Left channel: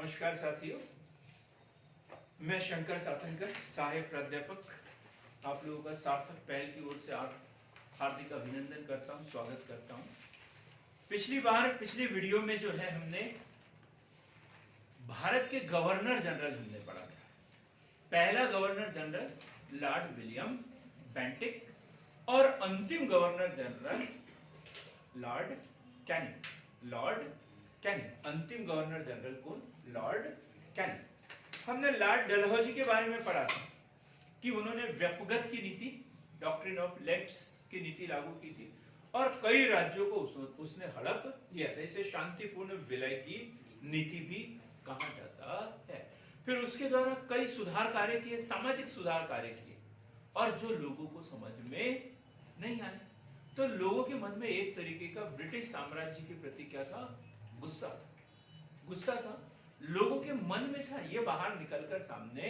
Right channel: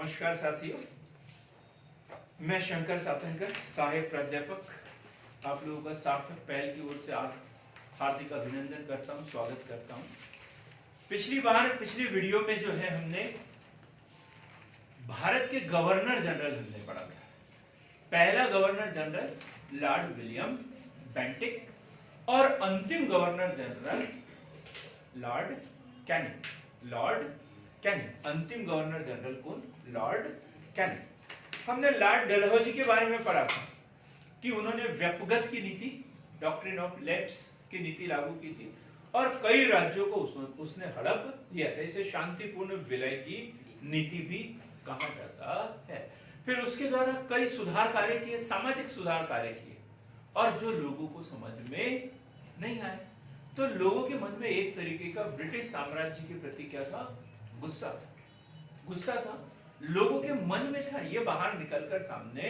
नमस्कार साथियों, मैं शंकर सातनकर, सहायक प्राध्यापक आप लोगों का सार्थक पहल की ओर से हार्दिक अभिनंदन करता हूं, स्वागत करता हूं। पिछली वीडियो में जो है हमने भारत के गवर्नर जनरल हमने पढ़ा था। पहला governor general Lord William Bentinck और अंतिम गवर्नर जनरल लॉर्ड कैनिंग। अंतिम गवर्नर जनरल कौन? Lord Canning. हमने लॉर्ड डलहौजी के बारे में पढ़ा था कि उन्होंने व्यक्तिगत की नीति, डॉक्ट्रिन ऑफ लैप्स की नीति लागू की थी और कई राज्यों को उसने हड़प लिया था। इसे शांतिपूर्ण विलय की नीति भी कहा जाता है। फिर उसके द्वारा कई सुधार कार्य किए, सामाजिक सुधार कार्य किए और जो लोगों को समझ में नहीं आए, तो लोगों के मन में एक तरीके का ब्रिटिश साम्राज्य के प्रति क्या था? गुस्सा था, लोगों के मन में था, ये बाहर निकलकर सामने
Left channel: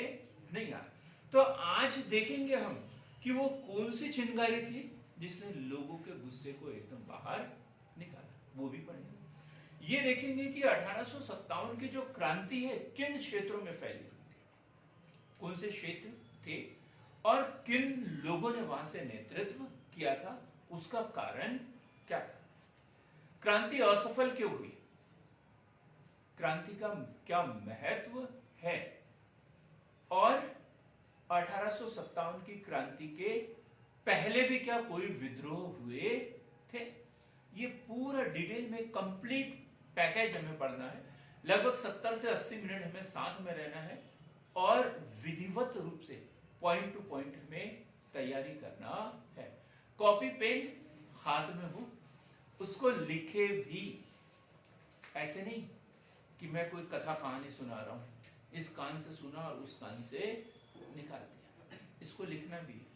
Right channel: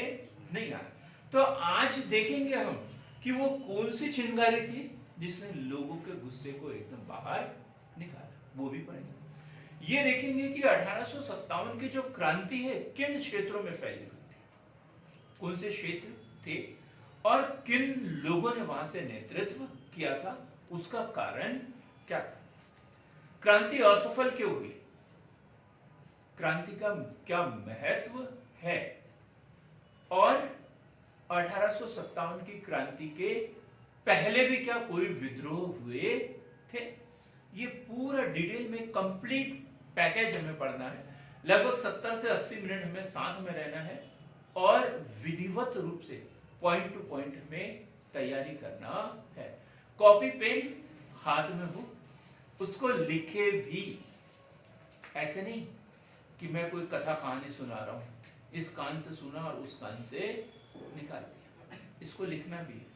नहीं आया। तो आज देखेंगे हम कि वो कौन सी चिंगारी थी जिसने लोगों के गुस्से को एकदम बाहर निकाला, वो भी पढ़ेंगे। ये देखेंगे कि 1857 की जो क्रांति है किन क्षेत्रों में फैली हुई थी, कौन से क्षेत्र थे और किन लोगों ने वहां से नेतृत्व किया था, उसका कारण क्या था, क्रांति असफल क्यों हुई, क्रांति का क्या महत्व है और 1857 की क्रांति के पहले भी क्या कोई विद्रोह हुए थे। ये पूरा डिटेल में कंप्लीट पैकेज हमें पढ़ना है। लगभग 70 से 80 मिनट हमें साथ में रहना है और विधिवत रूप से पॉइंट टू पॉइंट में तैयारी करना है। कॉपी पेन हाथ में हो, उसको लिखे भी, ऐसे नहीं कि मैं कोई कथा कहानी सुना रहा हूं, इस कान से सुना और उस कान से निकाल दिया। इसको लिखना भी है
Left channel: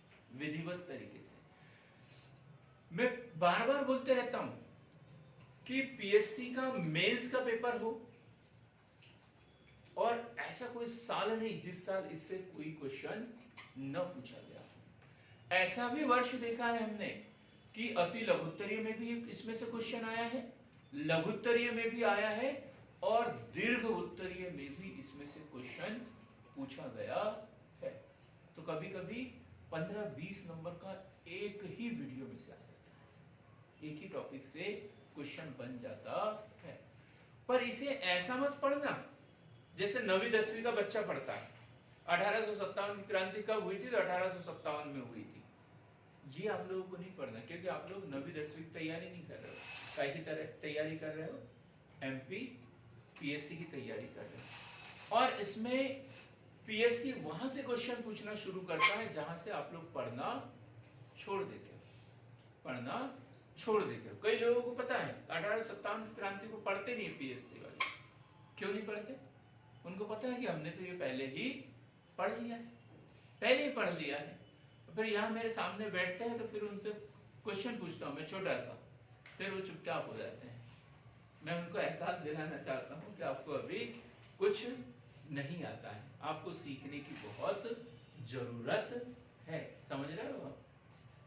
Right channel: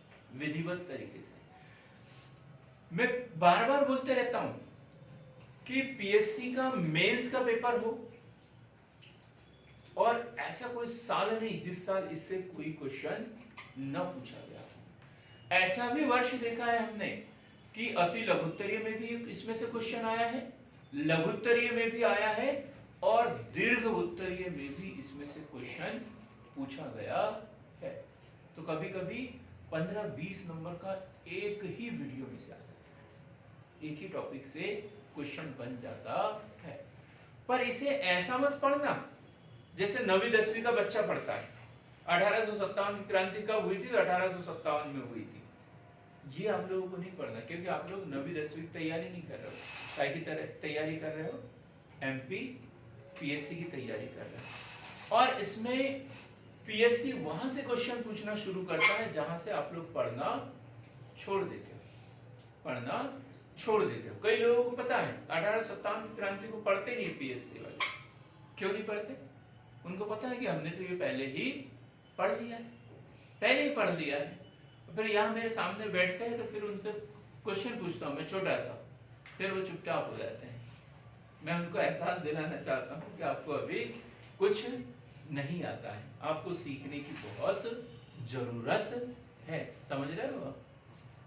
विधिवत तरीके से। मैं बार बार बोलते रहता हूं कि पीएससी का मेंस का पेपर हो और ऐसा कोई साल नहीं जिस साल इससे कोई क्वेश्चन न पूछा गया। ऐसा भी वर्ष देखा है हमने कि अति लघुत्तरीय में भी इसमें से क्वेश्चन आया है, लघुत्तरीय में भी आया है और दीर्घ उत्तरीय में भी इसमें से क्वेश्चन पूछा गया है। तो कभी कभी 15-20 नंबर का एक ही वीडियो में से आ जाता है, एक ही टॉपिक से क्वेश्चन बन जाता है। पर इसे ऐसा मत पढ़ना जैसे 9वीं 10वीं का बच्चा पढ़ता है। 1857 की क्रांति कब हुई थी? तो 1857 में हुई थी। ये आप लोगों को नहीं पढ़ना, क्योंकि आप लोग 9वीं 10वीं की तैयारी नहीं कर रहे हो। काय की तैयारी कर रहे हो? एमपी पीएससी की तैयारी कर रहे हो। और इसमें पीएससी वहां से क्वेश्चन पूछना शुरू करता है जहां से आप लोग पढ़ना छोड़ देते हो। कई लोगों को पता है 1857 की क्रांति को पढ़ते नहीं पीएससी वाले। क्यों नहीं पढ़ते? उनको पता है कि हमने तो ये पहले ही पढ़ लिया है। फिर यहाँ मेरे सामने बैठते हैं तो फिर उनसे क्वेश्चन पूछता हूँ मैं छोटा सा, फिर वो चुपचाप हो जाते हैं। मैं उनको एहसास दिलाना चाहता हूँ कि आपको अभी कुछ नहीं आता है, आपको सीखने की बहुत जरूरत है। समझ रहे हो?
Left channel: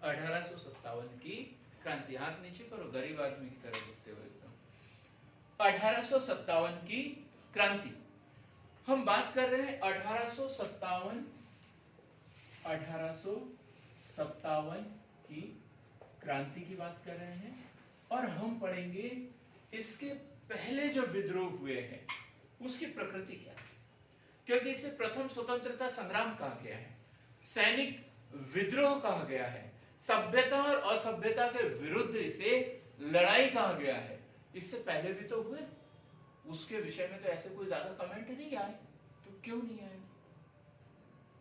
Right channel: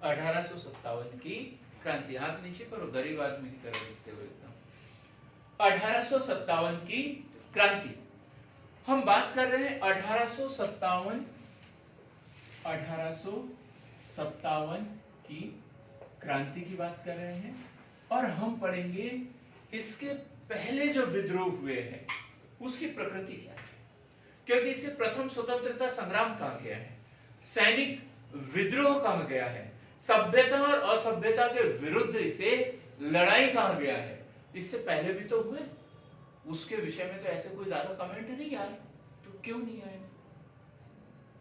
1857 की क्रांति, हाथ नीचे करो, गरीब आदमी की तरह दिखते हुए एकदम। 1857 की क्रांति हम बात कर रहे हैं। 1857 की क्रांति की बात कर रहे हैं और हम पढ़ेंगे इसके पहले जो विद्रोह हुए हैं उसकी प्रकृति क्या है, क्योंकि इसे प्रथम स्वतंत्रता संग्राम कहा गया है, सैनिक विद्रोह कहा गया है, सभ्यता और असभ्यता के विरुद्ध इसे लड़ाई कहा गया है। इससे पहले भी तो हुए, उसके विषय में तो ऐसे कोई ज्यादा कमेंट नहीं आए। तो क्यों नहीं आए?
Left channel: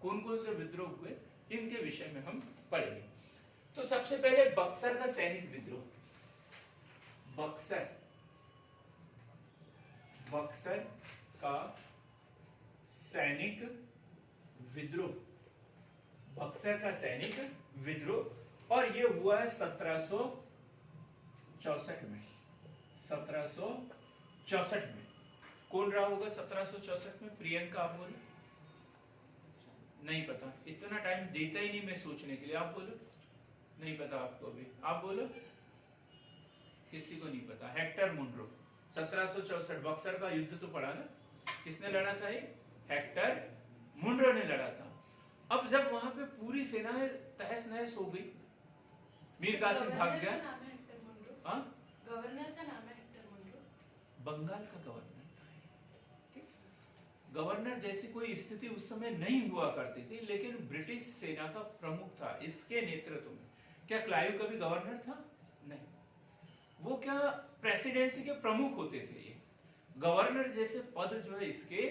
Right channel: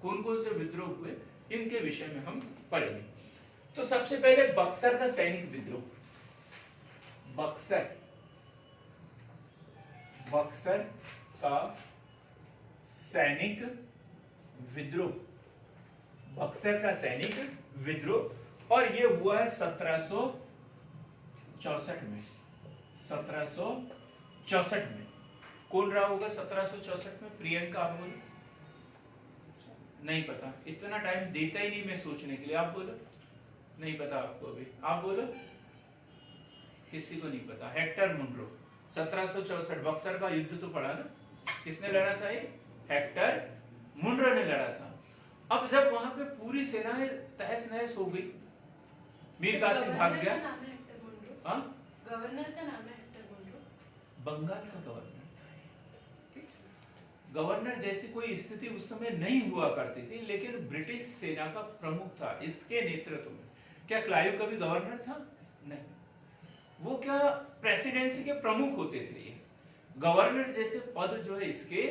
कौन कौन से विद्रोह हुए इनके विषय में हम पढ़ेंगे। तो सबसे पहले बक्सर का सैनिक विद्रोह। बक्सर का सैनिक विद्रोह और ये हुआ है 1764 में। 1764 में कौन रहा होगा? 1764 में प्रियंका, आप बोलो। नहीं पता, इतना टाइम देता ही नहीं मैं सोचने के लिए। आप बोलो, नहीं पता आपको अभी। आप बोलो, किसी को नहीं पता। Hector Munro. 1764 बक्सर का युद्ध तो पढ़ा ना, किसने लड़ा था ये? हेक्टर मुनरो ने लड़ा था। अब जब वहां पे पूरी सेनाएं तहस नहस हो गई, मीर कासिम भाग गया। हाँ, गवर्नर का नाम है हेक्टर मुनरो। बंगाल का गवर्नर था। ठीक? गवर्नर जैसी कोई स्थिति उस समय नहीं हुआ करती थी, लेकिन ब्रिटिश सेना का प्रमुख था इसके नेतृत्व में। क्या क्लाइव कभी गवर्नर था? नहीं। वो क्या प्रेसिडेंसी के प्रमुख होते थे। ये गवर्नर जैसे पद जो है इसके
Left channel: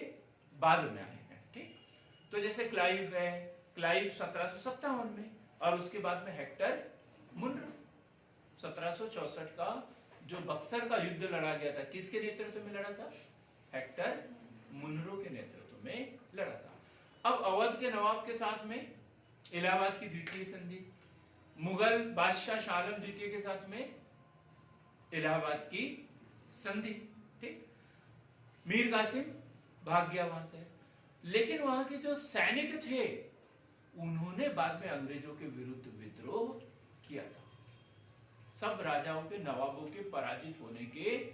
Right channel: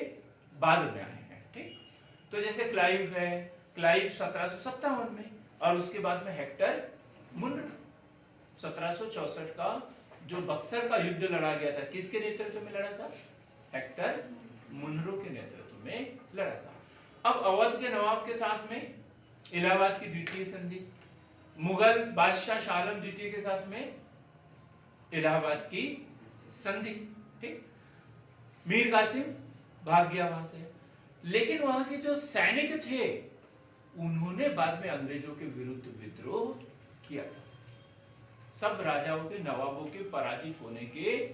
बाद में आए हैं। ठीक, तो जैसे क्लाइव है, क्लाइव 1757 में, और उसके बाद में हेक्टर मुनरो 1764 का जो बक्सर का युद्ध लड़ा गया था, किसके नेतृत्व में लड़ा था? हेक्टर मुनरो के नेतृत्व में लड़ा था। अब अवध के नवाब के साथ में इलाहाबाद की द्वितीय संधि, मुगल बादशाह शाह आलम द्वितीय के साथ में इलाहाबाद की संधि। ठीक, मीर कासिम भाग गया वहां से, लेकिन वहां के जो सैनिक थे उन्होंने बाद में अंग्रेजों के विरुद्ध विद्रोह किया था। सब राजाओं के, नवाबों के पराजित होने के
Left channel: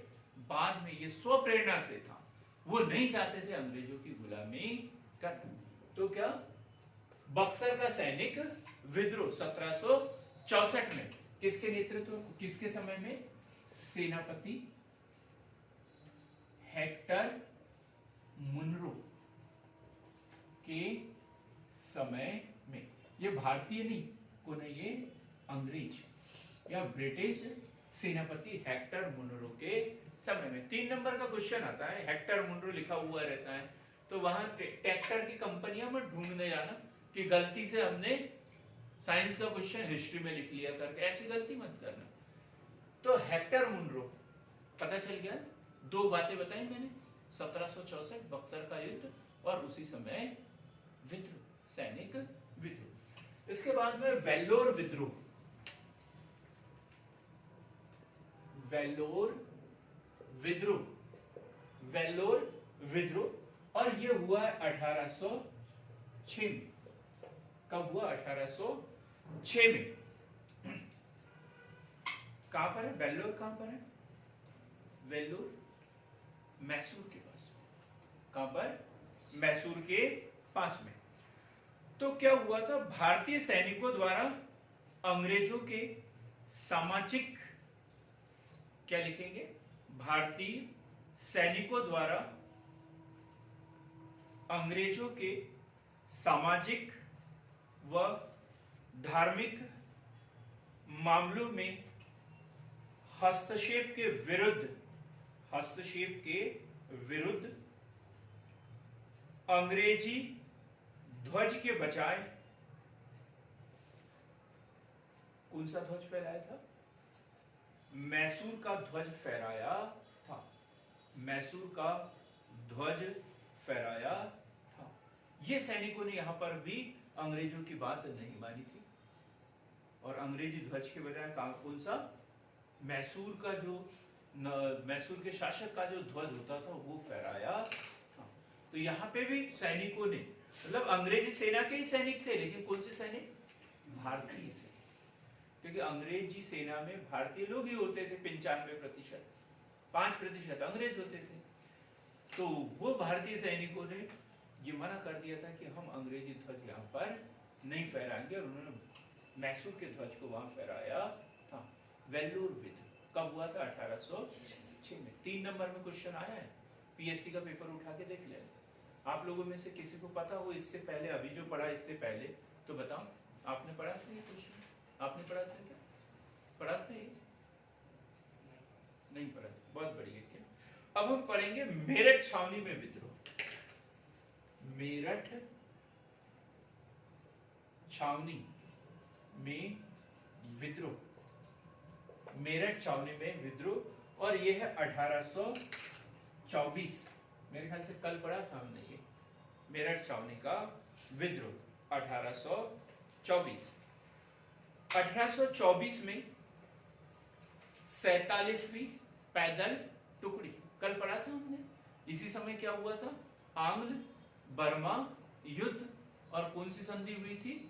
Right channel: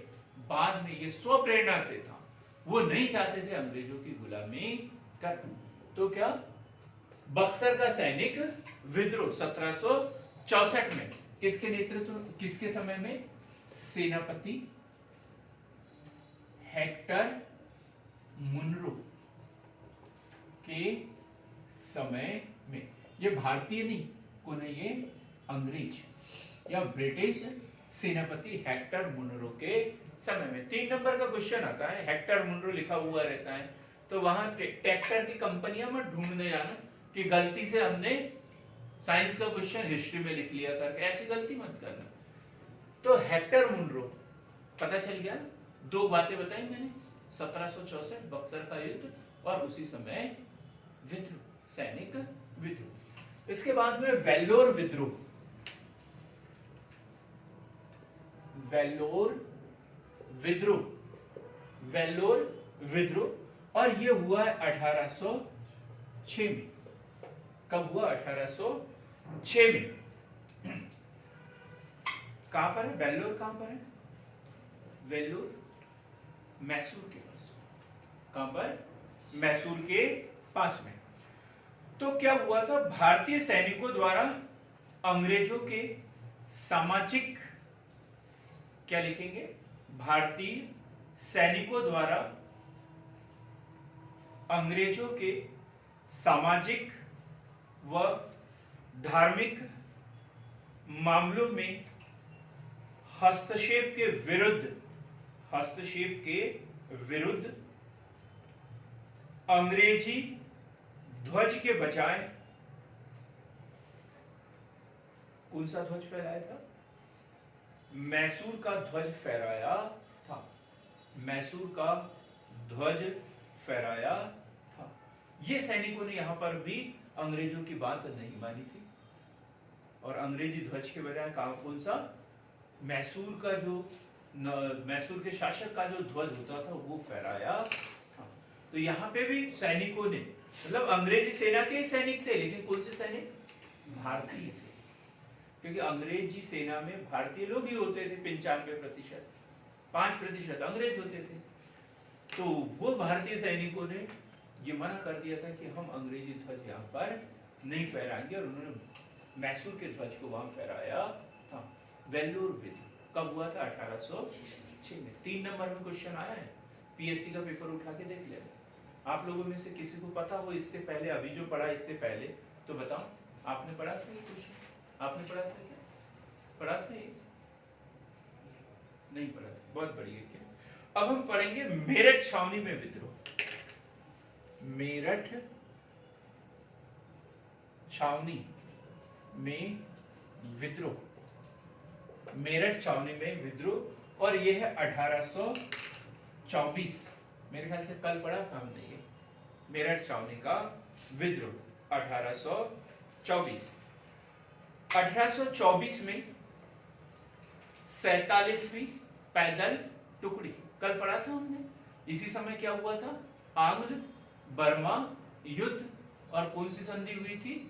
बाद में ये स्वप्रेरणा से था, वो नहीं चाहते थे अंग्रेजों की गुलामी कर। तो क्या बक्सर का सैनिक विद्रोह 1764 में किसके नेतृत्व, किसके समय में? सेनापति हेक्टर मुनरो के समय में। ये भारतीय नहीं, कौन है ये? अंग्रेज या ब्रिटिश सेनापति हेक्टर मुनरो के समय में। 3 नंबर का क्वेश्चन आता है, हेक्टर मुनरो लिखा हुआ रहता है, तो वहां ट्रैक्टर की कंपनियां मत ढूंढने जाना कि गलती से हमने साइंस का क्वेश्चन हिस्ट्री में लिख लिया करके, ऐसी गलती मत करना। तो हेक्टर मुनरो, पता चल गया, 2 बातें बताई मैंने, 1764 बक्सर का युद्ध और उसी समय विद्रोह, सैनिक विद्रोह। इसके बाद में वेल्लोर विद्रोह, वेल्लोर विद्रोह, वेल्लोर विद्रोह, और ये हुआ 1806 में। कब हुआ? 1806 में। कहां पर है वेल्लोर? कहां पर है वेल्लोर? मैसूर के पास। कहां पर? मैसूर के पास में। तो क्या हुआ था? भारतीय सैनिकों द्वारा अंग्रेजों के सामाजिक, क्या लिखेंगे? भारतीय सैनिकों द्वारा अंग्रेजों के सामाजिक व धार्मिक मामलों में हस्तक्षेप के विरुद्ध, हस्तक्षेप के विरुद्ध अंग्रेजी ध्वज के बजाय कौन सा ध्वज फहराया था? मैसूर का ध्वज फहराया था। मैसूर का ध्वज फहराया था। ये सैनिकों ने यहां पर भी अंग्रेजों की बात नहीं मानी थी, और अंग्रेजी ध्वज के बजाय कौन सा? मैसूर का जो मैसूर के शासक का जो ध्वज होता था वो फहराया था। तो यहाँ पे भी सैनिकों ने, मतलब अंग्रेजी सेना के ही सैनिक थे, लेकिन कौन से सैनिक? भारतीय थे, क्योंकि अंग्रेजी सेना में भारतीय लोग ही होते थे 95%, 5% अंग्रेज होते थे। तो वो भारतीय सैनिकों ने ये मना कर दिया था कि हम अंग्रेजी ध्वज यहाँ पर नहीं फहराएंगे, और उन्होंने मैसूर के ध्वज को वहां फहराया था। वेल्लोर विद्रोह कब हुआ था? 1806 में। 3 नंबर में क्वेश्चन आया है, पीएससी का पेपर उठा के देख लेना। आप लोगों में से किसी को पता हो इससे पहले, अभी जो पढ़ा इससे पहले, तो बताओ, आपने पढ़ा था ये क्वेश्चन? आपने पढ़ा था क्या? पढ़ा था ये? नहीं पढ़ा था, बहुत बढ़िया। अब हम पढ़ेंगे मेरठ छावनी में विद्रोह। मेरठ छावनी में विद्रोह, मेरठ छावनी में विद्रोह, और यह है 1824। मेरे ख्याल से कल पढ़ा था हमने ये मेरठ छावनी का विद्रोह 1824। 1824 में 47वीं पैदल टुकड़ी, कल पढ़ा था हमने। इसी समय क्या हुआ था? आंग्ल बर्मा युद्ध, और कौन सी संधि हुई थी?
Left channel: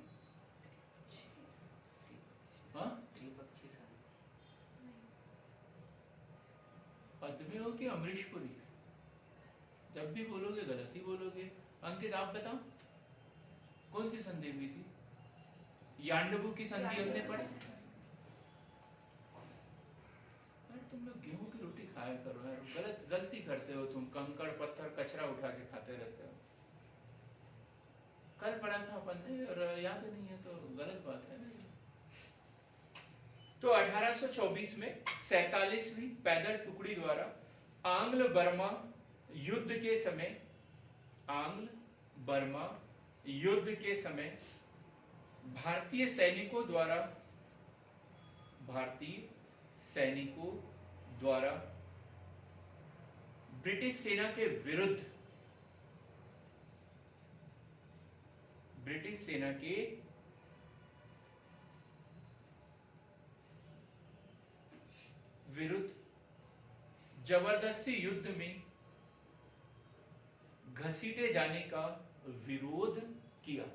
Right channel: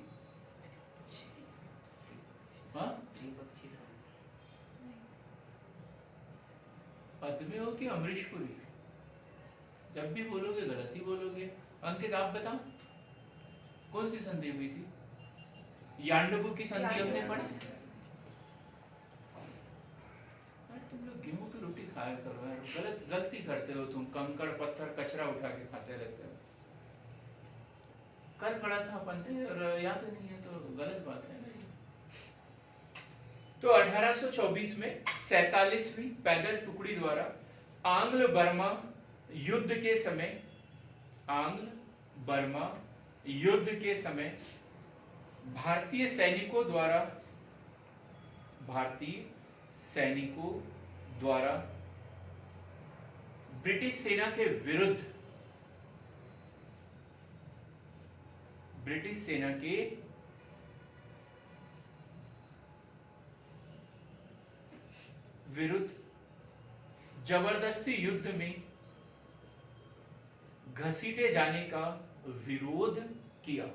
पद्मे हो कि अमरीशपुरी? जब भी बोलोगे गलत ही बोलोगे। अंकित आप बताओ कौन सी संधि हुई थी? यांडबू की संधि हमने पढ़ी। तुम लोग गेहूं की रोटी खाया करो यार, गलती करते हो तुम, कंकड़ पत्थर कचरा उठा के खाते रहते हो। कल पढ़ा था अपन ने और याद नहीं है तो गलत बात है ना। तो 1824 में 47वीं पैदल टुकड़ी द्वारा आंग्ल बर्मा युद्ध के समय, आंग्ल बर्मा युद्ध के समय भारतीय सैनिकों द्वारा ब्रिटिश सेना के विरुद्ध, ब्रिटिश सेना के विरुद्ध जबरदस्ती युद्ध में घसीटे जाने का विरोध किया।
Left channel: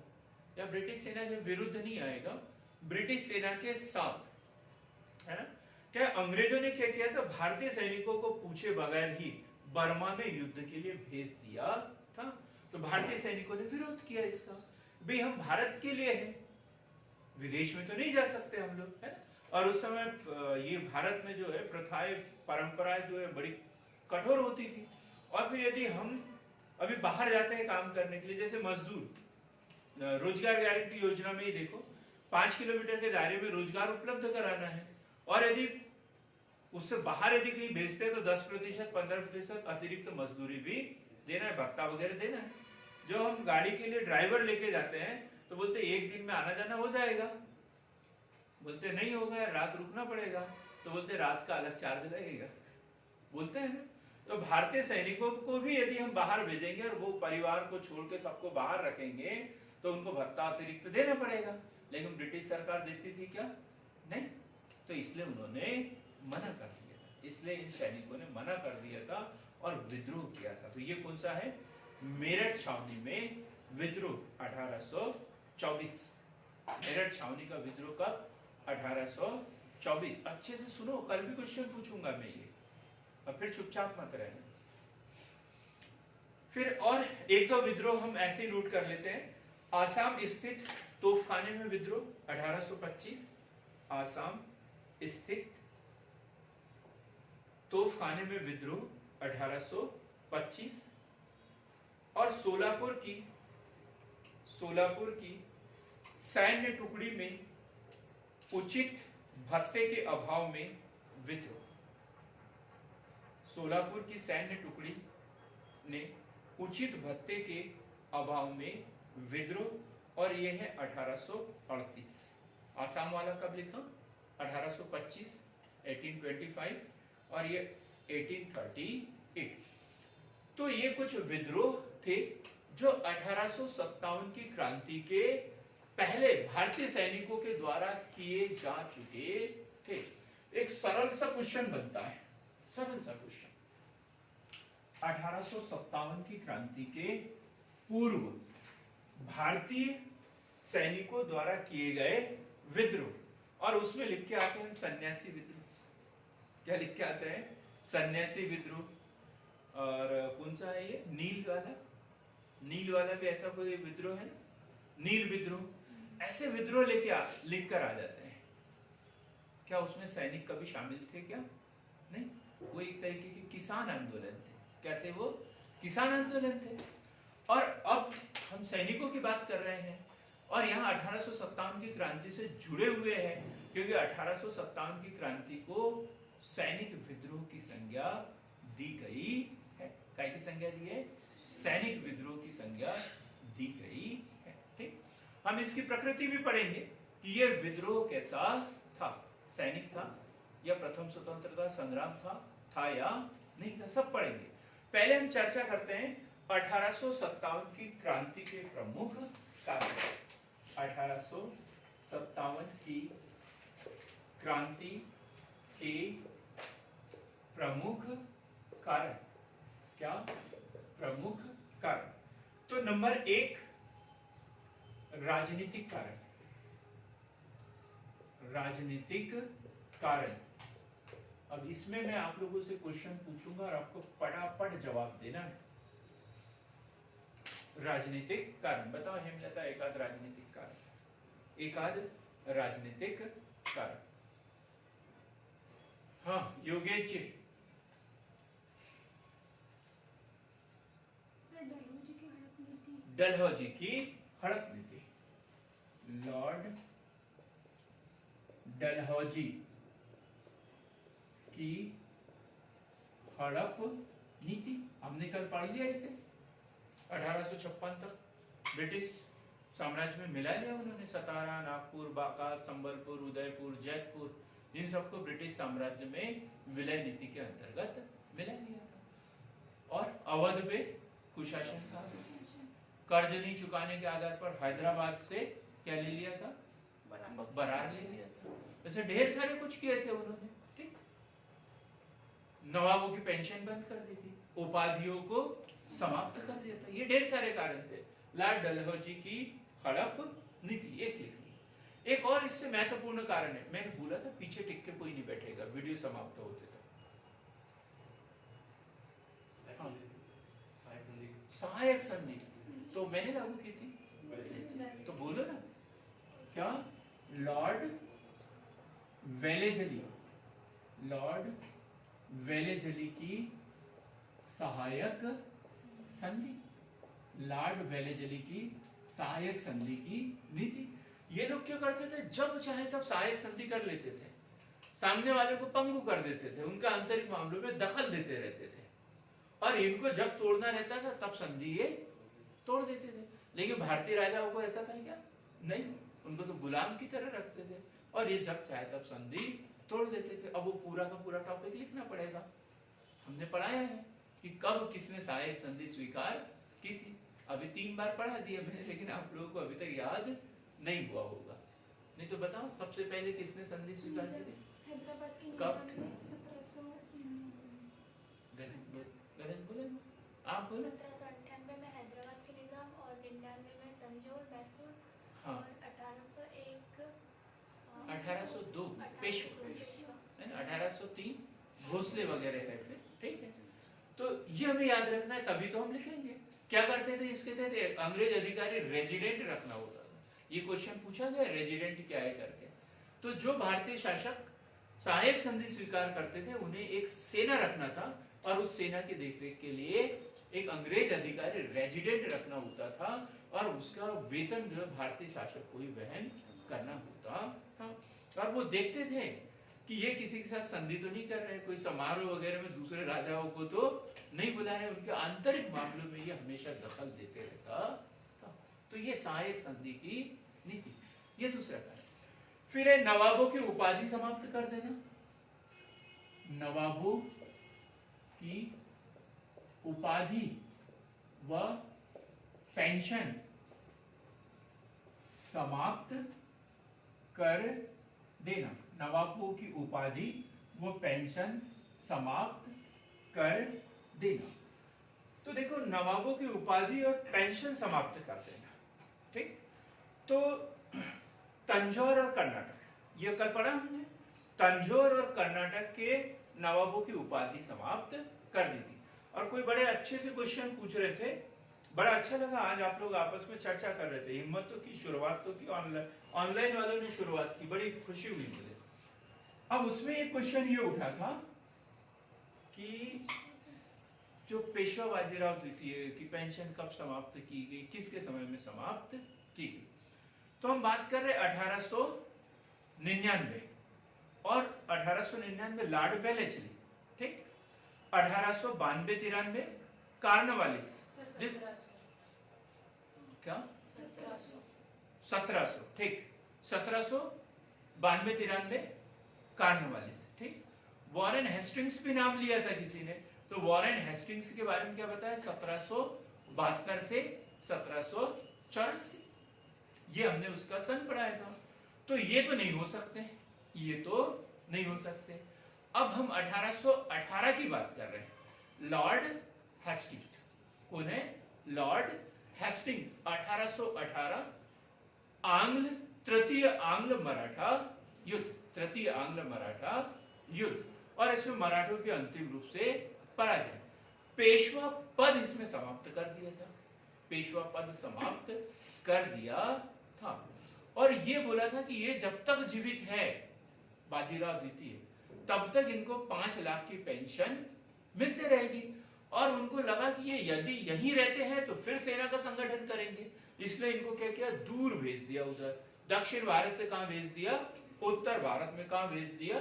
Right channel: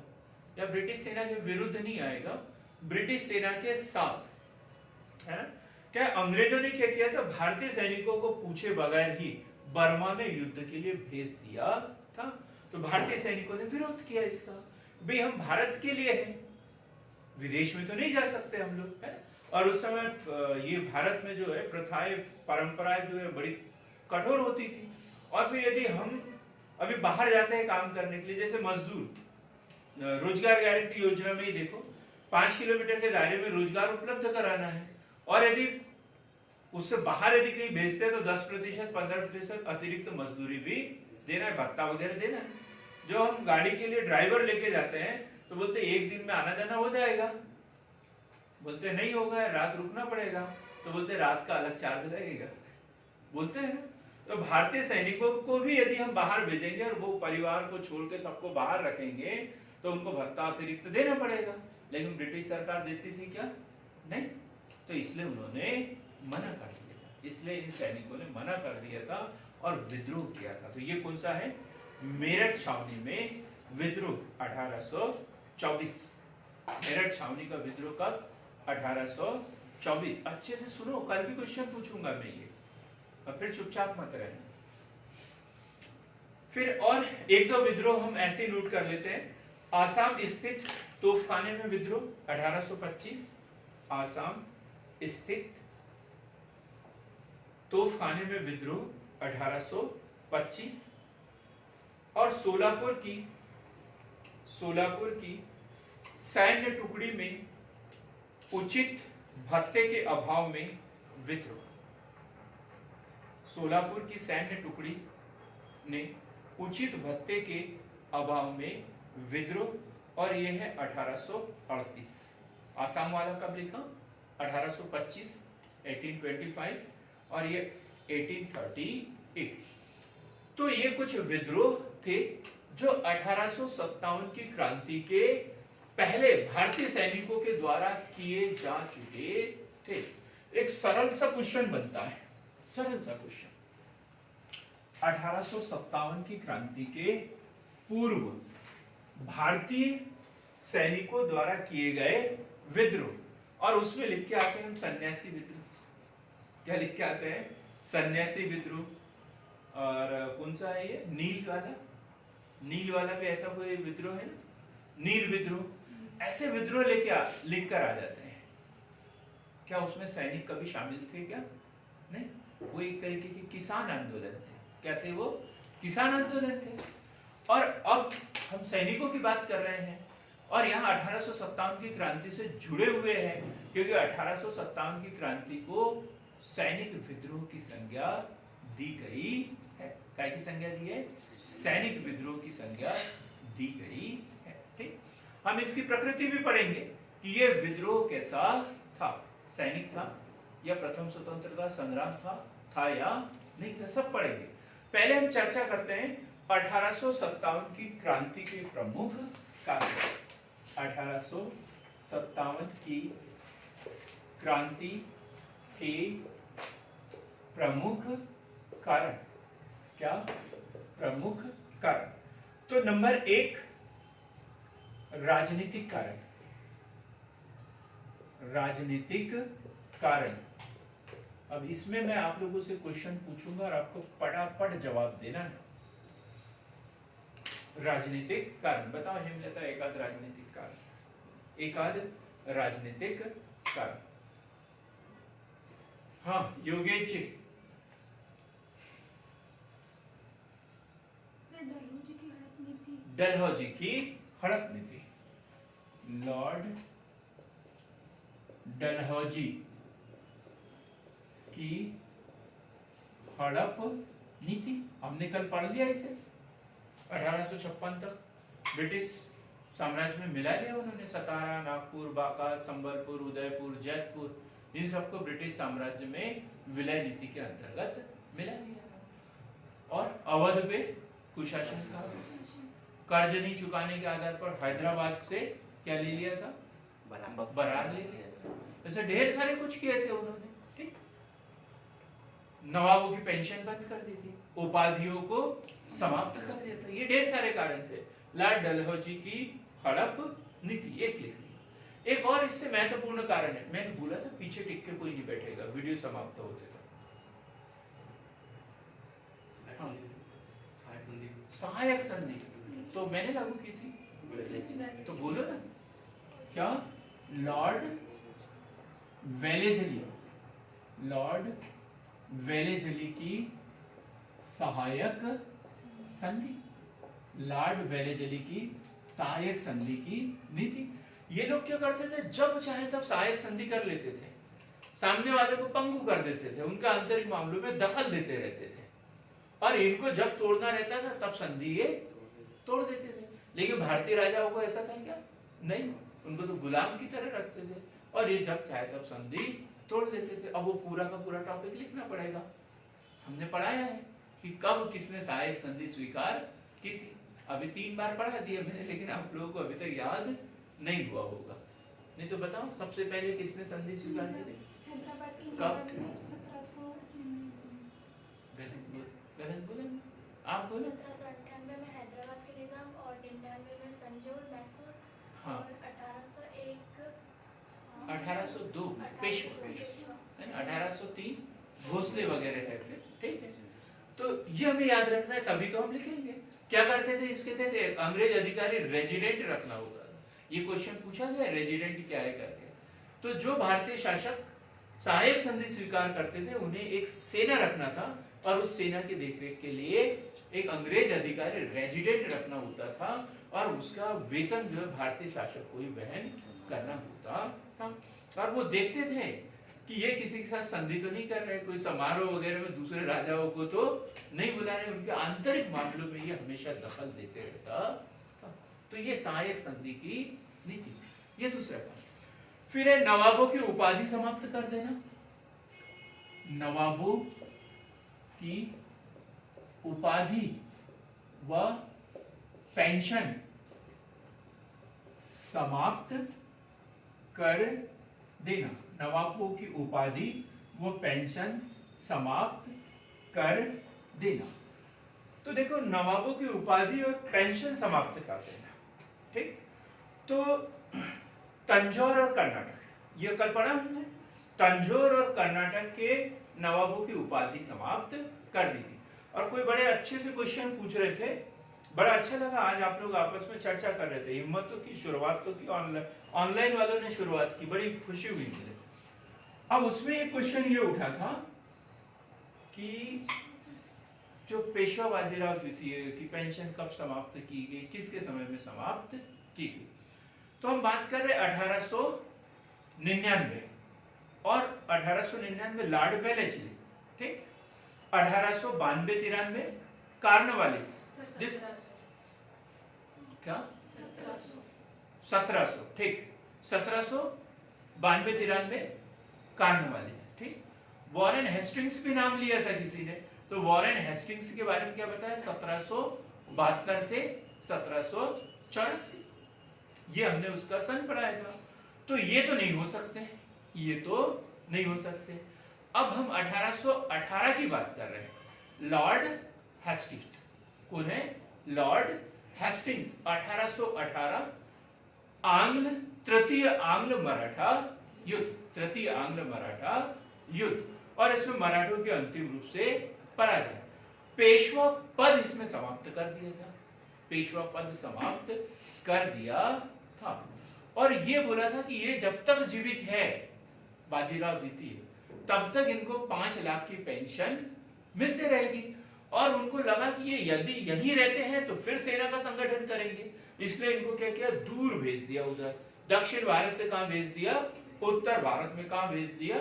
या ब्रिटिश सेना के विरुद्ध नहीं आएगा, ब्रिटिश सेना के साथ, है ना। क्या अंग्रेजों ने क्या किया था? भारतीय सैनिकों को पूछे बगैर ही बर्मा में युद्ध के लिए भेज दिया था। तो भारतीय सैनिकों ने विरोध किया इसका, भाई हम भारत के लिए हैं, विदेश में तो नहीं जा सकते हम लोग, है। और उस समय ये भारत में जो है प्रथाएं परंपराएं जो है बड़ी कठोर होती थी। और फिर यदि हम अभी बाहर जाते हैं काम करने के लिए, जैसे मजदूर, रोजगार गारंटी योजना में ही देखो 5 किलोमीटर के दायरे में रोजगार उपलब्ध कराना है, और यदि उससे बाहर यदि कहीं भेजते हैं तो 10% 15% अतिरिक्त मजदूरी भी देना है, भत्ता वगैरह देना है। जो हम गाड़ी के लिए ड्राइवर लेके जाते हैं तो बोलते एक दिन में आना जाना हो जाएगा, बोलते नहीं होगा, रात रुकना पड़ेगा, तो बोलते रात का अलग चार्ज लगेगा, बोलते हैं ना। तो भारतीय सैनिकों को भी यदि हम बाहर भेजेंगे और वो परिवार को छोड़ के सबको बाहर रखेंगे तो उनको भत्ता अतिरिक्त देना पड़ेगा। लेकिन ब्रिटिश सरकार देती थी क्या? नहीं। तो इसलिए उन्होंने मना कर दिया था, इसलिए इन सैनिकों ने मना कर दिया था और विद्रोह किया था। तो ये कौन सा है? मेरठ छावनी में विद्रोह 1824। मेरठ छावनी का विद्रोह कब? 1824। अच्छे से सुनो, कल भी क्वेश्चन पूछूंगा मैं ये, और फिर चुपचाप मत रहना। फिर और एक दो विद्रोह हम ऐसे नोट कर लेते हैं। आसाम स्थित तोपखाने में विद्रोह 1825, आसाम स्थित तोपखाने में विद्रोह 1825। और सोलापुर की सैन्य टुकड़ी में उचित भत्ते के अभाव में विद्रोह। सोलापुर की सैन्य टुकड़ी ने उचित भत्ते के अभाव में विद्रोह, और यह है 1838। आसाम वाला कब लिखा? 1825, 1825, और ये 1838। तो ये कुछ विद्रोह थे जो 1857 की क्रांति के पहले भारतीय सैनिकों के द्वारा किए जा चुके थे। एक सरल सा क्वेश्चन बनता है, सरल सा क्वेश्चन। 1857 की क्रांति के पूर्व भारतीय सैनिकों द्वारा किए गए विद्रोह, और उसमें लिख के आते हैं हम सन्यासी विद्रोह। क्या लिख के आते हैं? सन्यासी विद्रोह। और कौन सा है ये? नील वाला, नील वाला पे ऐसा कोई विद्रोह है ना, नील विद्रोह। ऐसे विद्रोह लेके लिख कर आ जाते हैं। क्या उसमें सैनिक कभी शामिल थे क्या? नहीं, वो एक तरीके के किसान आंदोलन थे। क्या थे वो? किसान आंदोलन थे। और अब हम सैनिकों की बात कर रहे हैं, और यहाँ 1857 की क्रांति से जुड़े हुए हैं, क्योंकि 1857 की क्रांति को सैनिक विद्रोह की संज्ञा दी गई है। क्या की संज्ञा दी है? सैनिक विद्रोह की संज्ञा दी गई है। ठीक, हम इसकी प्रकृति भी पढ़ेंगे कि यह विद्रोह कैसा था, सैनिक था या प्रथम स्वतंत्रता संग्राम था या नहीं था, सब पढ़ेंगे। पहले हम चर्चा करते हैं 1857 की क्रांति के प्रमुख कारण। 1857 की क्रांति के प्रमुख कारण। क्या? प्रमुख कारण। तो नंबर 1 राजनीतिक कारण। राजनीतिक कारण। अब इसमें मैं आप लोगों से क्वेश्चन पूछूंगा और आपको फटाफट जवाब देना है। राजनीतिक कारण। बताओ हेमलता, एकाध राजनीतिक कारण, एकाध राजनीतिक कारण। हाँ योगेश जी। डलहौजी की हड़प नीति, लॉर्ड डलहौजी की हड़प नीति, हमने कल पढ़ लिया इसे। 1856 तक ब्रिटिश साम्राज्य में मिला लिया उन्होंने। सतारा, नागपुर, बांका, संबलपुर, उदयपुर, जयपुर, इन सबको ब्रिटिश साम्राज्य में विलय नीति के अंतर्गत मिला लिया था। और अवध पे कुशासन था, कर्ज नहीं चुकाने के आधार पर हैदराबाद से क्या ले लिया था, बरार ले लिया था। ऐसे ढेर सारे कुछ किए थे उन्होंने। ठीक, नवाबों की पेंशन बंद कर दी थी, उपाधियों को समाप्त कर दिया था। ये ढेर सारे कारण थे। लॉर्ड डलहौजी की हड़प नीति एक लिख ली। एक और इससे महत्वपूर्ण कारण है, मैंने बोला था पीछे टिक के कोई नहीं बैठेगा, वीडियो समाप्त होते तक। सहायक संधि तो मैंने लागू की थी, तो बोलो ना क्या। लॉर्ड वेलेजली, लॉर्ड वेलेजली की सहायक संधि, लॉर्ड वेलेजली की सहायक संधि की नीति। ये लोग क्या करते थे, जब चाहे तब सहायक संधि कर लेते थे, सामने वाले को पंगु कर देते थे, उनका आंतरिक मामलों में दखल देते रहते थे, और इनको जब तोड़ना रहता था तब संधि ये तोड़ देते थे। लेकिन भारतीय राजाओं को ऐसा था क्या, नहीं, उनको तो गुलाम की तरह रखते थे, और ये जब चाहे तब संधि तोड़ देते थे। अब वो पूरा का पूरा टॉपिक लिखना पड़ेगा। हमने पढ़ाया है कि कब किसने सहायक संधि स्वीकार की थी, अभी 3 बार पढ़ा दिया मैंने, लेकिन आप लोगों को अभी तक याद नहीं हुआ होगा। नहीं तो बताओ सबसे पहले किसने संधि स्वीकार की थी, हैदराबाद की कब? 1799 गलत बोले आप, बोले 1798 में हैदराबाद के निजाम और 99 में तंजौर, मैसूर, हाँ। और 1801 1802 पेशवा, 1803 भोसले वगैरह है फिर। ठीक है, तो ये हमें याद रखना है, तभी तो हम लिखेंगे। क्या करते थे इसके तहत, अंग्रेज अधिकारी रेजिडेंट रखना होता था। ये क्वेश्चन पूछा गया रेजिडेंट क्या है करके। तो जो भारतीय शासक सहायक संधि स्वीकार करते थे उन्हें एक सेना रखना था, और उस सेना की देखरेख के लिए एक अंग्रेज अधिकारी रेजिडेंट रखना होता था, और उसका वेतन जो भारतीय शासक को ही वहन करना होता था। और वो देखते थे कि ये किसी के साथ संधि तो नहीं कर रहे, कोई समारोह वगैरह में दूसरे राजाओं को तो नहीं बुला रहे, उनके आंतरिक मामलों में ये हमेशा दखल देते रहता था। तो ये सहायक संधि की नीति, ये दूसरा कारण। फिर है नवाबों की उपाधि समाप्त कर देना, नवाबों की उपाधि व पेंशन समाप्त कर देना, नवाबों की उपाधि व पेंशन समाप्त कर देना। तो देखो नवाबों की उपाधि और पेंशन समाप्त कर देना, ठीक। तो तंजौर और कर्नाटक, ये कल पढ़ा हमने, तंजौर और कर्नाटक के नवाबों की उपाधि समाप्त कर दी थी। और कोई बड़े अच्छे से क्वेश्चन पूछ रहे थे, बड़ा अच्छा लगा आज आप लोग आपस में चर्चा कर रहे थे, हिम्मत तो की, शुरुआत तो की, ऑनलाइन वालों ने शुरुआत की, बड़ी खुशी हुई मुझे। अब उसमें एक क्वेश्चन ये उठा था कि जो पेशवा बाजीराव द्वितीय की पेंशन कब समाप्त की गई, किसके समय में समाप्त की गई। तो हम बात कर रहे 1899 और 1899 लॉर्ड वेलेस्ली, ठीक। 1892-93 कार्नवालिस, क्या 1700, ठीक, 1792-93 कार्नवालिस, ठीक। वॉरेन हेस्टिंग्स भी नाम लिया था किसी ने, तो वॉरेन हेस्टिंग्स के बारे में क्या बताया, 1772 से 1784, ये हमने उसका सन पढ़ाया था। तो ये तो नहीं हो सकते, ये तो नहीं हो सकते। अब हम 1818 की बात कर रहे हैं, लॉर्ड हेस्टिंग्स, कौन है, लॉर्ड हेस्टिंग्स। 1818 आंग्ल तृतीय आंग्ल मराठा युद्ध, तृतीय आंग्ल मराठा युद्ध, और इसमें मराठों के अंतिम रूप से पराजय, पेशवा पद इसमें समाप्त कर दिया था। पेशवा पद समाप्त कर दिया था और ये बोला था कि ये जब तक जीवित है बाजीराव द्वितीय तब तक इनको 5 लाख की पेंशन मिलते रहेगी और उनको लगा कि ये यदि यहीं रहते हैं तो फिर सेना का संगठन करेंगे, इसलिए इनको क्या किया, दूर भेज दिया, उधर दक्षिण भारत से कहां भेज दिया, उत्तर भारत में कहां भेज दिया,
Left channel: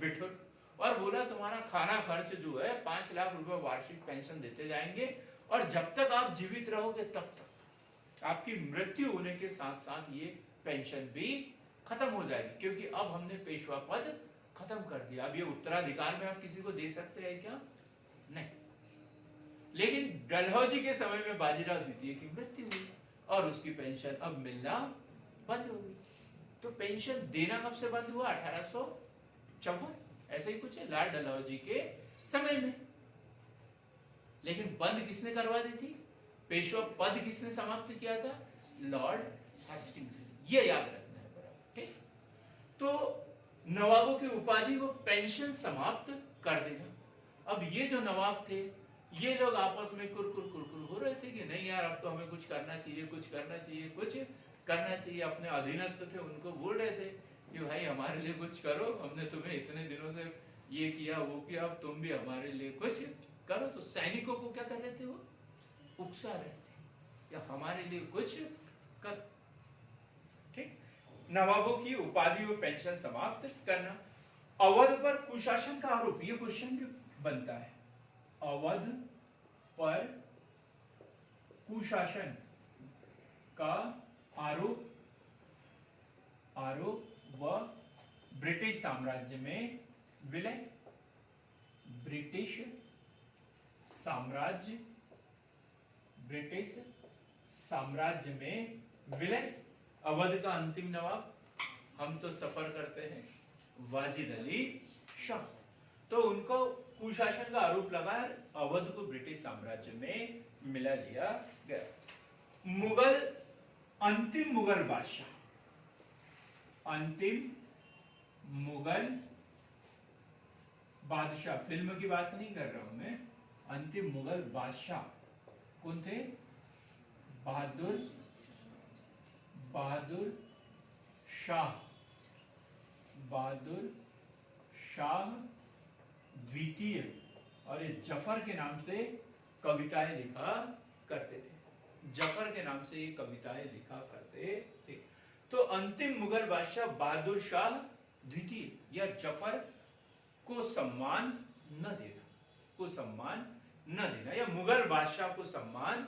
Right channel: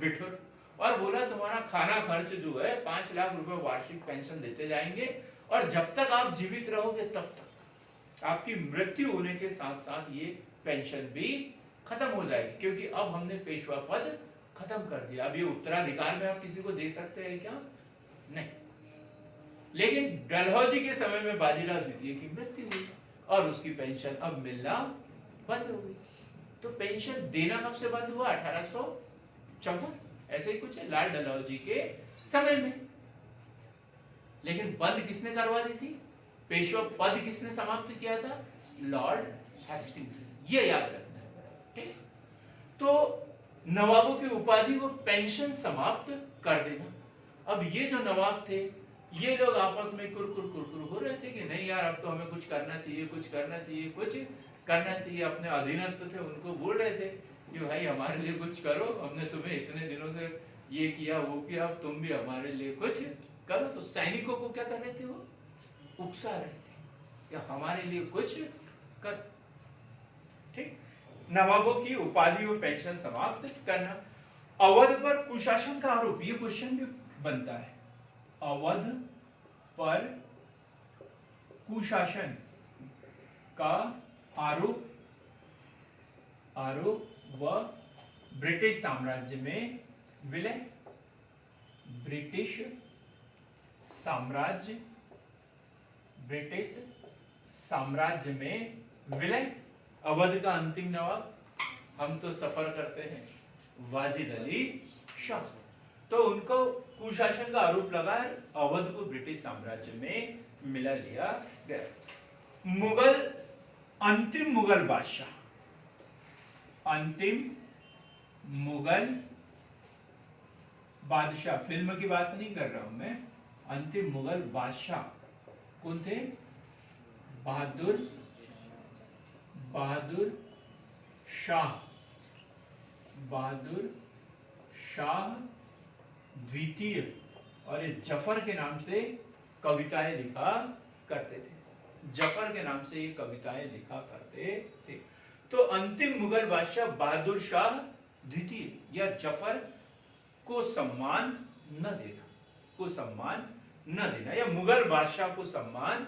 बिठूर, और बोला तुम्हारा खाना खर्च जो है 5 लाख रुपए वार्षिक पेंशन देते जाएंगे और जब तक आप जीवित रहोगे तब तक आपकी मृत्यु होने के साथ साथ ये पेंशन भी खत्म हो जाएगी, क्योंकि अब हमने पेशवा पद खत्म कर दिया। अब ये उत्तराधिकार में आप किसी को दे सकते हैं क्या? नहीं। लेकिन डलहौजी के समय में बाजीराव द्वितीय की मृत्यु हुई और उसकी पेंशन अब मिलना बंद हो गई। तो पेंशन देना कब से बंद हुआ? 1854, ऐसे ही कुछ है, लाल डलहौजी के समय में। लेकिन बंद किसने करवा दी थी? पेशवा पद किसने समाप्त किया था? Lord Hastings. ये याद रखना है, ठीक? तो नवाबों की उपाधि वो पेंशन समाप्त कर देगा। अब ये जो नवाब थे ये लोग आपस में कुरकुर हो रहे थे कि नहीं यार अब तो हमें कुछ करना चाहिए, कुछ करना चाहिए, कुछ करना चाहिए। अपने अधीनस्थ थे उनको बोल रहे थे कि भाई हमारे लिए कुछ करो, हमने तुम्हें इतने दिनों से ये किया वो किया, अब तुम भी हमारे लिए कुछ करो। तो सैनिकों को क्या कर रहे थे? वो उकसा रहे थे कि हमारे लिए कुछ कर, ठीक? नवाबों की उपाधि व पेंशन समाप्त करना। अवध पर कुशासन का आरोप, ये क्वेश्चन भी बनता है। अवध पर कुशासन का आरोप व ब्रिटिश साम्राज्य में विलय। ब्रिटिश साम्राज्य में विलय। अवध का अंतिम नवाब, हम तो सफर करते हैं, वाजिद अली शाह, तो उनको कुशासन का आरोप लगा, अवध को ब्रिटिश साम्राज्य में मिला दिया गया। अंतिम मुगल बादशाह, फिल्म की बात नहीं कर रहा हूं मैं, अंतिम मुगल बादशाह कौन थे? बहादुर शाह द्वितीय, और ये जफर के नाम से कविताएं लिखा करते थे। जफर के नाम से ये कविताएं लिखा करते थे। तो अंतिम मुगल बादशाह बहादुर शाह द्वितीय या जफर को सम्मान न देना या मुगल बादशाह को सम्मान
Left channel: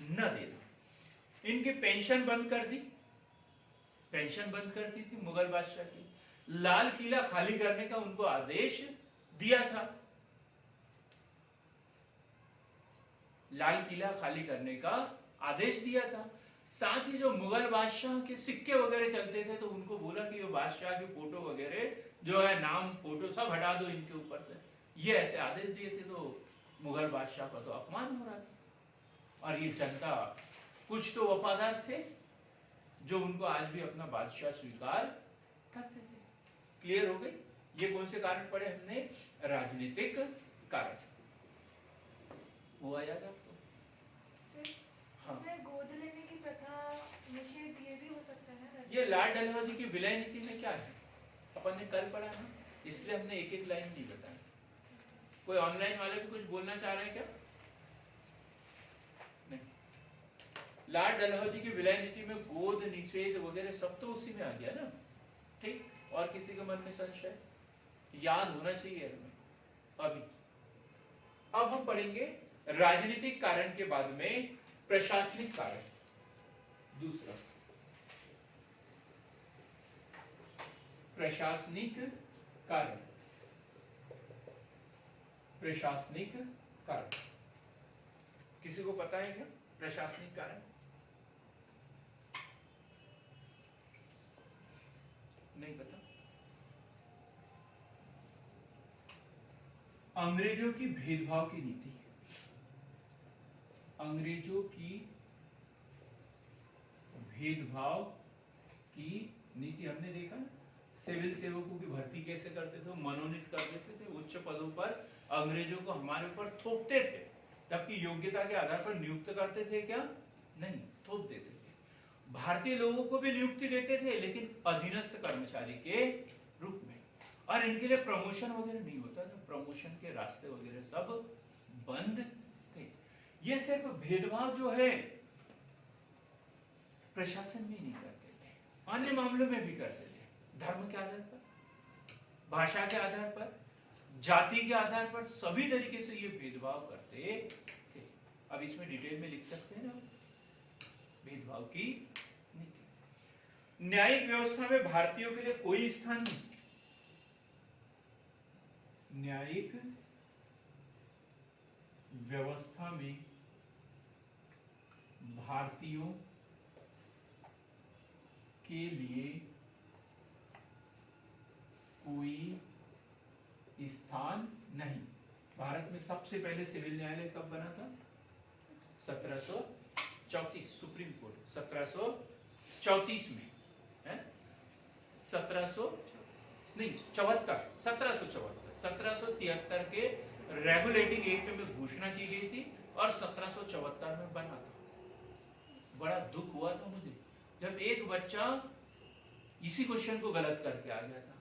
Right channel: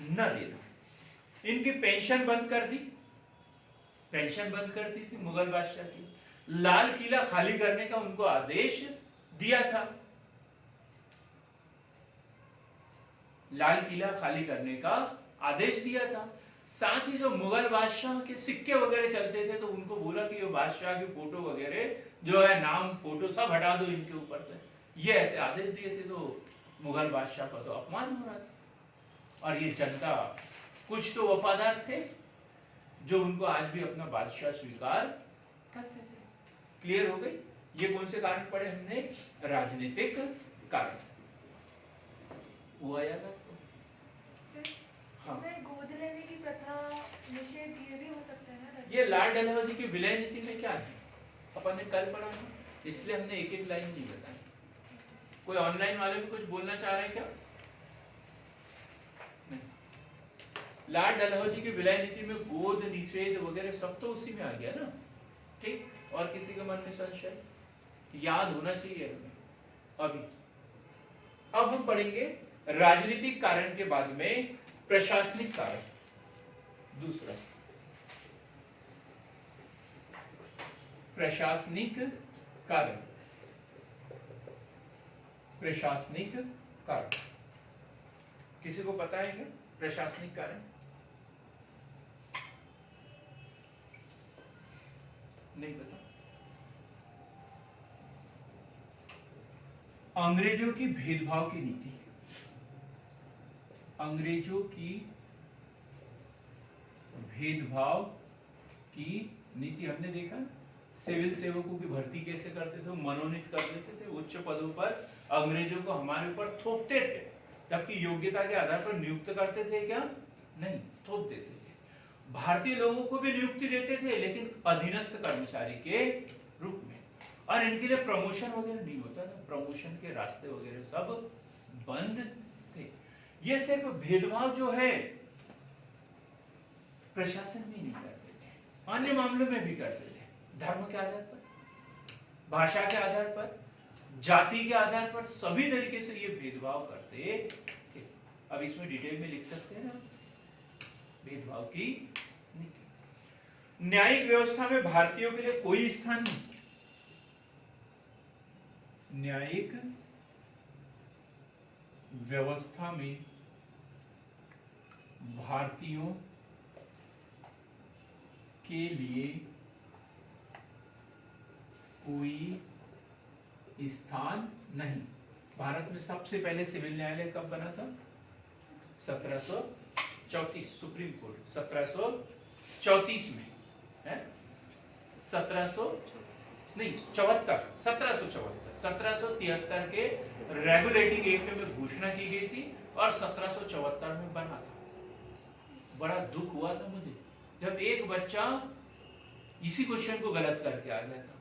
न देना। इनकी पेंशन बंद कर दी थी मुगल बादशाह की। लाल किला खाली करने का उनको आदेश दिया था। लाल किला खाली करने का आदेश दिया था। साथ ही जो मुगल बादशाह के सिक्के वगैरह चलते थे तो उनको बोला कि ये बादशाह की फोटो वगैरह जो है, नाम फोटो सब हटा दो इनके ऊपर से। ये ऐसे आदेश दिए थे। तो मुगल बादशाह का तो अपमान हो रहा था और ये जनता कुछ तो वफादार थे जो उनको आज भी अपना बादशाह स्वीकार करते थे। क्लियर हो गई? ये कौन से कारण पढ़े हमने? राजनीतिक कारण। हुआ याद आपको? हाँ। इसमें गोद लेने की प्रथा निषेध ये भी हो सकता है ना? ये लाल डलहौजी की विलय नीति में क्या है अपन ने कल पढ़ा है, इसलिए हमने एक एक लाइन नहीं बताई। कोई ऑनलाइन वाले भी कुछ बोलना चाह रहे हैं क्या? नहीं। लाल डलहौजी की विलय नीति में गोद निषेध वगैरह सब तो उसी में आ गया ना, ठीक? और किसी के मन में संशय? याद होना चाहिए हमें। अभी अब हम पढ़ेंगे राजनीतिक कारण के बाद में प्रशासनिक कारण। दूसरा प्रशासनिक कारण। किसी को पता है क्या प्रशासनिक कारण? नहीं पता। अंग्रेजों की भेदभाव की नीति। अंग्रेजों की भेदभाव की नीति हमने देखा ना, सिविल सेवकों की भर्ती कैसे करते थे, मनोनीत कर देते थे उच्च पदों पर, अंग्रेजों को हमारे ऊपर थोपते थे, जबकि योग्यता के आधार पर नियुक्त करते थे क्या? नहीं, थोप देते थे। भारतीय लोगों को भी नियुक्ति देते थे, लेकिन अधीनस्थ कर्मचारी के रूप में, और इनके लिए प्रमोशन वगैरह नहीं होता था, प्रमोशन के रास्ते वगैरह सब बंद थे। ये सिर्फ भेदभाव जो है प्रशासन में नहीं करते थे, अन्य मामलों में भी करते थे। धर्म के आधार पर, भाषा के आधार पर, जाति के आधार पर, सभी तरीके से ये भेदभाव करते थे। अब इसमें डिटेल में लिख सकते हैं ना, भेदभाव की नीति। न्यायिक व्यवस्था में भारतीयों के लिए कोई स्थान नहीं। न्यायिक व्यवस्था में भारतीयों के लिए कोई स्थान नहीं। भारत में सबसे पहले सिविल न्यायालय कब बना था? 1734, सुप्रीम कोर्ट 1734 में है, 1773 के रेगुलेटिंग एक्ट में घोषणा की गई थी और 1774 में बना था। बड़ा दुख हुआ था मुझे जब एक बच्चा इसी क्वेश्चन को गलत करके आ गया था,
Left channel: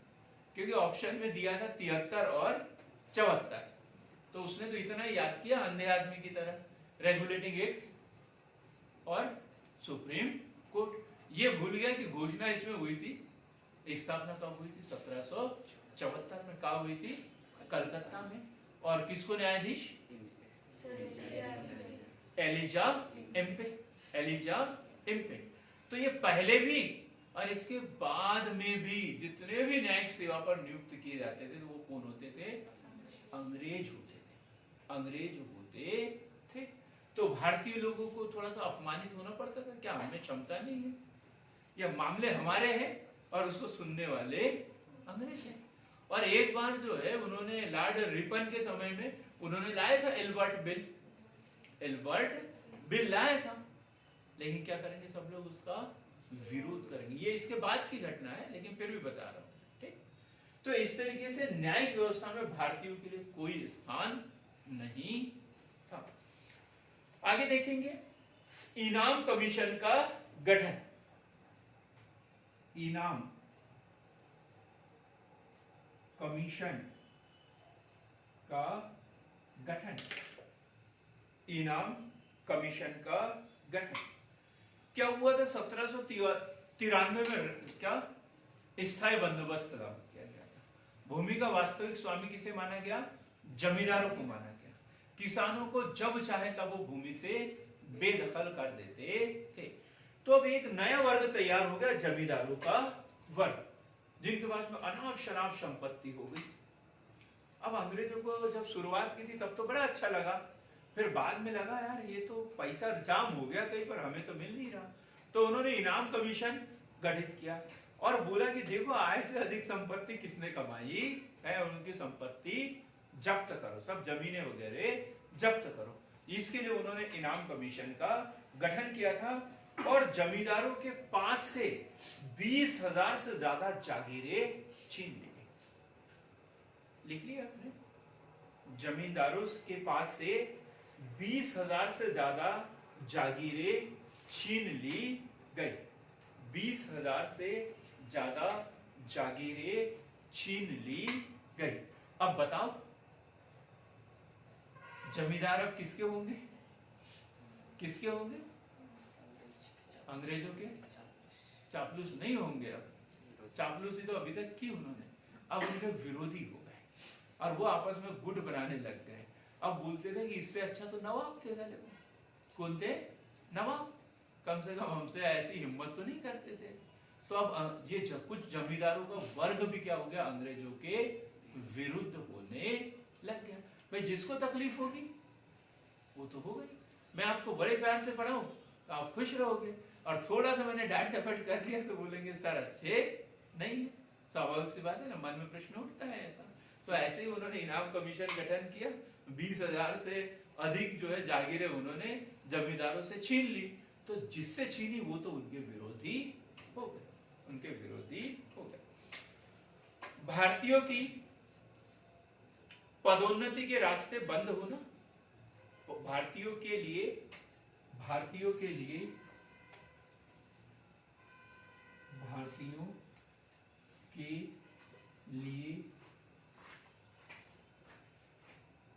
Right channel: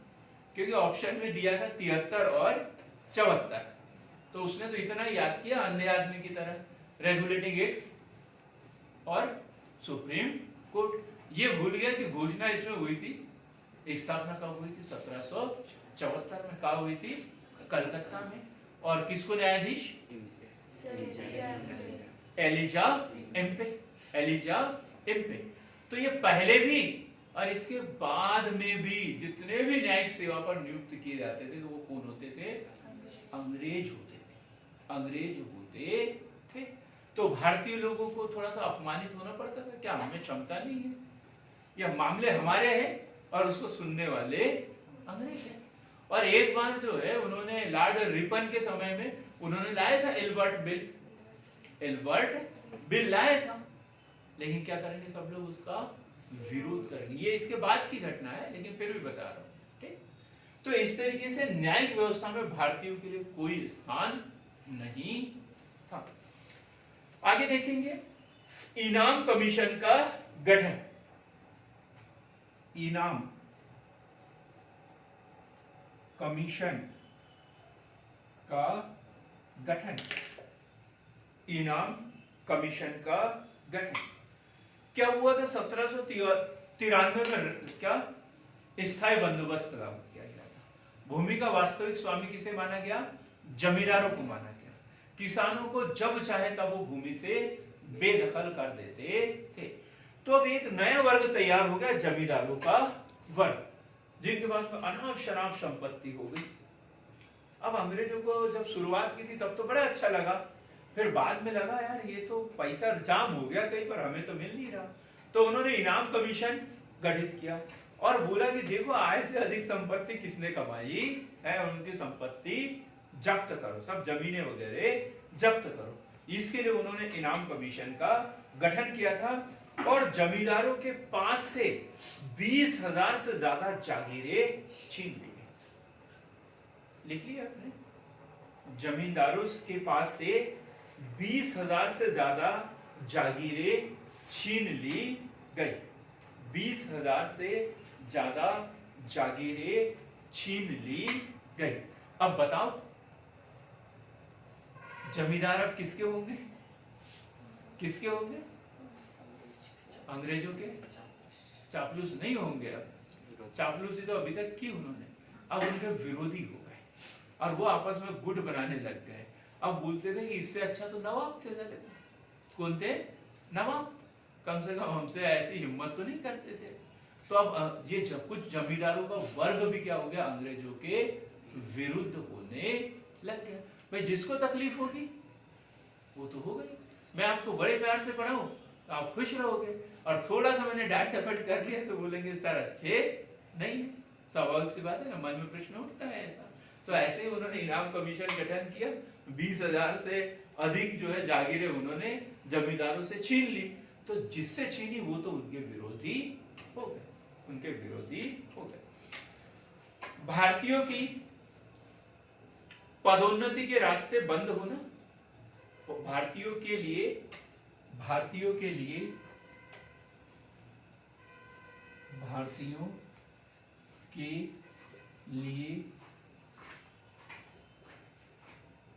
क्योंकि ऑप्शन में दिया था 73 और 74, तो उसने तो इतना याद किया अंधे आदमी की तरह, रेगुलेटिंग एक्ट और सुप्रीम कोर्ट। ये भूल गया कि घोषणा इसमें हुई थी, स्थापना कब हुई थी? 1774 में। कब हुई थी? कलकत्ता में। और किसको न्यायाधीश? एलिजा एम्पे। तो ये पहले भी और इसके बाद में भी जितने भी न्यायिक सेवा पर नियुक्त किए जाते थे, तो वो कौन होते थे? अंग्रेज होते थे। तो भारतीय लोगों को थोड़ा सा अपमानित होना पड़ता था, क्या हमें क्षमता नहीं है, यह मामले हमारे हैं और उसको सुनने वाले अंग्रेज हैं। और एक बार जो है उन्होंने लॉर्ड रिपन के समय में उन्होंने लाया था एल्बर्ट बिल लाया था, लेकिन क्या करेंगे सब लोग उसका विरोध करेंगे। ये इसके बाद की घटना है, लेकिन फिर भी बता रहा हूं, ठीक। तो इस तरीके से न्यायिक व्यवस्था में भारतीयों के लिए कोई स्थान नहीं था। आगे देखेंगे इनाम कमीशन का गठन। इनाम कमीशन का गठन। इनाम कमीशन का गठन क्या हुआ था? 1793 में क्या स्थायी बंदोबस्त लागू किया गया था। भूमि का वास्तविक स्वामी किसे माना गया? जमींदारों को माना गया। किसानों को जब चाहे तब वो भूमि से बेदखल कर देते थे। तो अब एक नया वर्ग तैयार हो गया, जमींदारों का वर्ग, जिनके पास में अनाप शनाप संपत्ति हो गई। अब अंग्रेजों को जब शुरुआत की थी तब तो बड़ा अच्छा लगा, फिर बाद में लगा यार ये तो पैसा जाम हो गया कहीं पर, हमें तो मिल नहीं रहा। तो उन्होंने इनाम कमीशन गठित किया और बोला कि देखो आय से अधिक संपत्ति किसने कमाई है, उनकी संपत्ति जब्त करो, सब जमीनें वगैरह जब्त करो। इसके लिए उन्होंने इनाम कमीशन का गठन किया था और जमींदारों के पास से 20,000 से ज्यादा जागीरें छीन ली। लिख लिया आपने? जमींदारों के पास से 20,000 से ज्यादा जागीरें छीन ली गई। 20,000 से ज्यादा जागीरें छीन ली गई। अब बताओ जमींदार अब किसके होंगे? किसके होंगे? अंग्रेजों के। चापलूस नहीं होंगे। अब चापलूसी तो अभी तक की उन्होंने, अब उनके विरोधी हो गए और वो आपस में गुट बनाने लग गए। अब बोलते थे कि इससे अच्छा तो नवाब चला लेते। कौन थे? नवाब। कम से कम हमसे ऐसी हिम्मत तो नहीं करते थे। तो अब ये कुछ जमींदारों का वर्ग भी क्या हो गया? अंग्रेजों के विरुद्ध होने लग गया। भाई जिसको तकलीफ होगी वो तो हो गई। मैं आपको बड़े प्यार से पढ़ाऊं तो आप खुश रहोगे, और थोड़ा सा मैंने डांट डपट कर दिया तो बोलेंगे सर अच्छे नहीं है। स्वाभाविक सी बात है ना, मन में प्रश्न उठता है ऐसा। तो ऐसे ही उन्होंने इनाम कमीशन गठन किया। 20,000 से अधिक जो है जागीरें उन्होंने जमींदारों से छीन ली। तो जिससे छीनी वो तो उनके विरोधी हो गए, उनके विरोधी हो गए। भारतीयों की पदोन्नति के रास्ते बंद होना, भारतीयों के लिए भारतीयों के लिए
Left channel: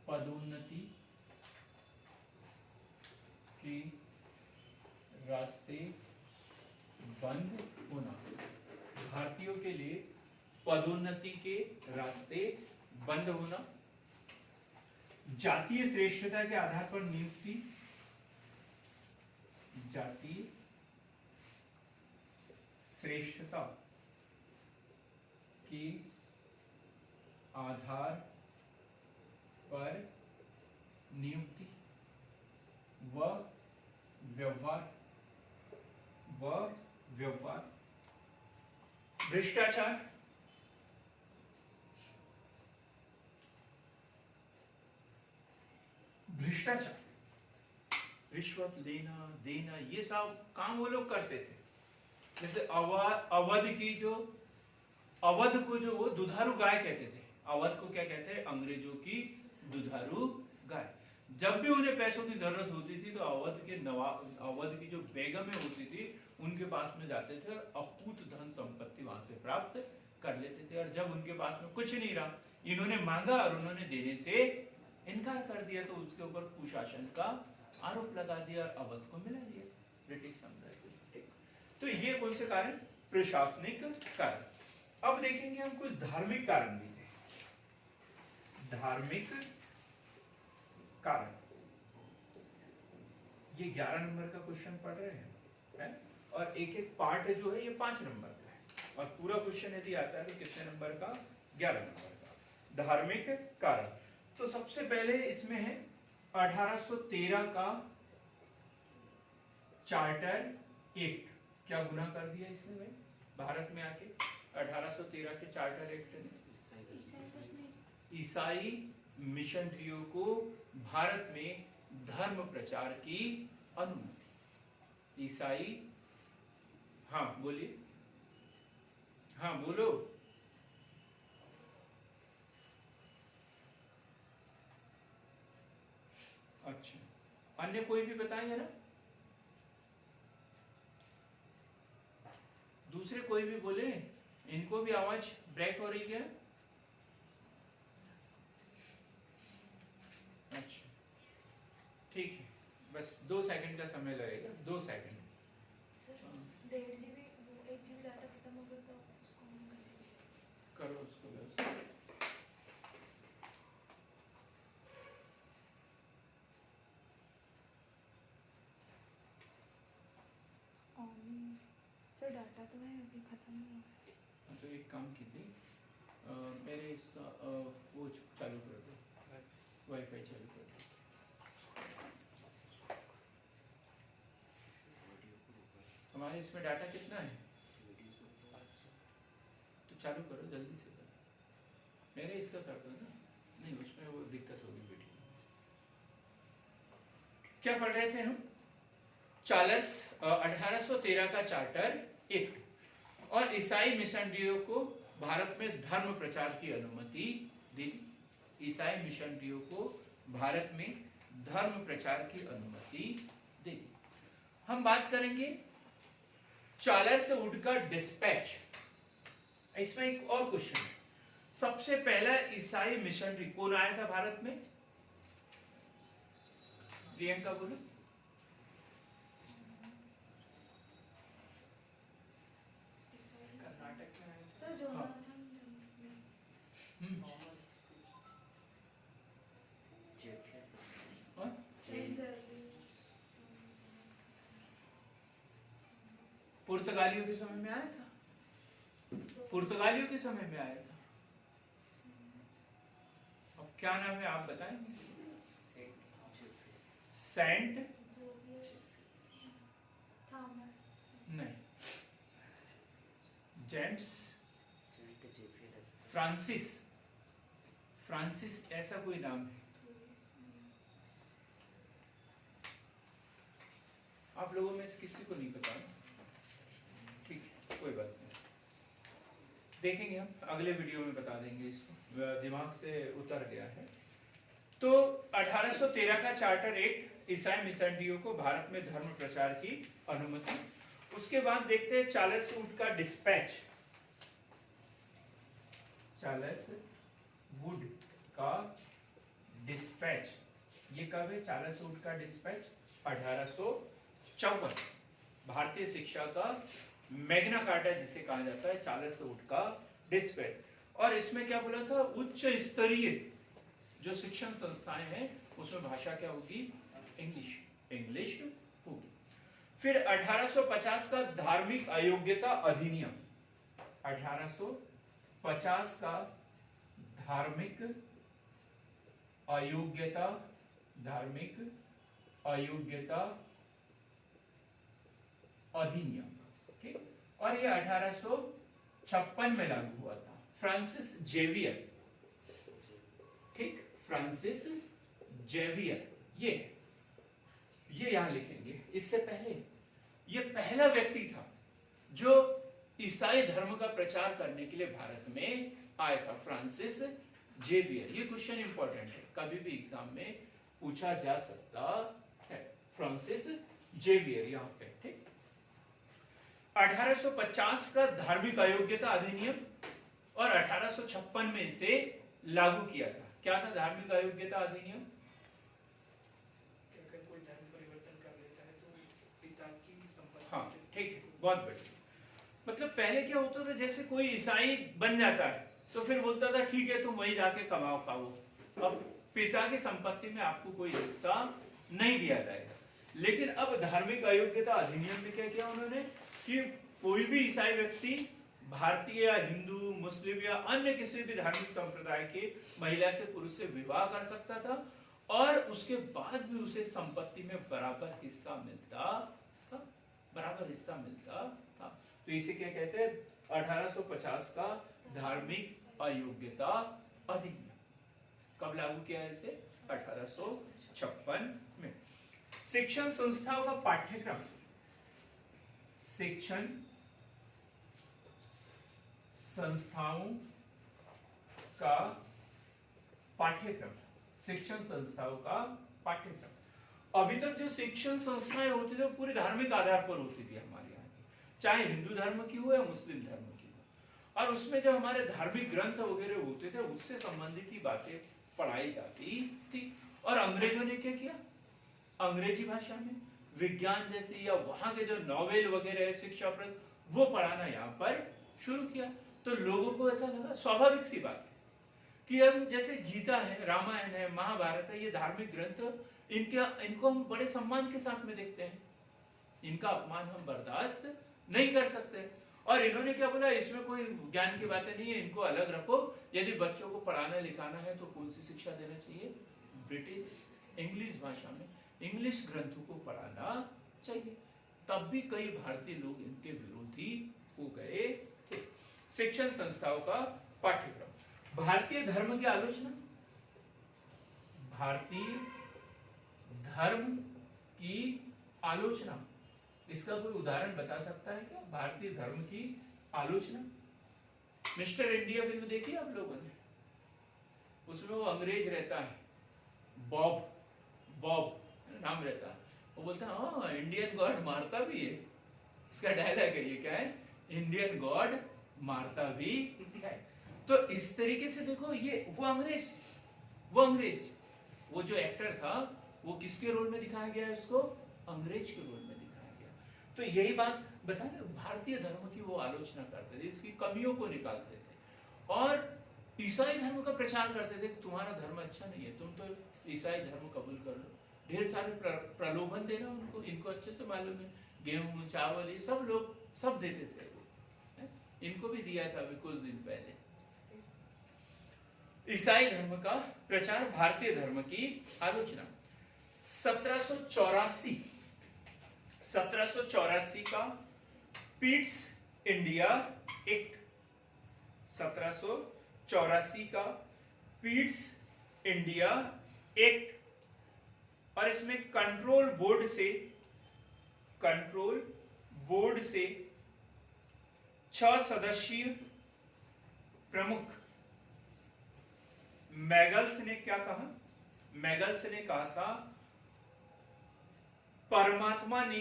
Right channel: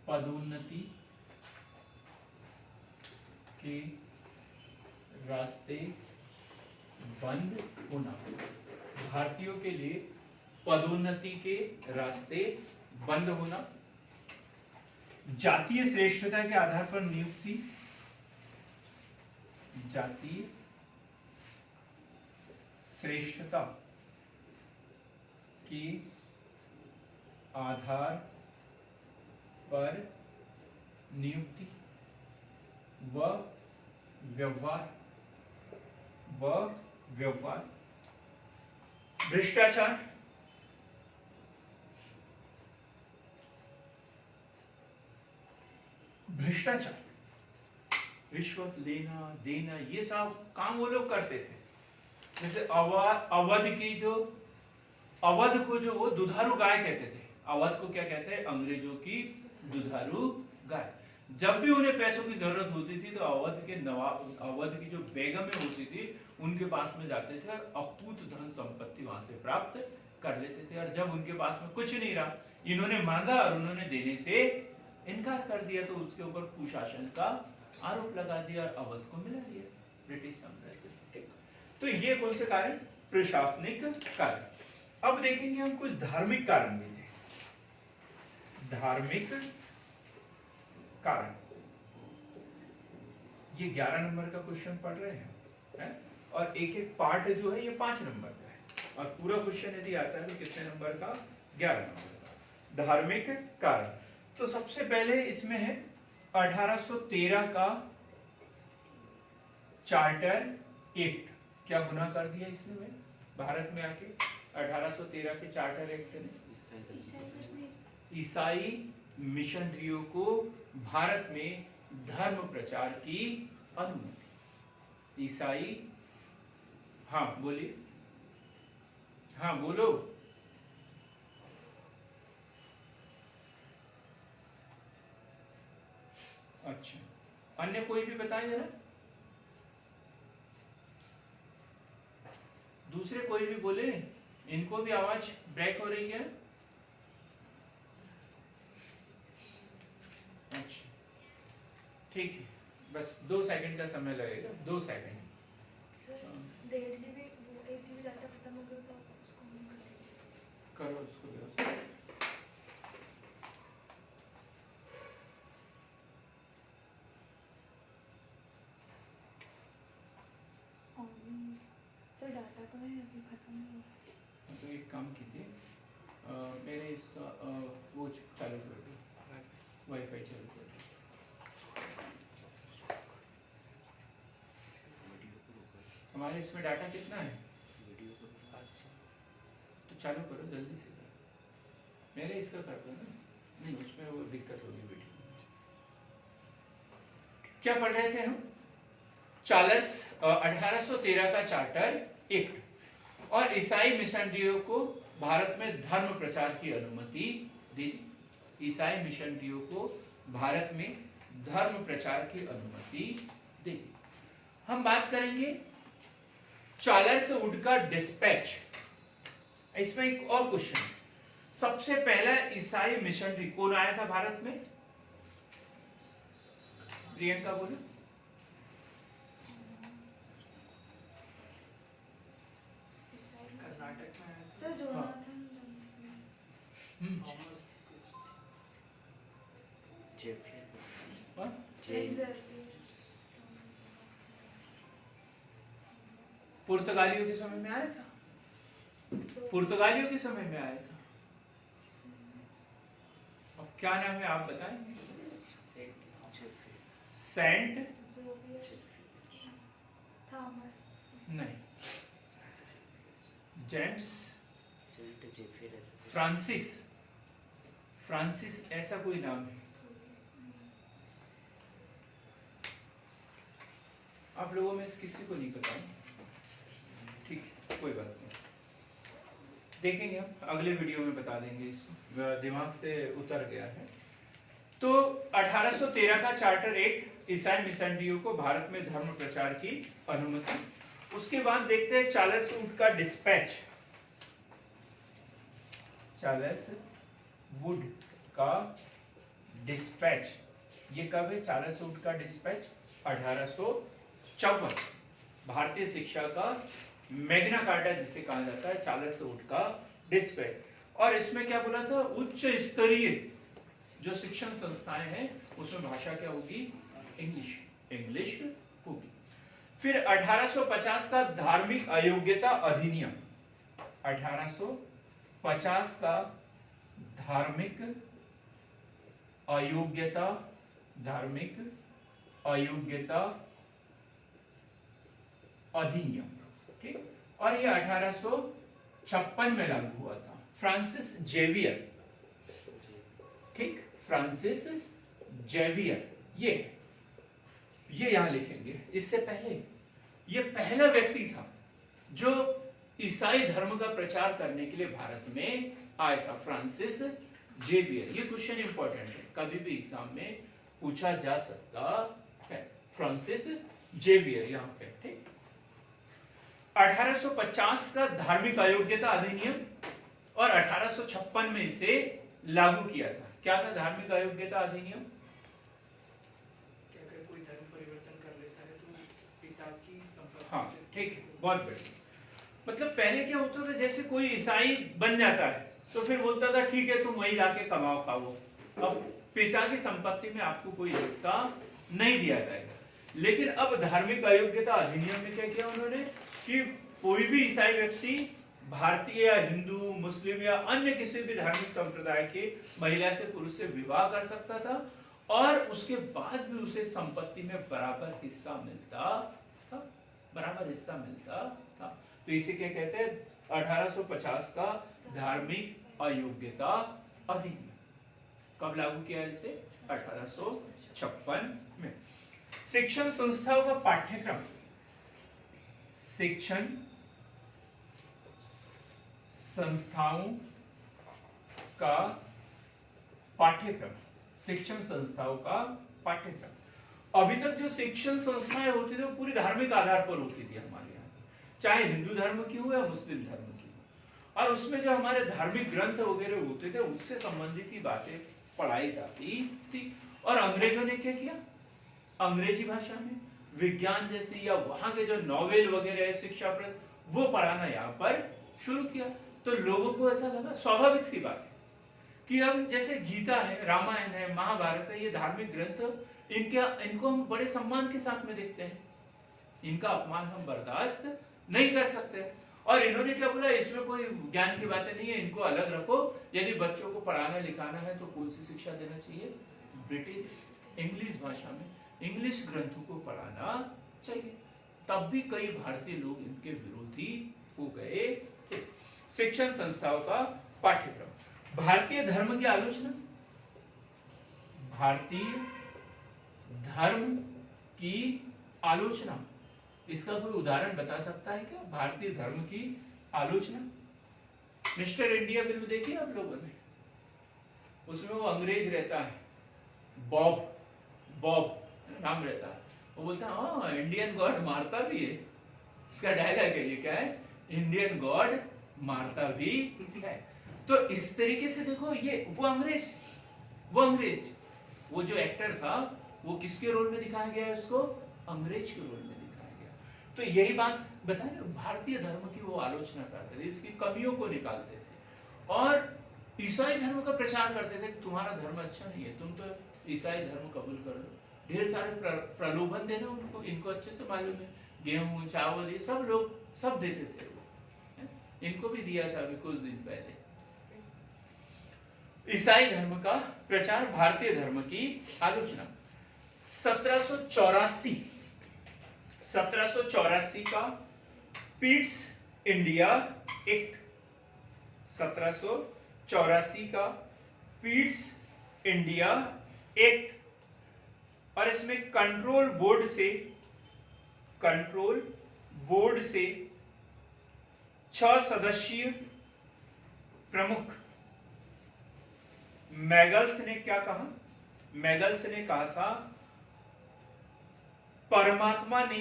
पदोन्नति के रास्ते बंद होना। भारतीयों के लिए पदोन्नति के रास्ते बंद होना। जातीय श्रेष्ठता के आधार पर नियुक्ति, जातीय श्रेष्ठता के आधार पर नियुक्ति व व्यवहार भ्रष्टाचार, रिश्वत लेना देना, ये सब काम वो लोग करते थे। जैसे अवध को जो वो दुधारू गाय कहते थे। अवध को क्या कहते हैं? अंग्रेजों की दुधारू गाय। जब भी उन्हें पैसों की जरूरत होती थी तो अवध की जो बेगमें होती थी उनके पास में जाते थे और अकूत धन संपत्ति वहां से प्राप्त कर लेते थे। और जब उनके पास में कुछ नहीं रहा, इन्होंने मांगा और उन्होंने देने से इनकार कर दिया, तो उसके ऊपर कुशासन का आरोप लगा दिया और अवध को मिला दिया ब्रिटिश साम्राज्य। तो ये कौन से कारण? प्रशासनिक कारण। अब देखेंगे हम कुछ धार्मिक कारण भी थे। धार्मिक कारण, ये 11 नंबर का क्वेश्चन पढ़ रहे हैं और एक एक पार्ट जो है ये 5 नंबर का है और पूरा क्वेश्चन यदि आता है तो कितने नंबर का? 11 नंबर का। धार्मिक कारण, तो सबसे पहले इसमें है 1813 का चार्टर एक्ट। क्या गुनाह कर दिया इसने भाई भारत में आके? 1813 के चार्टर एक्ट ने ईसाई मिशनरियों को भारत में धर्म प्रचार की अनुमति। ईसाई, हाँ बोलिए, हाँ बोलो। अच्छा, अन्य कोई भी बताएं जरा, दूसरे कोई भी बोले। इनको भी आवाज ब्रेक हो रही है। अच्छा ठीक है, बस 2 सेकंड का समय लगेगा, 2 second. Sir 1.5 GB 1 GB data खत्म हो गया तो उसको ऑन कर लीजिए। करो उसको व्यवस्थित। सर डाटा तो है अभी खत्म नहीं हुआ। तो एक काम कीजिए, मेरे इसका वो चालू कर दो, वाईफाई चालू कर दो। हमारे इसमें डाटा कितना है? तो चालू करो, जल्दी से करो। मैंने इसका कर दो ना, नहीं उसमें वो दिक्कत होगी वीडियो। क्या पढ़ रहे थे हम? चार्ल्स 1813 का चार्टर एक्ट और ईसाई मिशनरियों को भारत में धर्म प्रचार की अनुमति दी। ईसाई मिशनरियों को भारत में धर्म प्रचार की अनुमति दी। हम बात करेंगे चार्ल्स वुड का डिस्पैच। इसमें एक और क्वेश्चन, सबसे पहला ईसाई मिशनरी कौन आया था भारत में? प्रियंका बोलो। सर जोनाथन पुर्तगालियों के समय में आया था। पुर्तगालियों के समय में आया था। अब क्या नाम है आप बताएं? सेंट थॉमस नहीं, जेम्स फ्रांसिस, फ्रांसिस ऐसा कोई नाम है? आप लोगों में से किसी को नहीं पता? ठीक है, कोई बात नहीं, देखेंगे हम अगले वीडियो में बता देंगे। इसको दिमाग से उतर गया है। तो 1813 का चार्टर एक्ट ईसाई मिशनरियों को भारत में धर्म प्रचार की अनुमति। उसके बाद देखते हैं चार्ल्स वुड का डिस्पैच। चार्ल्स वुड का डिस्पैच ये कब है? चार्ल्स वुड का डिस्पैच 1854। भारतीय शिक्षा का मैग्ना कार्टा जिसे कहा जाता है, चार्ल्स वुड का डिस्पैच। और इसमें क्या बोला था? उच्च स्तरीय जो शिक्षण संस्थाएं हैं उसमें भाषा क्या होगी? इंग्लिश होगी। फिर 1850 का धार्मिक अयोग्यता अधिनियम, 1850 का धार्मिक अयोग्यता अधिनियम, ठीक। और ये 1856 में लागू हुआ था। फ्रांसिस जेवियर, ठीक, फ्रांसिस जेवियर ये यहां लिखेंगे। इससे पहले ये पहला व्यक्ति था जो ईसाई धर्म का प्रचार करने के लिए भारत में आया था, फ्रांसिस जेवियर। ये क्वेश्चन इंपॉर्टेंट है, कभी भी एग्जाम में पूछा जा सकता है। फ्रांसिस जेवियर यहाँ पे, ठीक। 1850 का धार्मिक अयोग्यता अधिनियम और 1856 में इसे लागू किया था। क्या था धार्मिक अयोग्यता अधिनियम? अगर कोई धर्म परिवर्तन कर लेता है तो पिता की संपत्ति हाँ, से ठीक है, बहुत बढ़िया। मतलब पहले क्या होता था, जैसे कोई ईसाई बन जाता है तो फिर बोलता था ठीक है तुम वही जाके कमाओ खाओ, अब पिता की संपत्ति में आपको कोई हिस्सा नहीं दिया जाएगा। लेकिन अब धार्मिक अयोग्यता अधिनियम में क्या किया उन्होंने कि कोई भी ईसाई व्यक्ति भारतीय या हिंदू, मुस्लिम या अन्य किसी भी धार्मिक संप्रदाय के महिला से, पुरुष से विवाह कर सकता था और उसके बाद भी उसे संपत्ति में बराबर हिस्सा मिलता था, तो इसी के कहते हैं 1850 का धार्मिक अयोग्यता अधिनियम। कब लागू किया इसे? 1856 में। शिक्षण संस्थाओं का पाठ्यक्रम, शिक्षण संस्थाओं का पाठ्यक्रम, शिक्षण संस्थाओं का पाठ्यक्रम। अभी तक जो शिक्षण संस्थाएं होती थी वो पूरी धार्मिक आधार पर होती थी हमारे यहाँ, चाहे हिंदू धर्म की हो या मुस्लिम धर्म की हो। और उसमें जो हमारे धार्मिक ग्रंथ वगैरह होते थे उससे संबंधित ही बातें पढ़ाई जाती थी। और अंग्रेजों ने क्या किया? अंग्रेजी भाषा में विज्ञान जैसी या वहां के जो नॉवेल वगैरह है शिक्षाप्रद, वो पढ़ाना यहाँ पर शुरू किया। तो लोगों को ऐसा लगा, स्वाभाविक सी बात है कि हम जैसे गीता है, रामायण है, महाभारत है, ये धार्मिक ग्रंथ इनको हम बड़े सम्मान के साथ में देखते हैं, इनका अपमान हम बर्दाश्त नहीं कर सकते। और इन्होंने क्या बोला, इसमें कोई ज्ञान की बातें नहीं है, इनको अलग रखो। यदि बच्चों को पढ़ाना लिखाना है तो कौन सी शिक्षा देना चाहिए? ब्रिटिश इंग्लिश भाषा में इंग्लिश ग्रंथों को पढ़ाना चाहिए। तब भी कई भारतीय लोग इनके विरोधी हो गए थे। शिक्षण संस्थाओं का पाठ्यक्रम, भारतीय धर्म की आलोचना, भारतीय धर्म की आलोचना, इसका कोई उदाहरण बता सकता है क्या? भारतीय धर्म की आलोचना। मिस्टर इंडिया फिल्म देखी आप लोगों ने? उसमें वो अंग्रेज रहता है, बॉब नाम रहता है, वो बोलता है हाँ इंडियन गॉड मारता भी है। उसका डायलॉग है ये, क्या है? इंडियन गॉड मारता भी है। तो इस तरीके से देखो, ये वो अंग्रेज वो जो एक्टर था वो किसके रोल में दिखाया गया है? उसको अंग्रेज के रोल में दिखाया गया। तो यही बात बताए, भारतीय धर्म की वो आलोचना करते थे, इसकी कमियों को निकालते थे और ईसाई धर्म का प्रचार करते थे कि तुम्हारा धर्म अच्छा नहीं है, तुम तो ईसाई धर्म कबूल कर लो। ढेर सारे प्रलोभन देना उनको, इनको अच्छे से मालूम है, गेहूं चावल ये सब लोग सब देते थे वो, इनको भी दिया था अभी कुछ दिन पहले। ईसाई धर्म का प्रचार, भारतीय धर्म की आलोचना। 1784 का पीट्स इंडिया एक्ट, 1784 का पीट्स इंडिया एक्ट, और इसमें कंट्रोल बोर्ड से 6 सदस्यीय प्रमुख। मैगल्स ने क्या कहा? मैगल्स ने कहा था परमात्मा ने,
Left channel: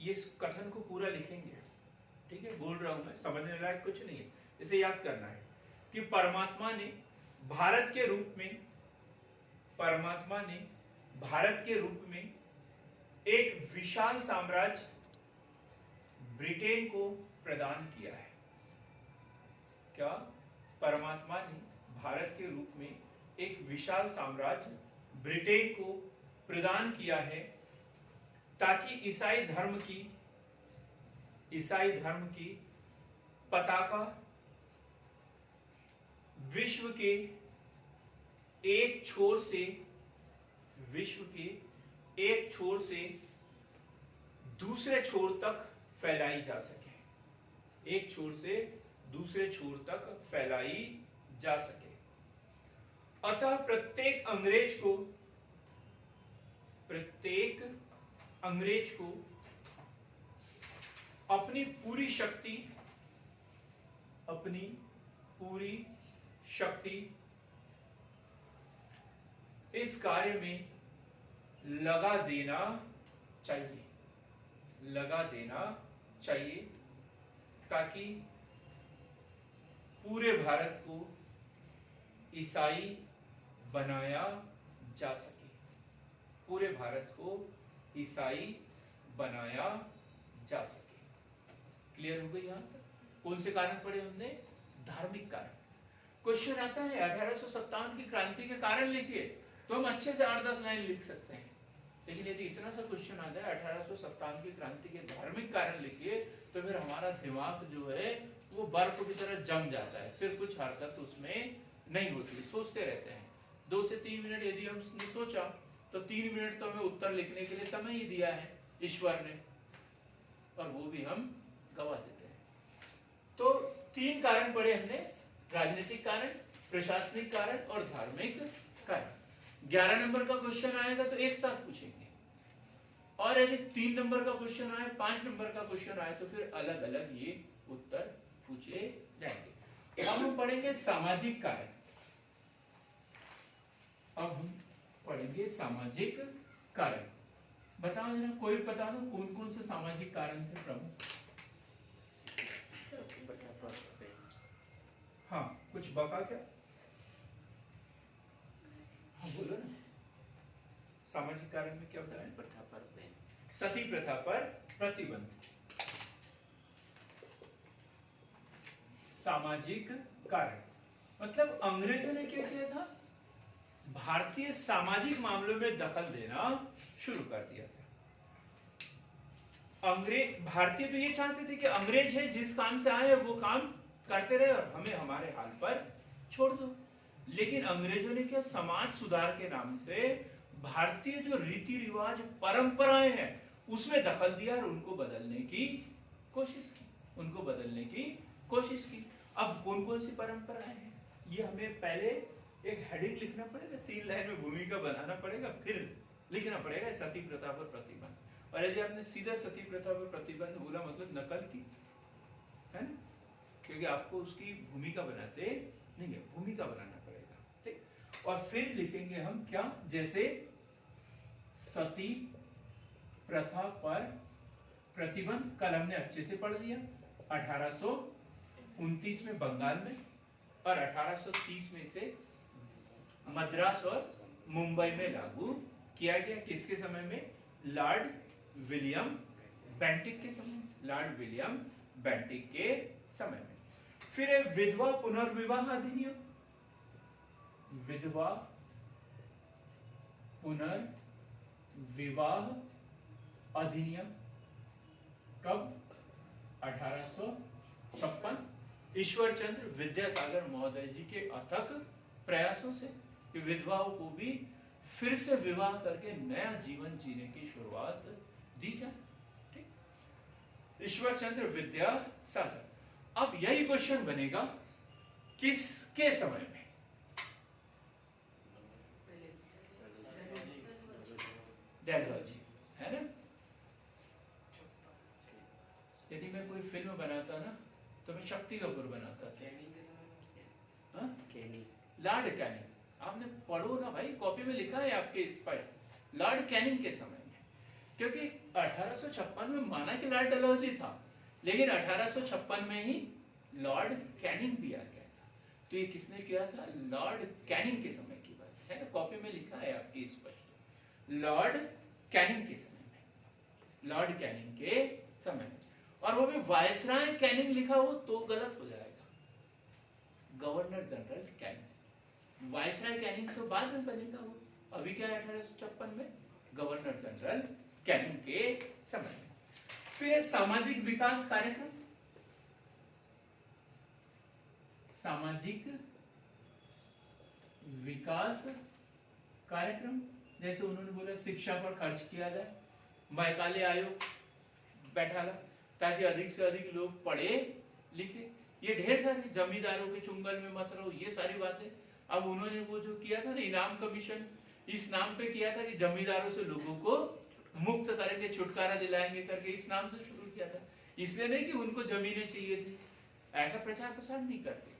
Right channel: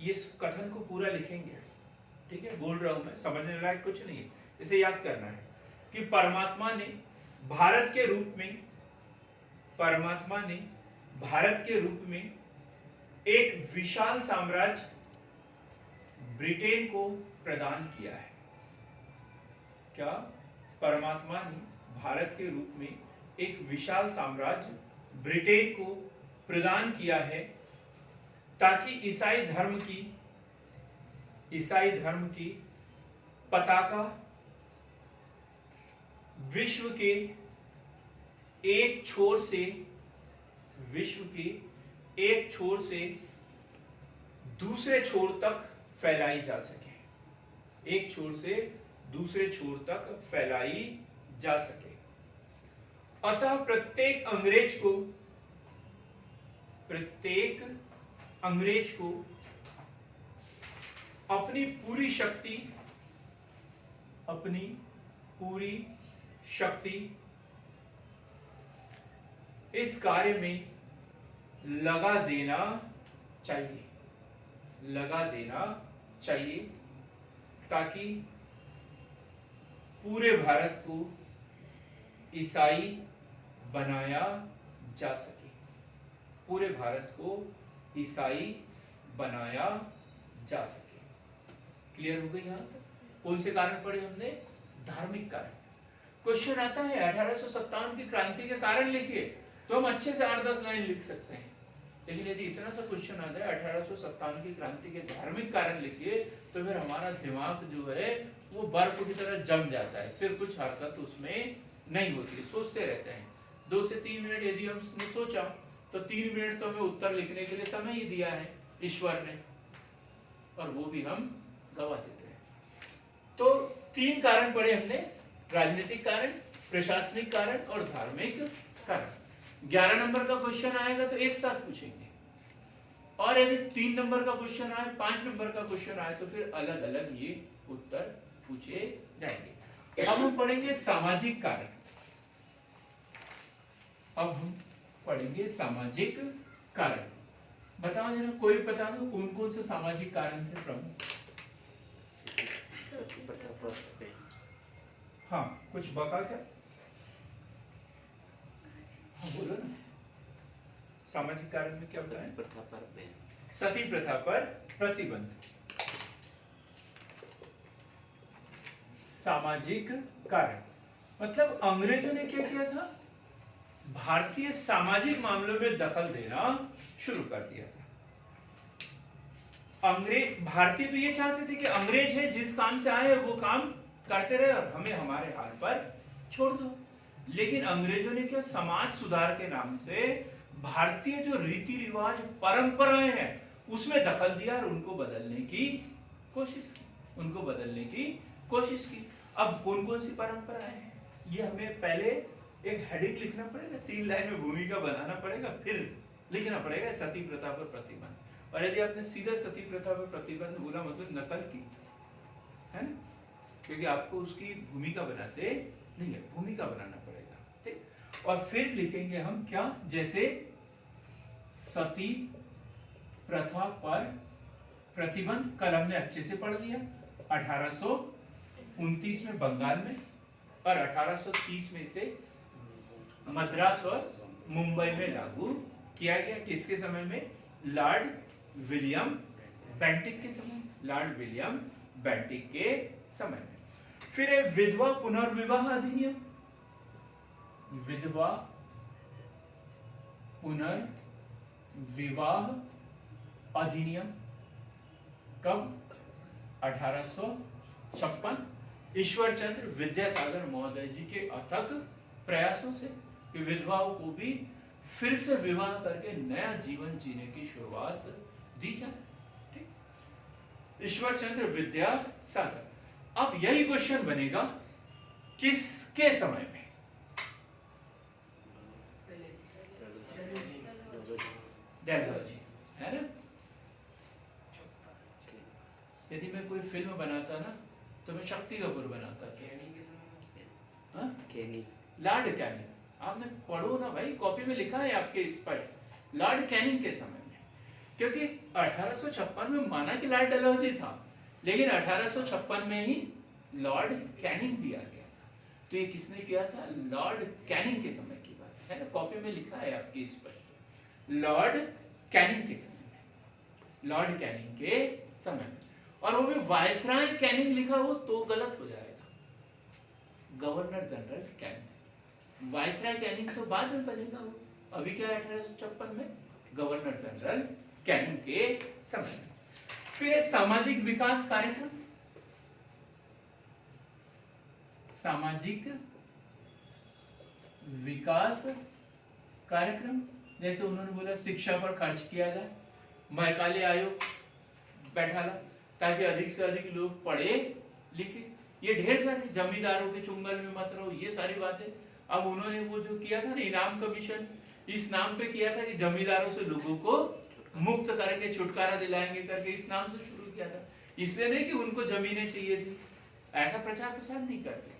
ये कथन को पूरा लिखेंगे, ठीक है, बोल रहा हूं मैं, समझने लायक कुछ नहीं है, इसे याद करना है कि परमात्मा ने भारत के रूप में, परमात्मा ने भारत के रूप में एक विशाल साम्राज्य ब्रिटेन को प्रदान किया है। क्या? परमात्मा ने भारत के रूप में एक विशाल साम्राज्य ब्रिटेन को प्रदान किया है ताकि ईसाई धर्म की पताका विश्व के एक छोर से दूसरे छोर तक फैलाई जा सके, एक छोर से दूसरे छोर तक फैलाई जा सके। अतः प्रत्येक अंग्रेज को अपनी पूरी शक्ति इस कार्य में लगा देना चाहिए ताकि पूरे भारत को ईसाई बनाया जा सके, पूरे भारत को ईसाई बनाया जा सके। क्लियर हो गई? यहां कौन से कारण पढ़े हमने? धार्मिक कारण। क्वेश्चन आता है 1857 की क्रांति के कारण लिखिए, तो हम अच्छे से 8-10 लाइन लिख सकते हैं, लेकिन यदि इतना सा क्वेश्चन आ जाए 1857 की क्रांति के धार्मिक कारण लिखिए, तो फिर हमारा दिमाग जो है वो बर्फ की तरह जम जाता है, फिर कुछ हरकत उसमें नहीं होती, सोचते रहते हैं। 2 से 3 मिनट यदि हमने सोचा तो 3 मिनट तो हमें उत्तर लिखने के लिए समय ही दिया है ईश्वर ने, और वो भी हम गवा देते हैं। तो 3 कारण पढ़े हमने, राजनीतिक कारण, प्रशासनिक कारण और धार्मिक कारण। 11 नंबर का क्वेश्चन आएगा तो एक साथ पूछेंगे, और यदि 3 नंबर का क्वेश्चन आए, 5 नंबर का क्वेश्चन आए, तो फिर अलग अलग ये उत्तर पूछे जाएंगे। अब हम पढ़ेंगे सामाजिक कारण। अब हम पढ़ेंगे सामाजिक कारण। बताओ जरा, कोई बता दो कौन कौन से सामाजिक कारण है प्रमुख? हाँ, कुछ बका क्या? हाँ बोलो ना, सामाजिक कारण में क्या बताएं? सती प्रथा पर प्रतिबंध। सामाजिक कारण मतलब अंग्रेजों ने क्या किया था? भारतीय सामाजिक मामलों में दखल देना शुरू कर दिया था। भारतीय तो ये चाहते थे कि अंग्रेज है, जिस काम से आए वो काम करते रहे और हमें हमारे हाल पर छोड़ दो। लेकिन अंग्रेजों ने क्या, समाज सुधार के नाम से भारतीय जो रीति रिवाज परंपराएं हैं उसमें दखल दिया और उनको बदलने की कोशिश की। अब कौन कौन सी परंपराएं हैं ये हमें पहले एक हेडिंग लिखना पड़ेगा, 3 लाइन में भूमिका बनाना पड़ेगा, फिर लिखना पड़ेगा सती प्रथा पर प्रतिबंध। और यदि आपने सीधा सती प्रथा पर प्रतिबंध बोला मतलब नकल की है ना, क्योंकि आपको उसकी भूमिका बनाते नहीं है, भूमिका बनाना पड़ेगा, ठीक। और फिर लिखेंगे हम क्या, जैसे सती प्रथा पर प्रतिबंध कल हमने अच्छे से पढ़ लिया 1829 में बंगाल में, और 1830 में से मद्रास और मुंबई में लागू किया गया। किसके समय में? लॉर्ड विलियम बेंटिक के समय, लॉर्ड विलियम बेंटिक के समय में। फिर है विधवा पुनर्विवाह अधिनियम। विधवा पुनर्विवाह अधिनियम कब? 1856 ईश्वर चंद्र विद्यासागर महोदय जी के अथक प्रयासों से कि विधवाओं को भी फिर से विवाह करके नया जीवन जीने की शुरुआत दी जाए, ठीक। ईश्वर चंद्र विद्यासागर। अब यही क्वेश्चन बनेगा किसके समय में? डलहौजी, है ना। यदि मैं कोई फिल्म बनाता ना तो मैं शक्ति कपूर बनाता था। लॉर्ड कैनिंग, आपने पढ़ो ना भाई, कॉपी में लिखा है आपके स्पष्ट, लॉर्ड कैनिंग के समय में। क्योंकि 1856 में माना कि लॉर्ड डलहौजी था, लेकिन 1856 में ही लॉर्ड कैनिंग भी आ गया था। तो ये किसने किया था? लॉर्ड कैनिंग के समय की बात है ना, कॉपी में लिखा है आपकी स्पष्ट, लॉर्ड कैनिंग के समय में, लॉर्ड कैनिंग के समय में। और वो भी वायसराय कैनिंग लिखा हो तो गलत हो जाएगा, governor general Canning. Viceroy Canning तो बाद में बनेगा, वो अभी क्या है 1856 में गवर्नर जनरल कैनिंग के समय में। फिर सामाजिक विकास कार्यक्रम, सामाजिक विकास कार्यक्रम, जैसे उन्होंने बोला शिक्षा पर खर्च किया जाए, मैकाले आयोग बैठाला ताकि अधिक से अधिक लोग पढ़े लिखे। ये ढेर सारे जमींदारों के चुंगल में मत रहो, ये सारी बातें। अब उन्होंने वो जो किया था ना इनाम कमीशन, इस नाम पे किया था कि जमींदारों से लोगों को मुक्त करके छुटकारा दिलाएंगे करके, इस नाम से शुरू किया था। इसलिए नहीं कि उनको जमीनें चाहिए थी, ऐसा प्रचार प्रसार नहीं करते।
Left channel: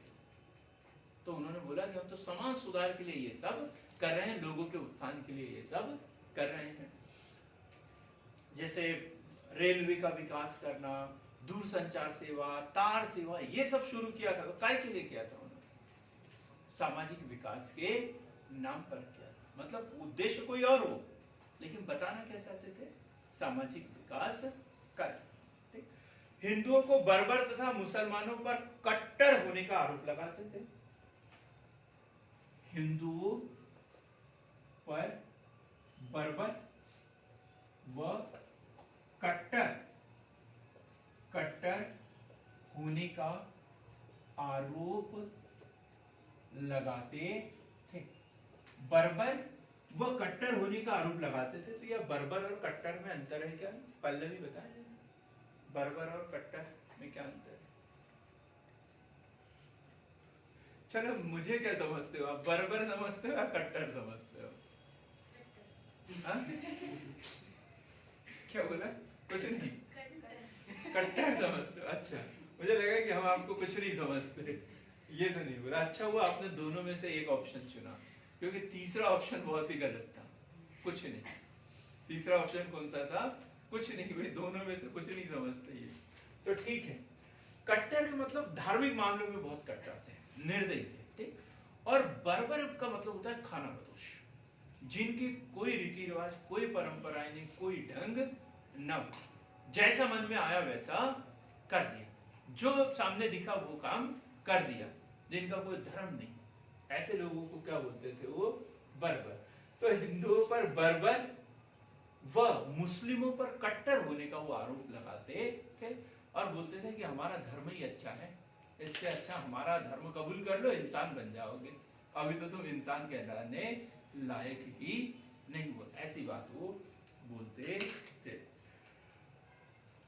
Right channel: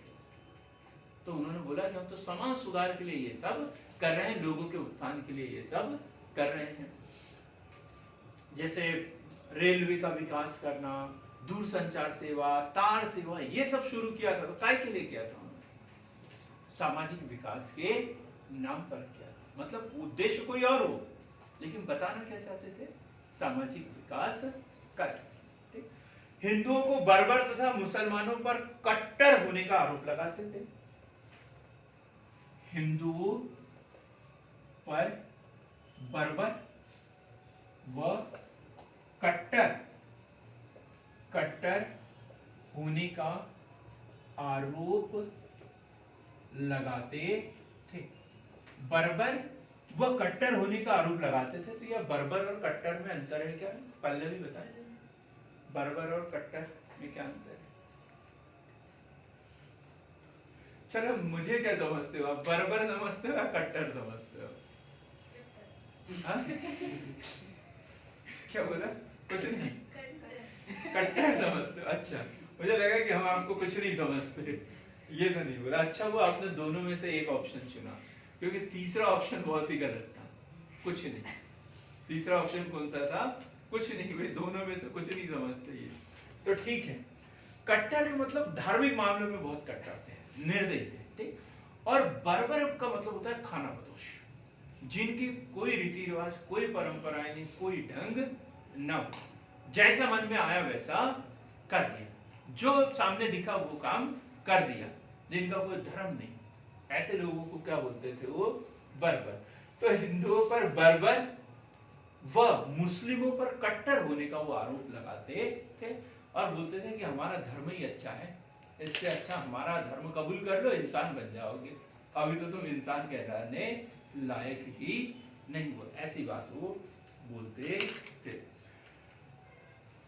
तो उन्होंने बोला कि हम तो समाज सुधार के लिए ये सब कर रहे हैं, लोगों के उत्थान के लिए ये सब कर रहे हैं। जैसे रेलवे का विकास करना, दूरसंचार सेवा, तार सेवा, ये सब शुरू किया था। काय के लिए किया था उन्होंने? सामाजिक विकास के नाम पर किया था। मतलब उद्देश्य कोई और हो, लेकिन बताना क्या चाहते थे? सामाजिक विकास कर। हिंदुओं को बर्बर तथा मुसलमानों पर कट्टर होने का आरोप लगाते थे। हिंदुओं पर बर्बर व कट्टर होने का आरोप लगाते थे। बर्बर व कट्टर होने का आरोप लगाते थे। तो यह बर्बर और कट्टर में अंतर है क्या? पल्लवी बताएं, बर्बर और कट्टर में क्या अंतर है? चलो मुझे क्या समझते हो आप? बर्बर समझते हो या कट्टर समझते हो? हाँ? क्या बोला? कुछ नहीं, कट्टर समझते हो। अच्छा, मुझे लगा कि हम आपको कुछ नहीं समझते, ये तो नहीं बोला। अच्छा, वो आपने दोनों में से एक ऑप्शन चुना, क्योंकि तीसरा ऑप्शन बहुत ही गलत था, कुछ नहीं। तीसरा ऑप्शन कौन सा था? कुछ नहीं। भाई दोनों में से कुछ नहीं समझते ये तो ठीक है। कट्टर मतलब धार्मिक मामलों में बहुत कट्टर थे, निर्दयी थे, ठीक। और बर्बर का मतलब होता है खानाबदोश, जिनकी कोई रीति रिवाज, कोई परंपराएं नहीं, कोई ढंग न, जैसा मन में आया वैसा कर दिया, जो सामने दिखा वो काम कर दिया, जिनका कोई धर्म नहीं, ऐसे लोगों को क्या बोलते थे? वो बर्बर। तो हिंदुओं पर बर्बर व मुस्लिमों पर कट्टर होने का वो आरोप लगाते थे और बोलते थे कि हमारा धर्म ही अच्छा है, इससे अच्छा हमारा धर्म कबूल कर लो, इंसान बन जाओगे। अभी तो तुम इंसान कहलाने लायक ही नहीं हो, ऐसी बात वो बोलते थे।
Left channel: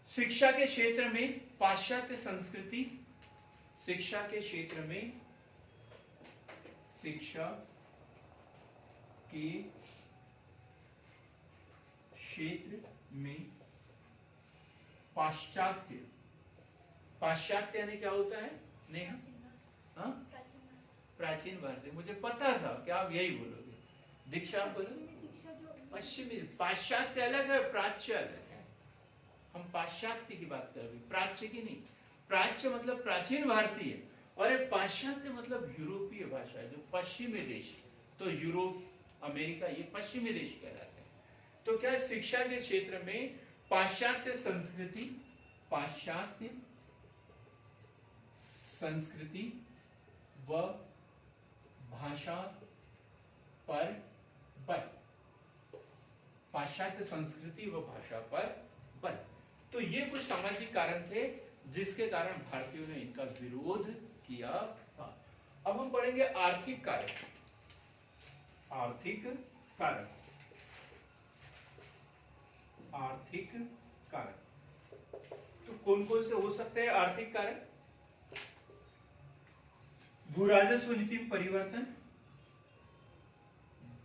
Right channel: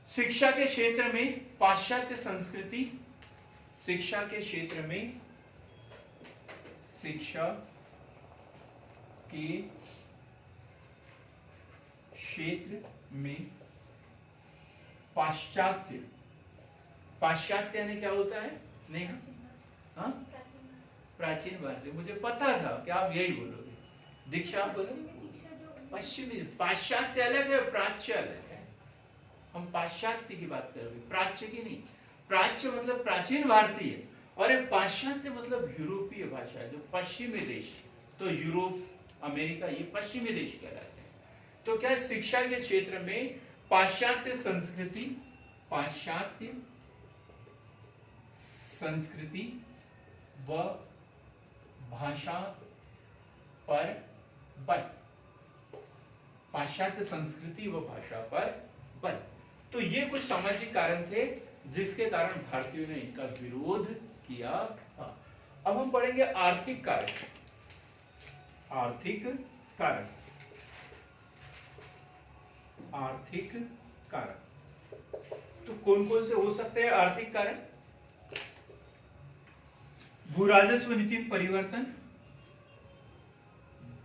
शिक्षा के क्षेत्र में पाश्चात्य संस्कृति, शिक्षा के क्षेत्र में, शिक्षा के क्षेत्र में पाश्चात्य, पाश्चात्य यानी क्या होता है? नहीं, हाँ, प्राचीन भारतीय। मुझे पता था कि आप यही बोलोगे। दीक्षा आप बोलो। पश्चिमी, पाश्चात्य अलग है, प्राच्य अलग है। हम पाश्चात्य की बात कर रहे हैं, प्राच्य की नहीं। प्राच्य मतलब प्राचीन भारतीय, और एक पाश्चात्य मतलब यूरोपीय भाषा है, जो पश्चिमी देश। तो यूरोप, अमेरिका, ये पश्चिमी देश कहलाते हैं। तो क्या शिक्षा के क्षेत्र में पाश्चात्य संस्कृति, पाश्चात्य संस्कृति व भाषा पर बल, पाश्चात्य संस्कृति व भाषा पर बल। तो ये कुछ सामाजिक कारण थे जिसके कारण भारतीयों ने इनका विरोध किया था। अब हम पढ़ेंगे आर्थिक कारण। आर्थिक कारण, आर्थिक कारण तो कौन कौन से हो सकते हैं आर्थिक कारण? भूराजस्व नीति में परिवर्तन,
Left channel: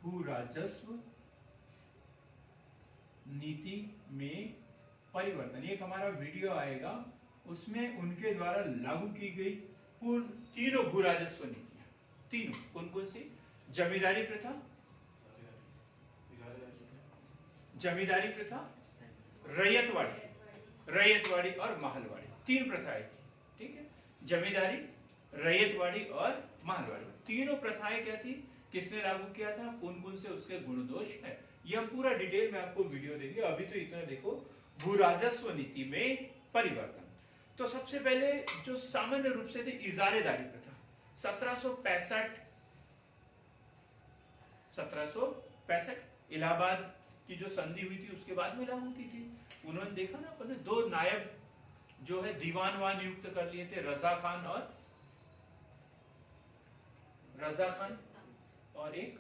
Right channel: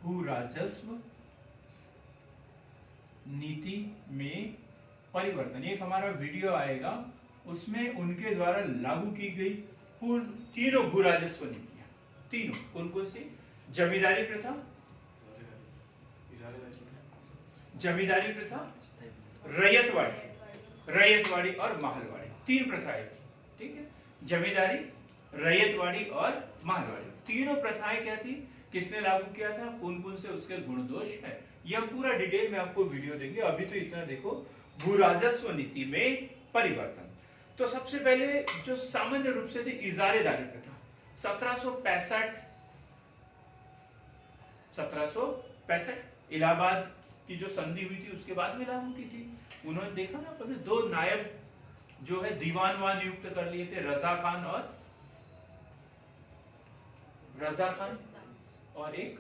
भूराजस्व नीति में परिवर्तन। एक हमारा वीडियो आएगा, उसमें उनके द्वारा लागू की गई तीनों भूराजस्व नीतियां। तीनों कौन कौन सी? जमींदारी प्रथा, जमींदारी प्रथा, रैयतवाड़ी और महलवाड़ी, तीन प्रथाएं थी, ठीक है। जमींदारी, रैयतवाड़ी और महलवाड़ी, तीनों प्रथाएं क्या थी, किसने लागू किया था, कौन कौन से उसके गुण दोष है, यह पूरा डिटेल में आपको वीडियो देंगे। अभी तो इतना देखो, भू राजस्व नीति में परिवर्तन। तो सबसे पहले जो सामान्य रूप से थी इजारेदारी प्रथा, 1765 इलाहाबाद की जो संधि हुई थी उसके बाद में लागू की थी। उन्होंने देखा ना, पहले दो नायब जो है दीवान वहां नियुक्त कर लिए थे, रजा खान और एक,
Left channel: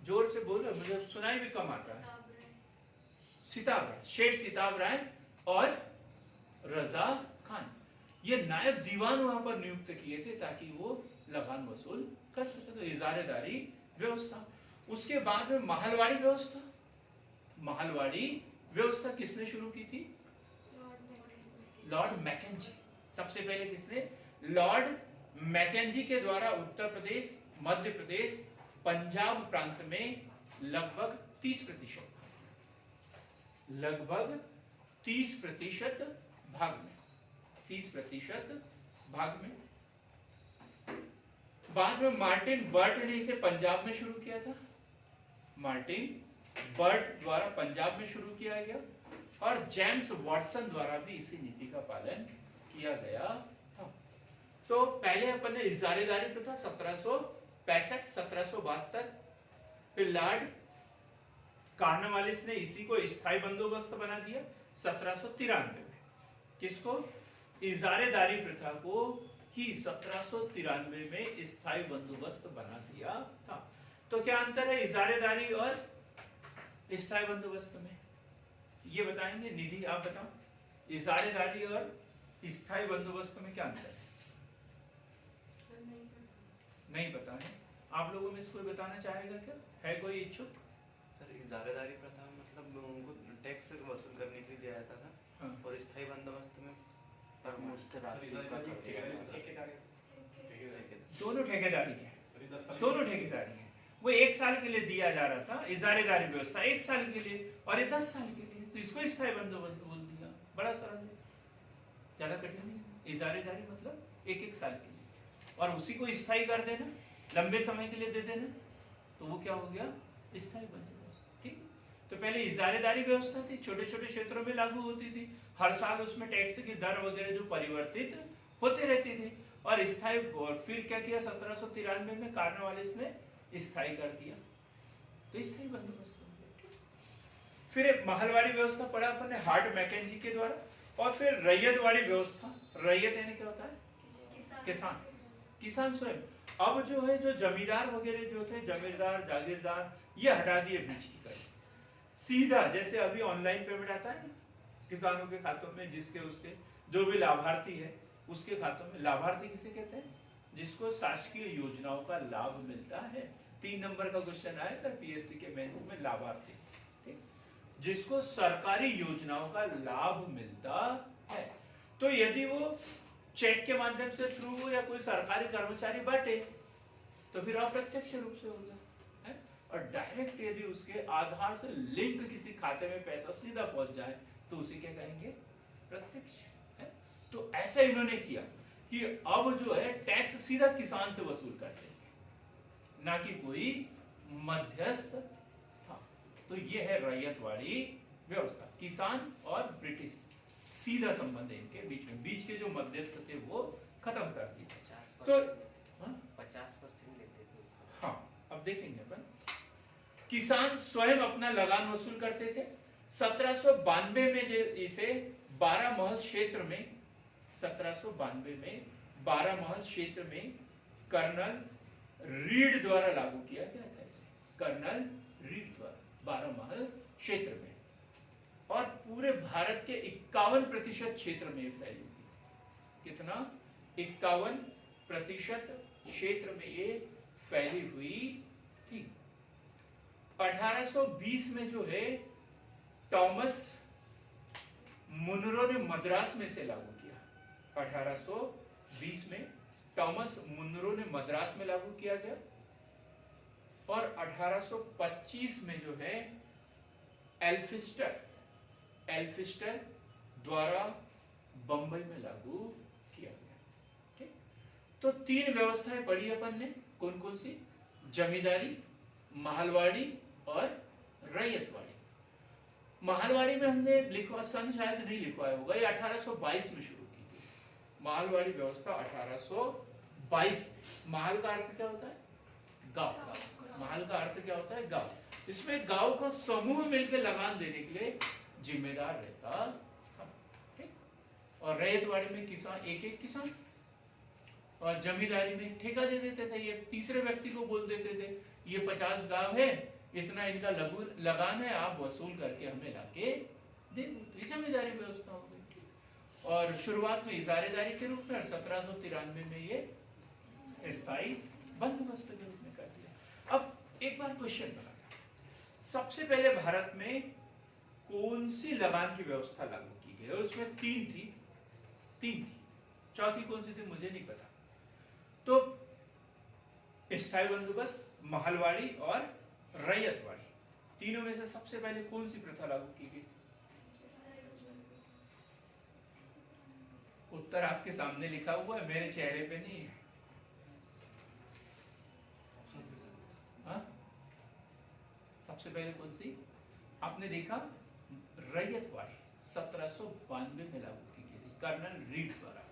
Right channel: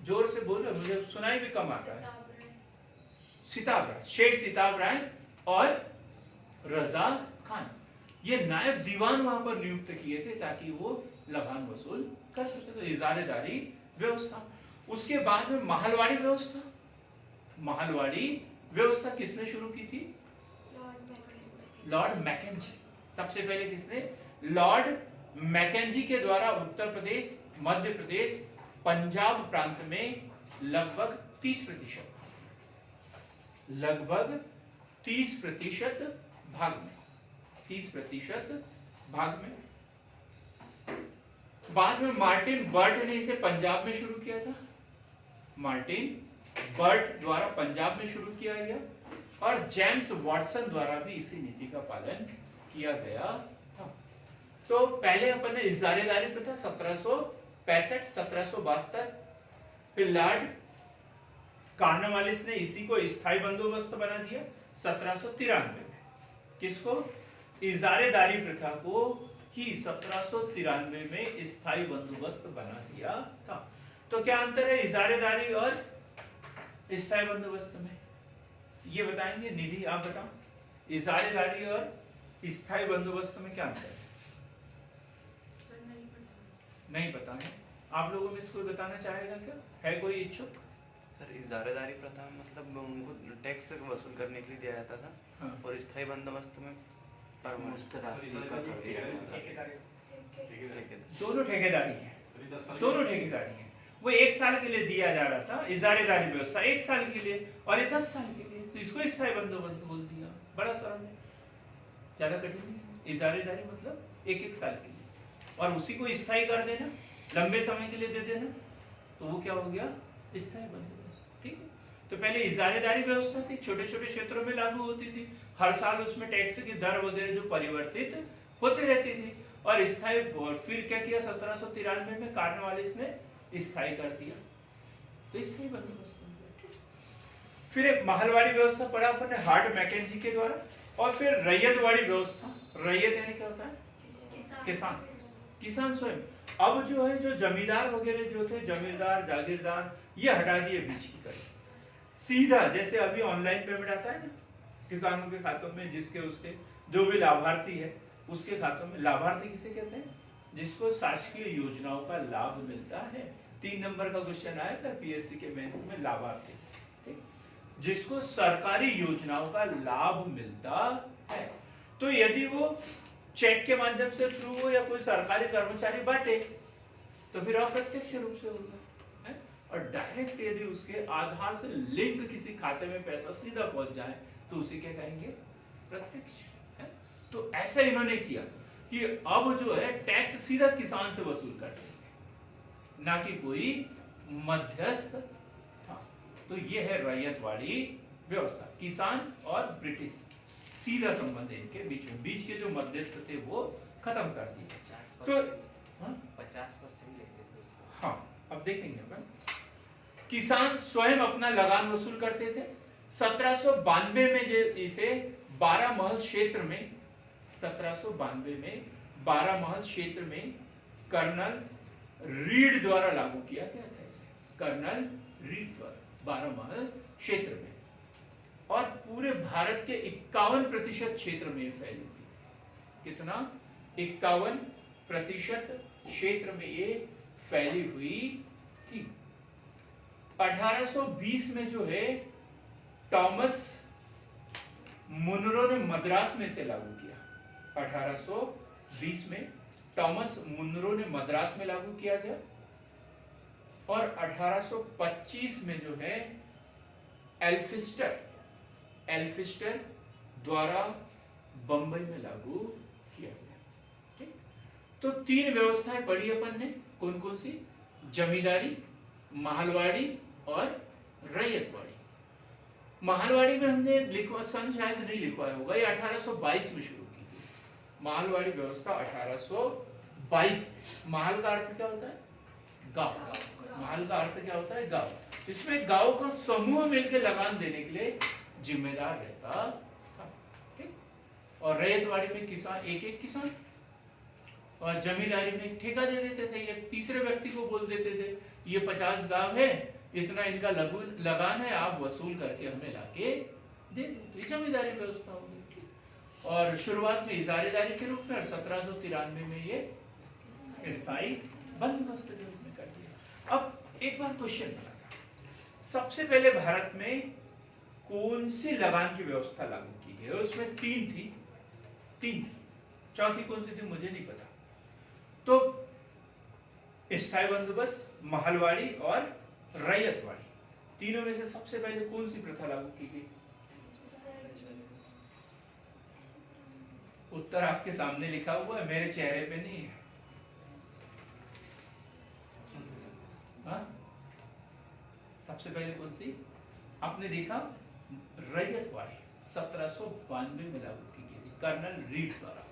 जोर से बोलो मुझे सुनाई भी कम आता है, शेठ सिताब राय और रजा खान, ये नायब दीवान वहां पर नियुक्त किए थे ताकि वो लगान वसूल कर सके। तो इजारेदारी व्यवस्था। उसके बाद में महलवाड़ी व्यवस्था किसने शुरू की थी, लॉर्ड मैकेंजी। सबसे पहले किसने, लॉर्ड मैकेंजी के द्वारा उत्तर प्रदेश, मध्य प्रदेश, पंजाब प्रांत में लगभग 30% भाग में बाद में मार्टिन बर्ट ने इसे पंजाब में शुरू किया था, मार्टिन बर्ट द्वारा पंजाब में शुरू किया गया और जेम्स वॉटसन द्वारा भी इसी नीति का पालन किया गया था। तो पहले अपन ने इजारेदारी प्रथा 1765 1772, फिर लॉर्ड कॉर्नवालिस ने इसी को स्थायी बंदोबस्त बना दिया 1793 में। किसको, इजारेदारी प्रथा को ही 1793 में स्थायी बंदोबस्त बना दिया था। तो क्या अंतर है इजारेदारी और स्थायी बंदोबस्त में, ये बताएंगे। निधि आप बताओ, इजारेदारी और स्थायी बंदोबस्त में क्या अंतर है? नहीं पता है। आप लोगों में इसको बताना चाहेगा क्या, है कोई इच्छुक? सर इजारेदारी प्रथा मतलब उनको टैक्स वसूल करने के लिए दिया जाता था। हाँ। और स्थायी बंदोबस्त में दोनों ठेकेदारी है, वो 1 साल के लिए दिया जा रहा था। इजारेदारी व्यवस्था 1 साल के लिए और ये 10 साल के लिए, तो इसको स्थायी बंदोबस्त बोल दिया। बड़ा सवाल है, ज्यादा कठिन नहीं। इजारेदारी मतलब 1-1 साल के लिए और उसी को स्थायी कर देना, लंबे समय के लिए दे देना, तो वो क्या हो गया, स्थायी बंदोबस्त। ठीक है, तो पहले इजारेदारी व्यवस्था थी, छोटे छोटे क्षेत्रों में लागू होती थी, हर साल उसमें टैक्स की दर वगैरह जो परिवर्तित होते रहती थी। और स्थायी, फिर क्या किया 1793 में कॉर्नवालिस ने स्थायी कर दिया, तो स्थायी बंदोबस्त बन गया। फिर एक महलवाड़ी व्यवस्था पढ़ा अपन ने हार्ट मैकेंजी के द्वारा, और फिर रैयतवाड़ी व्यवस्था। रैयत यानी क्या होता है, किसान स्वयं। अब जो है, जो जमींदार वगैरह जो थे, जमींदार जागीरदार, ये हटा दिए बीच की तरफ, सीधा जैसे अभी ऑनलाइन पेमेंट आता है ना किसानों के खातों में, जिसके उसके जो भी लाभार्थी है उसके खातों में। लाभार्थी किसे कहते हैं, जिसको शासकीय योजनाओं का लाभ मिलता है। 3 नंबर का क्वेश्चन आया था पीएससी के मेंस में, लाभार्थी, ठीक, जिसको सरकारी योजनाओं का लाभ मिलता है। तो यदि वो चेक के माध्यम से थ्रू हो या कोई सरकारी कर्मचारी बांटे तो फिर अप्रत्यक्ष रूप से होगा है, और डायरेक्ट यदि उसके आधार से लिंक किसी खाते में पैसा सीधा पहुंच जाए तो उसे क्या कहेंगे, प्रत्यक्ष है। तो ऐसा इन्होंने किया कि अब जो है टैक्स सीधा किसान से वसूल करते हैं, ना कि कोई मध्यस्थ था। तो ये है रैयतवाड़ी व्यवस्था, किसान और ब्रिटिश सीधा संबंध है इनके बीच में, बीच के जो मध्यस्थ थे वो खत्म कर दिए। तो 50% लेते थे उसका। हाँ, अब देखेंगे अपन, किसान स्वयं अपना लगान वसूल करते थे। 1792 में जो इसे 12 महल क्षेत्र में, 1792 में 12 महल क्षेत्र में कर्नल रीड द्वारा लागू किया गया था। कर्नल रीड द्वारा 12 महल क्षेत्र में, और पूरे भारत के 51% क्षेत्र में फैली थी। कितना, 51% क्षेत्र में ये फैली हुई थी। 1820 में जो है टॉमस मुनरो ने मद्रास में से लागू किया। 1820 में टॉमस मुनरो ने मद्रास में लागू किया गया, और 1825 में जो है एल्फिस्टर एल्फिस्टर द्वारा बंबई में लागू किया गया। ठीक, तो 3 व्यवस्थाएं पढ़ी अपन ने, कौन कौन सी? जमींदारी, महलवाड़ी और रैयतवाड़ी। महलवाड़ी में हमने लिखवा, सन शायद नहीं लिखवाया होगा, ये 1822 में शुरू की गई महलवाड़ी व्यवस्था। 1822। महल का अर्थ क्या होता है? गांव। महल का अर्थ क्या होता है? गांव। इसमें गांव का समूह मिलकर लगान देने के लिए जिम्मेदार रहता था। ठीक? और रैयतवाड़ी में किसान, एक एक किसान, और जमींदारी में ठेका दे देते थे, ये तीसरे व्यक्ति को बोल देते थे ये 50 गांव है, इतना इनका लगान है, आप वसूल करके हमें लाके दे दो। ये जमींदारी व्यवस्था होगी। और शुरुआत में इजारेदारी के रूप में, और 1793 में ये स्थायी बंदोबस्त के रूप में कर दिया। अब एक बार क्वेश्चन बना, सबसे पहले भारत में कौन सी लगान की व्यवस्था लागू की गई? उसमें 3 थी, 3, चौथी कौन सी थी मुझे नहीं पता। तो स्थायी बंदोबस्त, महलवाड़ी और रैयतवाड़ी, तीनों में से सबसे पहले कौन सी प्रथा लागू की गई? उत्तर आपके सामने लिखा हुआ है, मेरे चेहरे पे नहीं है। हाँ? सबसे पहले कौन सी आपने देखा? रैयतवाड़ी 1792 में लागू की गई कर्नल रीड द्वारा।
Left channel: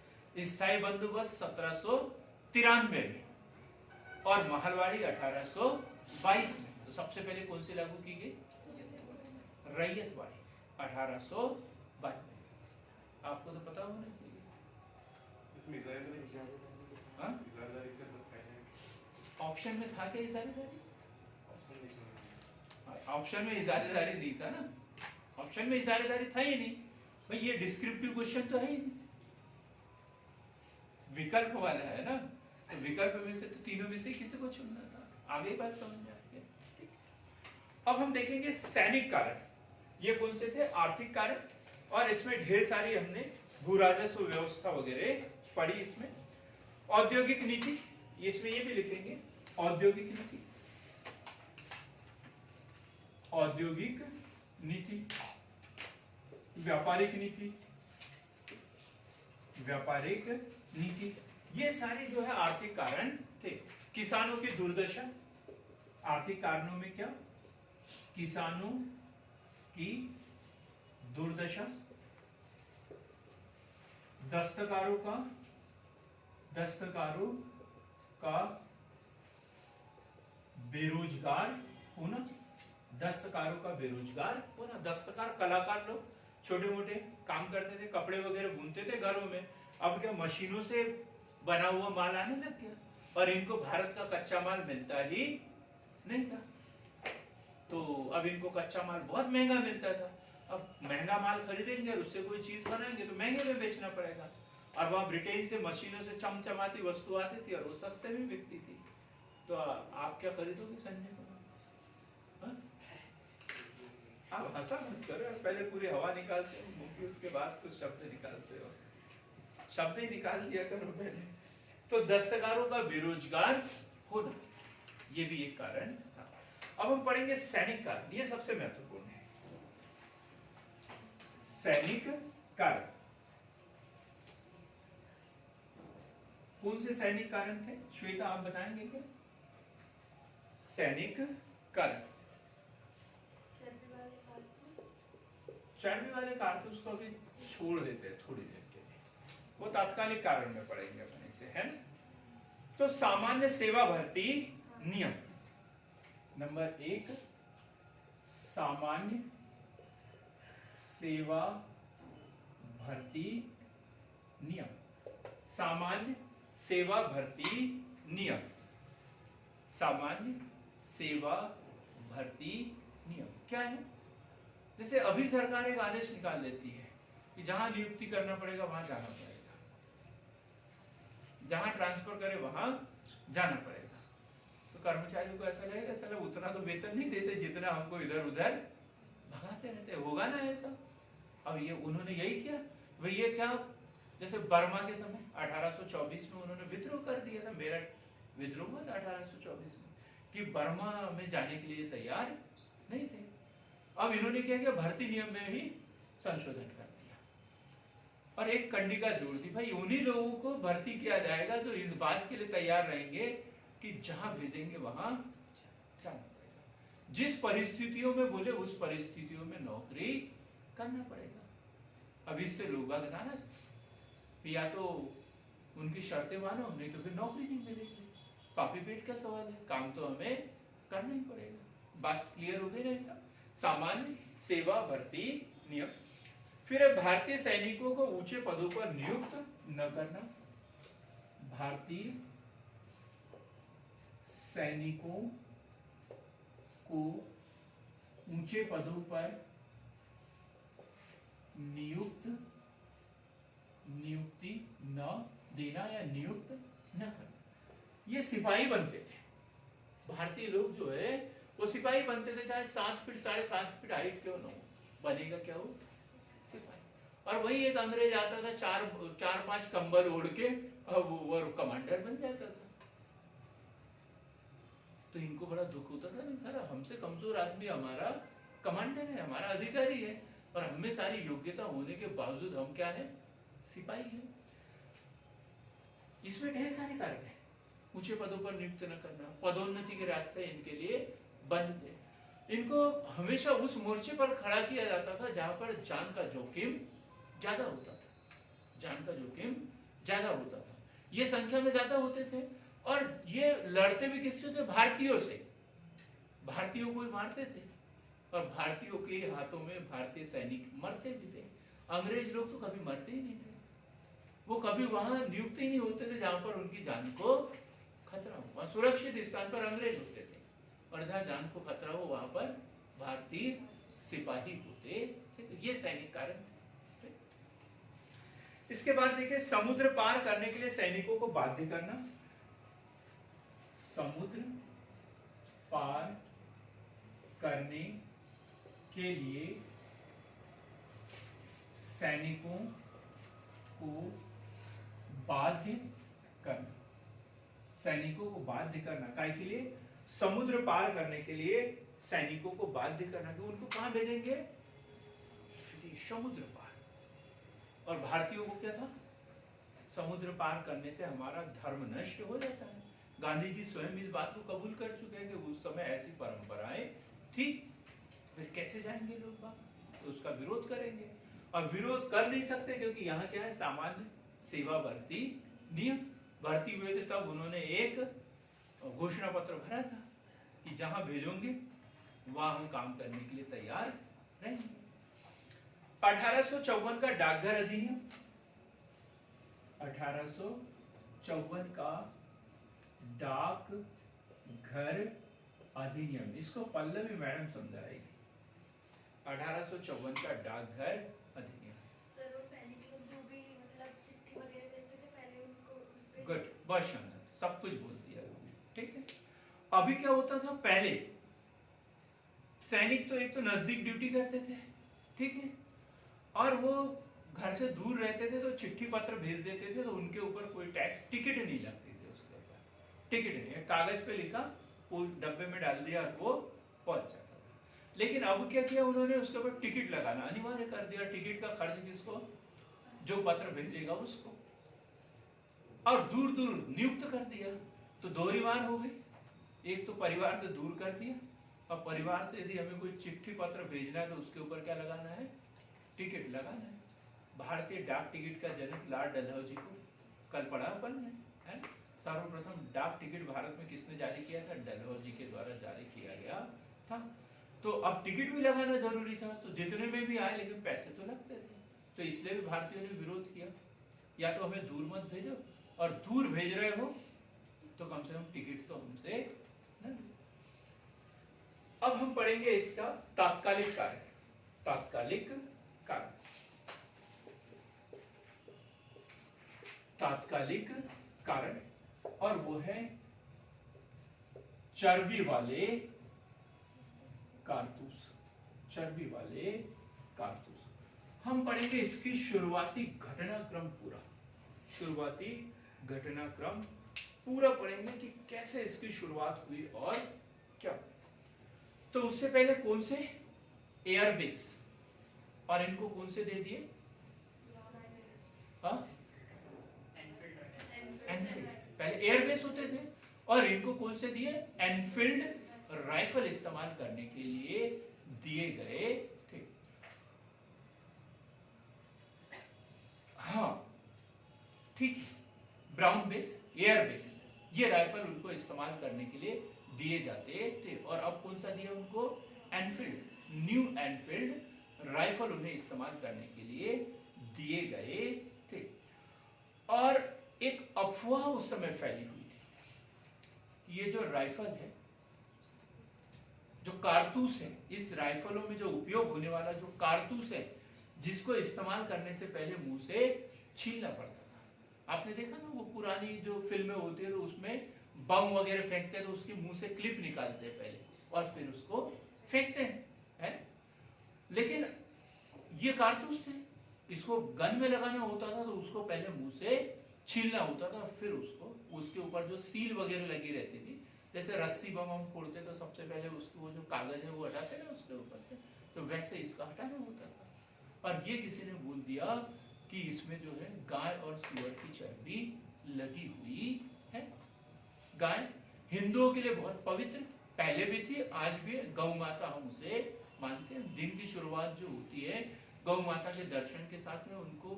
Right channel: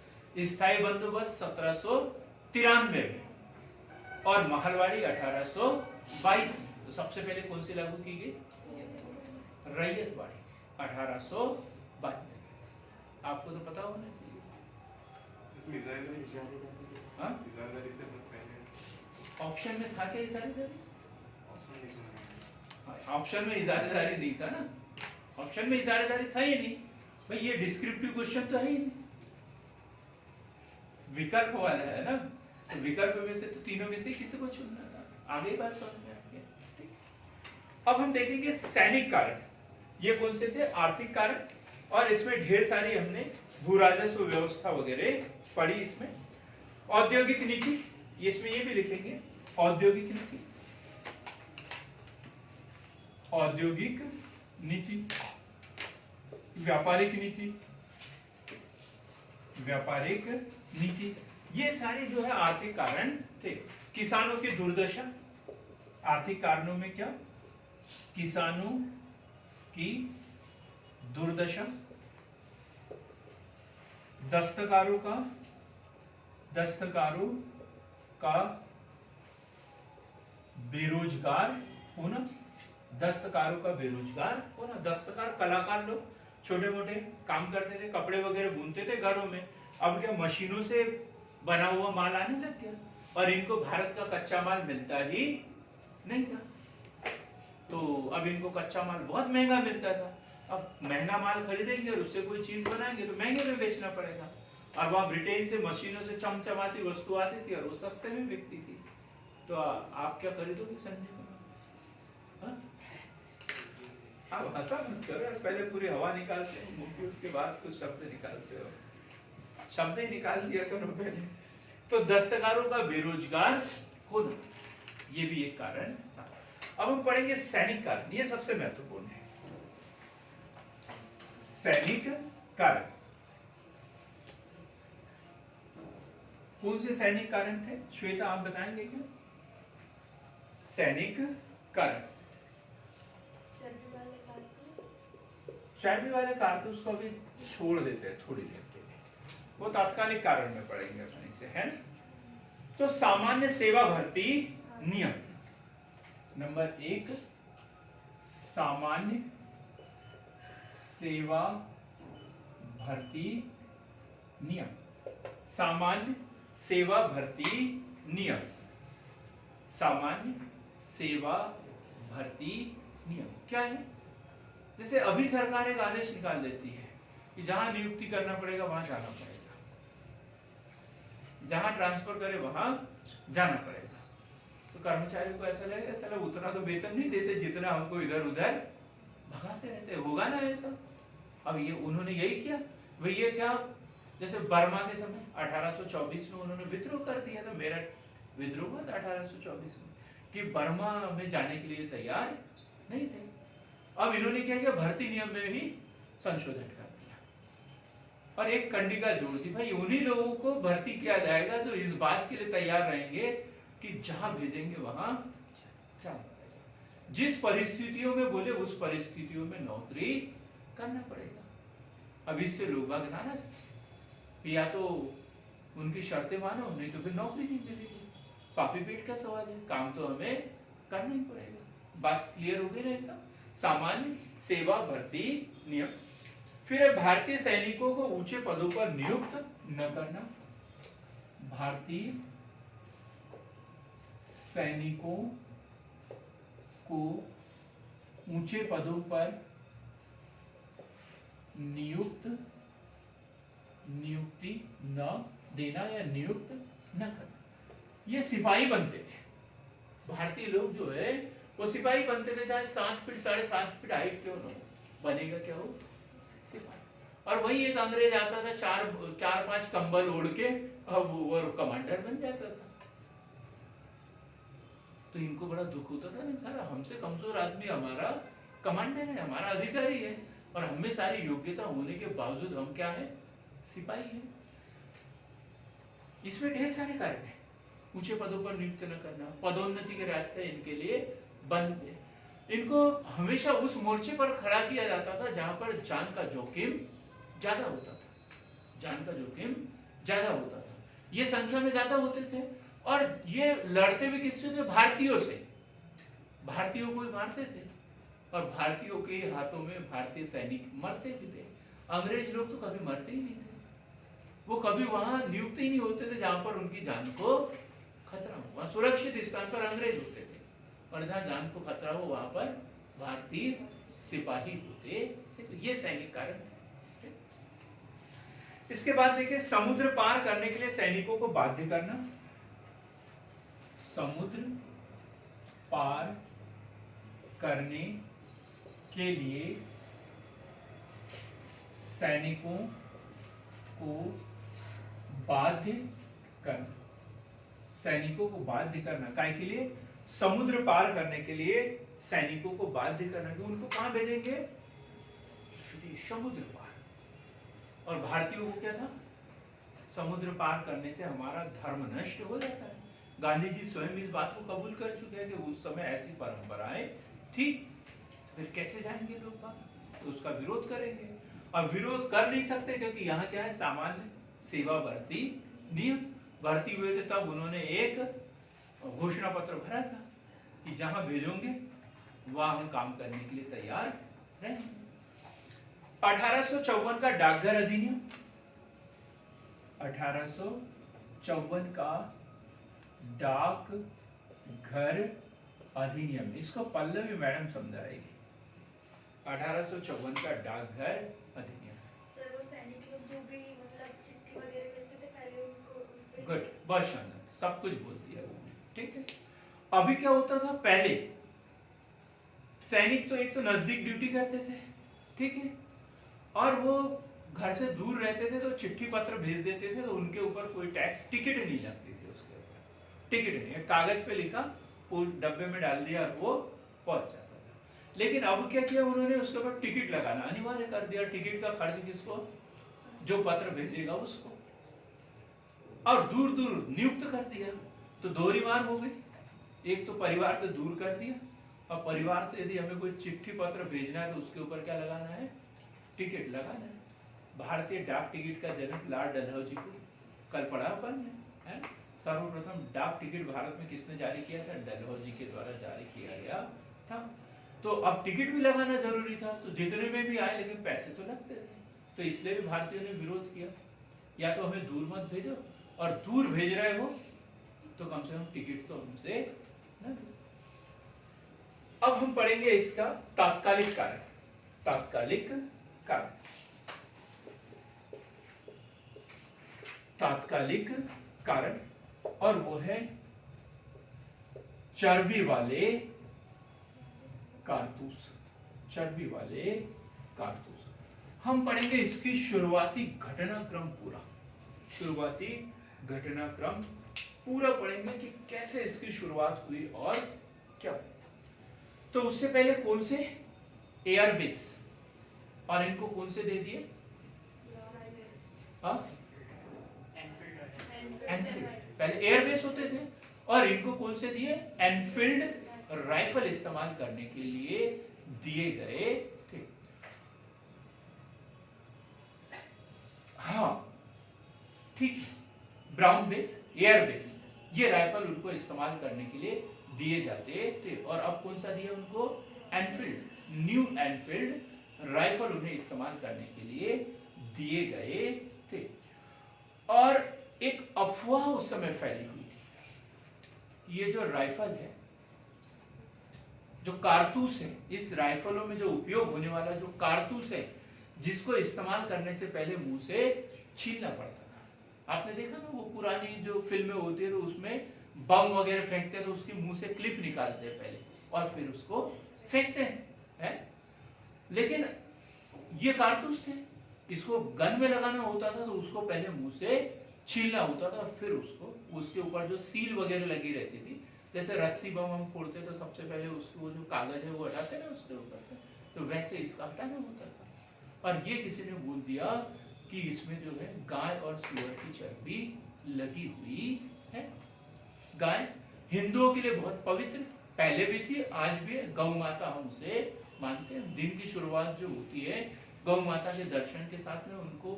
स्थायी बंदोबस्त 1793 में और महलवाड़ी 1822 में। तो सबसे पहले कौन सी लागू की गई? रैयतवाड़ी 1822 में। आपको तो पता होना चाहिए। इसमें हाँ? इजारादारी से पहले ऑप्शन में था क्या इजारेदारी? ऑप्शन नहीं सुना। ऑप्शन में इजारेदारी नहीं था ना, ऑप्शन में इजारेदारी था ही नहीं भाई, ये डिस्क्रिप्टिव क्वेश्चन तो है ही नहीं, विकल्प वाला है ना, तो विकल्प में से तो तीनों में से किसी को चुनना था। आगे बात समझ में आ गई। अब हम देखेंगे सैनिक कारण, ये कौन से थे? आर्थिक कारण, और इसमें ढेर सारी हमने भू राजस्व व्यवस्था वगैरह पढ़ी। इसमें औद्योगिक नीति, इसमें ये भी लिखेंगे औद्योगिक नीति, औद्योगिक नीति, व्यापारिक नीति, व्यापारिक नीति, ये सारे जो है आर्थिक कारण थे। किसानों की दुर्दशा, आर्थिक कारणों में क्या? किसानों की दुर्दशा, दस्तकारों का बेरोजगार होना, दस्तकारों का बेरोजगार होना। दस्तकार कलाकार लोग छोटे मोटे काम करते थे, कपड़े वगैरह बुनते थे घरों में, अब क्या मशीनों से बना हुआ माल आने लग गया और इनको भारत का कच्चा माल मिलता ही नहीं था। तो अब इनको कच्चा माल बहुत महंगा मिलता था। अब महंगा माल खरीदेंगे और उससे कोई चीज बनाएंगे तो महंगे में बेचना पड़ेगा, और वहां ब्रिटेन से मशीनों से चमचमाती वस्तु आती थी और वो सस्ते में बिकती थी। तो आप क्या खरीदोगे संजय कुमार? आप हंसा मत करो यार, पहले पूरी हवा निकालते हो मुंह की, उसके बाद कुछ शब्द निकालते हो, शब्द ही निकाल दिया करो पहले। तो दस्तकारों का बेरोजगार होना, ये भी एक कारण था। अब हम पढ़ेंगे सैनिक कारण, ये सबसे महत्वपूर्ण है। सैनिक कारण, कौन से सैनिक कारण थे? श्वेता आप बताएंगे क्या? सैनिक कारण, चर्बी वाले कारतूस को अभी छोड़ देते हैं थोड़ी देर के लिए, वो तात्कालिक कारण में पढ़ेंगे अपने से, है ना? तो सामान्य सेवा भर्ती नियम नंबर 1, सामान्य सेवा भर्ती नियम, सामान्य सेवा भर्ती नियम, सामान्य सेवा भर्ती नियम क्या है? जैसे अभी सरकार एक आदेश निकाल देती है कि जहां नियुक्ति करना पड़ेगा वहां जाना पड़ेगा, जहां ट्रांसफर करे वहां जाना पड़ेगा, तो कर्मचारियों को ऐसा लगेगा साला उतना तो वेतन नहीं देते जितना हमको इधर उधर भगाते रहते, होगा ना ऐसा? अब ये उन्होंने यही किया भाई, ये क्या, जैसे बर्मा के समय 1824 में उन्होंने विद्रोह कर दिया था, मेरठ विद्रोह हुआ था 1824 में, कि बर्मा में जाने के लिए तैयार नहीं थे। अब इन्होंने क्या किया, भर्ती नियम में भी संशोधन कर दिया और एक कंडिका जोड़ दी, भाई उन्हीं लोगों को भर्ती किया जाएगा जो इस बात के लिए तैयार रहेंगे कि जहां भेजेंगे वहां जाना पड़ेगा, जिस परिस्थितियों में बोले उस परिस्थितियों में नौकरी करना पड़ेगा। अब इससे लोग नाराज थे, या तो उनकी शर्तें मानो नहीं तो फिर नौकरी नहीं मिलेगी। पापी पेट का सवाल है, काम तो हमें करना ही पड़ेगा। बात क्लियर हो गई ना एकदम। सामान्य सेवा भर्ती नियम। फिर भारतीय सैनिकों को ऊंचे पदों पर नियुक्त न करना। भारतीय सैनिकों को ऊंचे पदों पर नियुक्ति न देना या नियुक्त न करना। ये सिपाही बनते थे, भारतीय लोग जो है वो सिपाही बनते थे, चाहे 7 फीट 7.5 फीट हाइट क्यों न हो, बनेगा क्या हो, सिपाही। और वही एक अंग्रेज आता था 4-5 कंबल ओढ़ के, अब वो कमांडर बन जाता था। तो इनको बड़ा दुख होता था, नहीं सारा हमसे कमजोर आदमी हमारा कमांडर है, हमारा अधिकारी है, और हमें सारी योग्यता होने के बावजूद हम क्या है, सिपाही है। इसमें ढेर सारे कारण है। ऊंचे पदों पर नियुक्त न करना, पदोन्नति के रास्ते इनके लिए बंद है। इनको हमेशा उस मोर्चे पर खड़ा किया जाता था जहां पर जान का जोखिम ज्यादा होता था, जान का जोखिम ज्यादा होता था। ये संख्या में ज्यादा होते थे और ये लड़ते भी किससे थे, भारतीयों से। भारतीयों को ही मारते थे और भारतीयों के हाथों में भारतीय सैनिक मरते भी थे। अंग्रेज लोग तो कभी मरते ही नहीं थे, वो कभी वहां नियुक्त ही नहीं होते थे जहां पर उनकी जान को खतरा हो। वहां सुरक्षित स्थान पर अंग्रेज होते थे और जहां जान को खतरा हो वहां पर भारतीय सिपाही होते थे। तो ये सैनिक कारण थे। इसके बाद देखिए, समुद्र पार करने के लिए सैनिकों को बाध्य करना। समुद्र पार करने के लिए सैनिकों को बाध्य करना। सैनिकों को बाध्य करना काय के लिए, समुद्र पार करने के लिए सैनिकों को बाध्य करना। कि उनको कहां भेजेंगे, समुद्र पार। और भारतीयों को क्या था, समुद्र पार करने से हमारा धर्म नष्ट हो जाता है। गांधी जी स्वयं इस बात को कबूल कर चुके हैं कि उस समय ऐसी परंपराएं थी, फिर कैसे जाएंगे लोग बाहर, तो उसका विरोध करेंगे। और विरोध कर नहीं सकते क्योंकि यहाँ क्या है, सामान्य सेवा भर्ती नियम। भर्ती हुए थे तब उन्होंने एक घोषणा पत्र भरा था कि जहां भेजोगे वहां हम काम करने के लिए तैयार रहेंगे। 1854 का डाकघर अधिनियम। 1854 का डाकघर अधिनियम, इसको पल्लवी मैडम समझाएगी। 1854 का डाकघर अधिनियम। सर वो सैनिक लोग जो भी मतलब चिट्ठी वगैरह भेजते थे पहले उनको गुड, बहुत शानदार, सब कुछ बोल दिया वो, ठीक है। अभी क्या होता था, पहले सैनिक तो एक तो नजदीक ड्यूटी करते थे, ठीक है, और वो घर से दूर रहते थे तो चिट्ठी पत्र भेज देते थे तो उनके ऊपर कोई टैक्स, टिकट नहीं लगती थी उसके ऊपर, टिकट नहीं, कागज पे लिखा, वो डब्बे में डाल दिया और वो पहुंच जाता था। लेकिन अब क्या किया उन्होंने, उसके ऊपर टिकट लगाना अनिवार्य कर दिया। टिकट का खर्च किसको, जो पत्र भेजेगा उसको, और दूर दूर नियुक्त कर दिया। तो दोहरी मार हो गई, एक तो परिवार से दूर कर दिया, और परिवार से यदि हमें कोई चिट्ठी पत्र भेजना है तो उसके ऊपर क्या लगाना है, टिकट लगाना है। भारतीय डाक टिकट का जन्म लॉर्ड डलहौजी को कल पढ़ा अपन ने, है। सर्वप्रथम डाक टिकट भारत में किसने जारी किया था, डलहौजी के द्वारा जारी किया गया था। तो अब टिकट भी लगाना जरूरी था, तो जितने में भी आए लेकिन पैसे तो लगते थे, तो इसलिए भी भारतीयों ने विरोध किया, या तो हमें दूर मत भेजो, और दूर भेज रहे हो तो कम से कम टिकट तो हमसे न। अब हम पढ़ेंगे इसका तात्कालिक कारण। तात्कालिक कारण, तात्कालिक कारण, और वो है चर्बी वाले कारतूस। चर्बी वाले कारतूस हम पढ़ेंगे। इसकी शुरुआती घटनाक्रम पूरा, शुरुआती घटनाक्रम पूरा पढ़ेंगे कि कैसे इसकी शुरुआत हुई और क्या। तो उससे पहले कौन से एयरबेस, और इनको कौन से दे दिए? हाँ, एनफील्ड। पहले एयरबेस होते थे और इनको कौन से दिए? एनफील्ड राइफल इस्तेमाल करने के लिए दिए गए थे। हाँ ठीक है, ब्राउन बेस, एयरबेस, ये राइफल उनको इस्तेमाल करने के लिए दिए जाते थे। और अब कौन सा दिया उनको? एनफील्ड, न्यू एनफील्ड राइफल उन्हें इस्तेमाल करने के लिए दिए गए थे। और एक अफवाह उस समय फैली हुई थी, ये जो राइफल है, जो कारतूस है, इस राइफलों में जो उपयोग होने वाला जो कारतूस है, जिसको इस्तेमाल करने से पहले मुंह से छीलना पड़ता था। आपने देखा ना वो पुरानी जो फिल्में होती है, तो उसमें बम वगैरह फेंकते हैं तो उसके मुंह से क्लिप निकालते हैं पहले और फिर उसको फेंकते हैं। लेकिन ये कारतूस थे, इसको गन में लगाना होता था तो उसको पहले मुंह से छीलना होता था, फिर उसको उसके ऊपर जो सील वगैरह लगी रहती थी, जैसे रस्सी बम हम फोड़ते तो सबसे पहले उसको वो जो कागज है वो हटाते ना उसके ऊपर से, तो वैसे इसका हटाना होता था। और ये किसी ने बोल दिया कि इसमें जो है गाय और सूअर की चर्बी लगी हुई है। गाय हिंदुओं के लिए बहुत पवित्र पहले भी थी, आज भी है। गौ माता हम उसे मानते हैं। दिन की शुरुआत जो होती है गौ माता के दर्शन के साथ में, उनको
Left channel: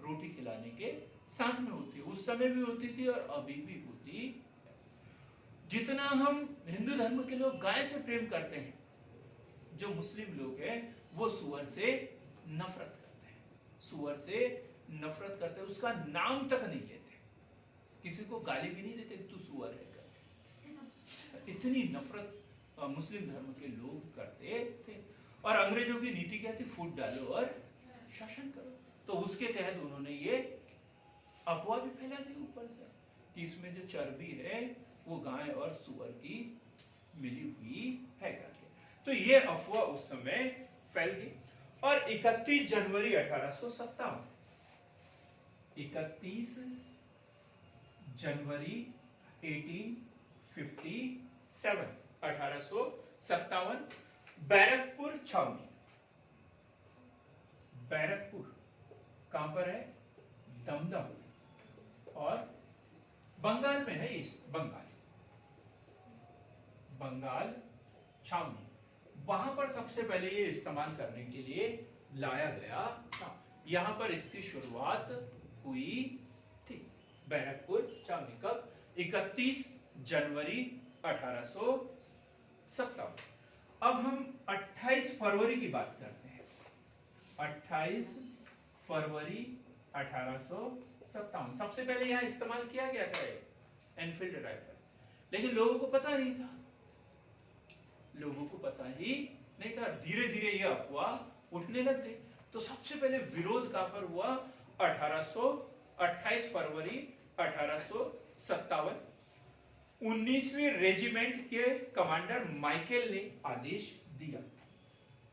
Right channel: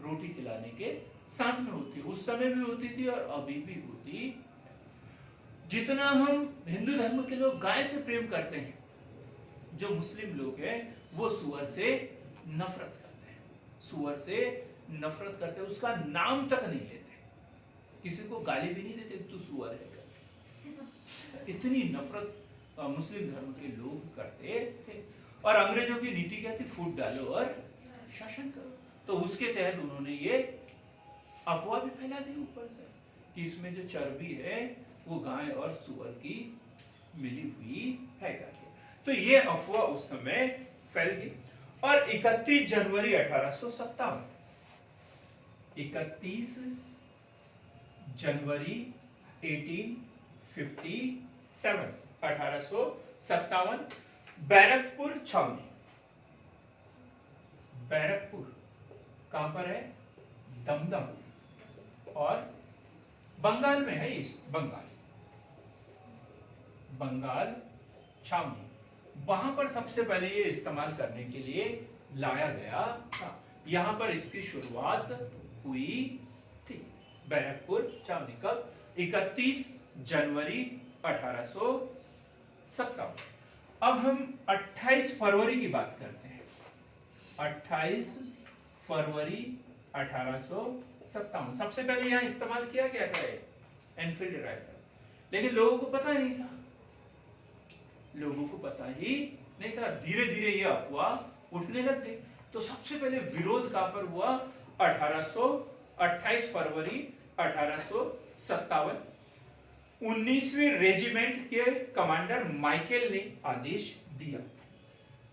रोटी खिलाने के साथ में होती है। उस समय भी होती थी और अभी भी होती। जितना हम हिंदू धर्म के लोग गाय से प्रेम करते हैं, जो मुस्लिम लोग हैं वो सूअर से नफरत करते हैं। सूअर से नफरत करते हैं, उसका नाम तक नहीं लेते, किसी को गाली भी नहीं देते तू सूअर है करके। इतनी नफरत मुस्लिम धर्म के लोग करते थे। और अंग्रेजों की नीति क्या थी? फूट डालो और शासन करो। तो उसके तहत उन्होंने ये अफवाह भी फैला दी ऊपर से कि इसमें जो चर्बी है वो गाय और सूअर की मिली हुई है करके। तो ये अफवाह उस समय फैल गई। और 31 जनवरी 1857, 31 जनवरी 1857 बैरकपुर छावनी। बैरकपुर कहां पर है? दमदम और बंगाल में है। इस बंगाल छावनी, वहां पर सबसे पहले ये इस्तेमाल करने के लिए लाया गया था। यहां पर इसकी शुरुआत हुई थी। बैरकपुर छावनी कब? 31 जनवरी 1857। अब हम 28 फरवरी की बात करते हैं। 28 फरवरी 1857 सबसे पहले यहां इस्तेमाल किया गया था एनफील्ड राइफल, लेकिन लोगों को पता नहीं था। धीरे धीरे ये अफवाह उठने लग गई। तो सबसे पहले विरोध कहां पर हुआ? 28 फरवरी 1857 19वीं रेजिमेंट के कमांडर माइकेल ने आदेश दिया।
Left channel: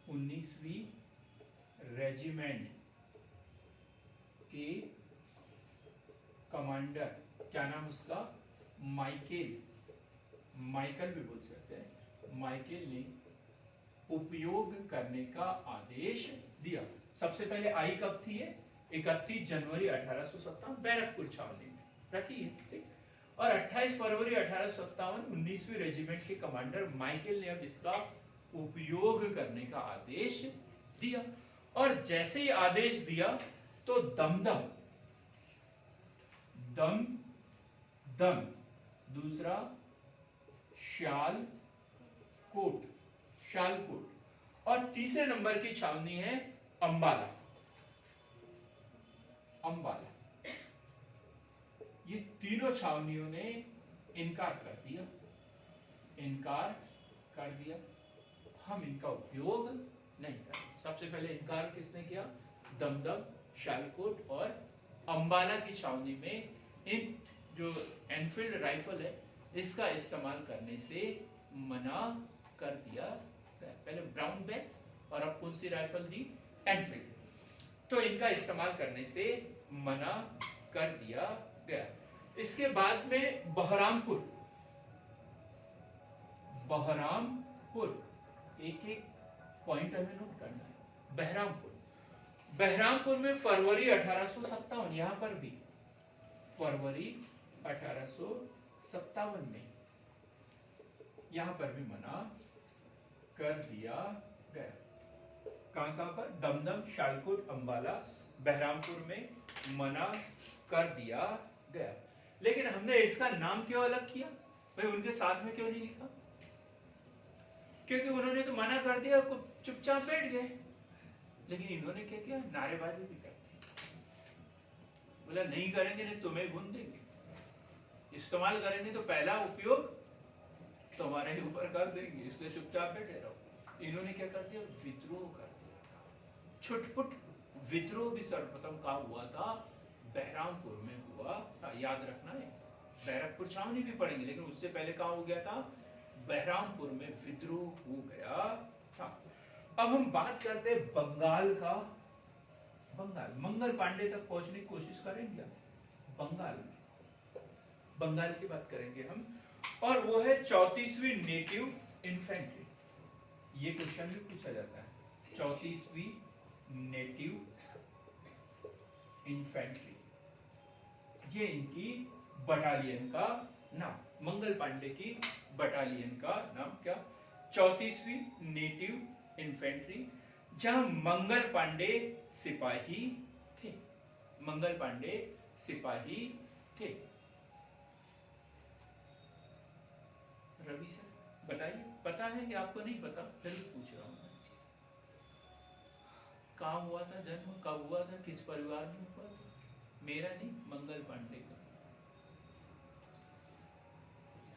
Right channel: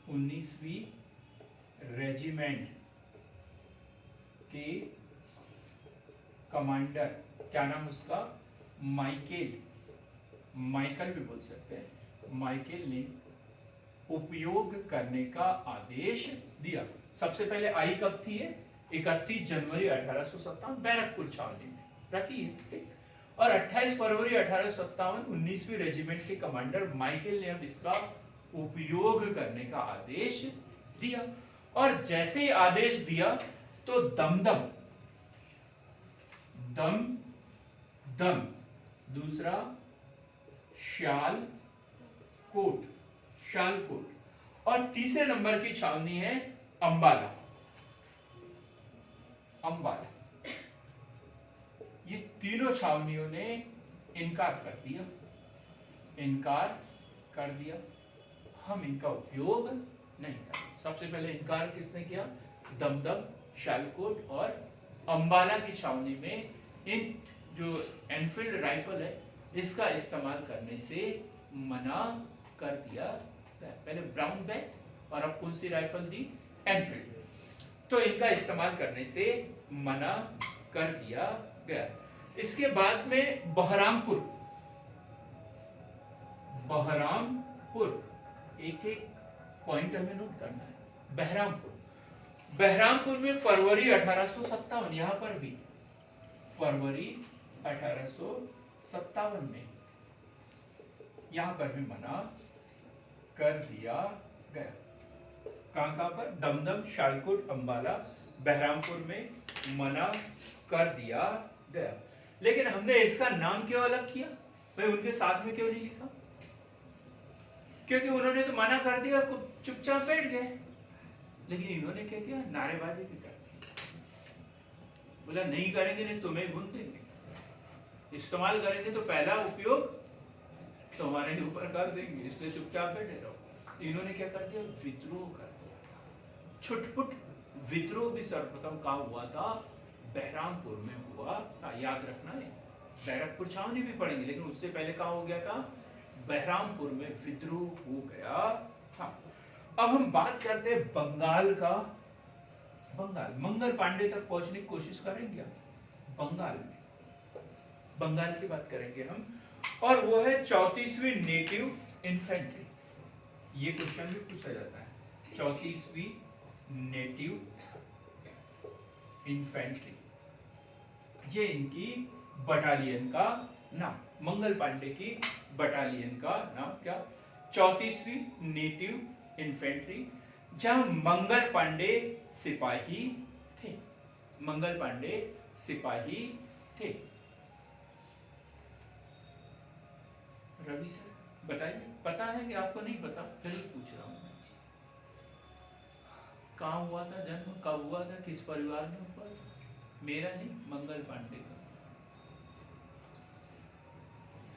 19वीं रेजिमेंट के कमांडर, क्या नाम उसका? माइकल भी बोल सकते हैं। माइकेल ने उपयोग करने का आदेश दिया। सबसे पहले आई कब थी? 31 जनवरी 1857 बैरकपुर छावनी में रखी है, ठीक। और 28 फरवरी 1857 19वीं रेजिमेंट के कमांडर माइकेल ने अब इसका उपयोग करने का आदेश दिया। और जैसे ही आदेश दिया तो दमदम, दूसरा शालकोट, और तीसरे नंबर की छावनी है अंबाला। ये तीनों छावनियों ने इनकार कर दिया, हम इनका उपयोग नहीं करेंगे। सबसे पहले इनकार किसने किया? दमदम, शालकोट और अंबाला की छावनी में इन जो एनफील्ड राइफल है इसका इस्तेमाल करने से मना कर दिया। पहले ब्राउन बेस और अब कौन सी राइफल दी? एनफील्ड। तो इनका इस्तेमाल करने से मना कर दिया गया। इसके बाद में बहरामपुर, एक एक पॉइंट हमें नोट करना है। बहरामपुर बहरामपुर में फरवरी 1857, यहां पर भी फरवरी 1857 में यहां पर भी मना कर दिया गया। कहां पर? दमदम, शालकुट, अंबाला, बहरामपुर में मना कर दिया गया। लेकिन हमने इसका नाम क्यों अलग किया भाई? उनके साथ में क्यों नहीं लिखा? क्योंकि उन्होंने तो मना कर दिया, चुपचाप बैठ गए। लेकिन इन्होंने क्या किया? नारेबाजी भी कर दी। बोला नहीं करेंगे, नहीं तुम्हें भून देंगे, इस्तेमाल करेंगे तो पहला उपयोग तुम्हारे ही ऊपर कर देंगे, इसलिए चुपचाप बैठे रहो। इन्होंने क्या कर दिया? विद्रोह कर दिया। छुटपुट विद्रोह भी सर्वप्रथम कहां हुआ था? बहरामपुर में हुआ था। याद रखना है, बैरकपुर छावनी भी पढ़ेंगे, लेकिन उससे पहले कहां हो गया था? बहरामपुर में विद्रोह हो गया था। अब हम बात करते हैं बंगाल का। बंगाल, मंगल पांडे तक पहुंचने की कोशिश करेंगे हम। बंगाल में, बंगाल की बात करेंगे हम, और वो है 34वीं नेटिव इन्फेंट्री। ये क्वेश्चन भी पूछा जाता है, 34वीं नेटिव इन्फेंट्री। ये इनकी बटालियन का नाम, मंगल पांडे की बटालियन का नाम क्या? 34वीं नेटिव इन्फेंट्री, जहां मंगल पांडे सिपाही थे। मंगल पांडे सिपाही थे। रवि सर बताइए, पता है कि आपको नहीं पता? फिर पूछ रहा हूं। कहाँ हुआ था जन्म, कब हुआ था, किस परिवार में हुआ था? मेरा नहीं, मंगल पांडे का।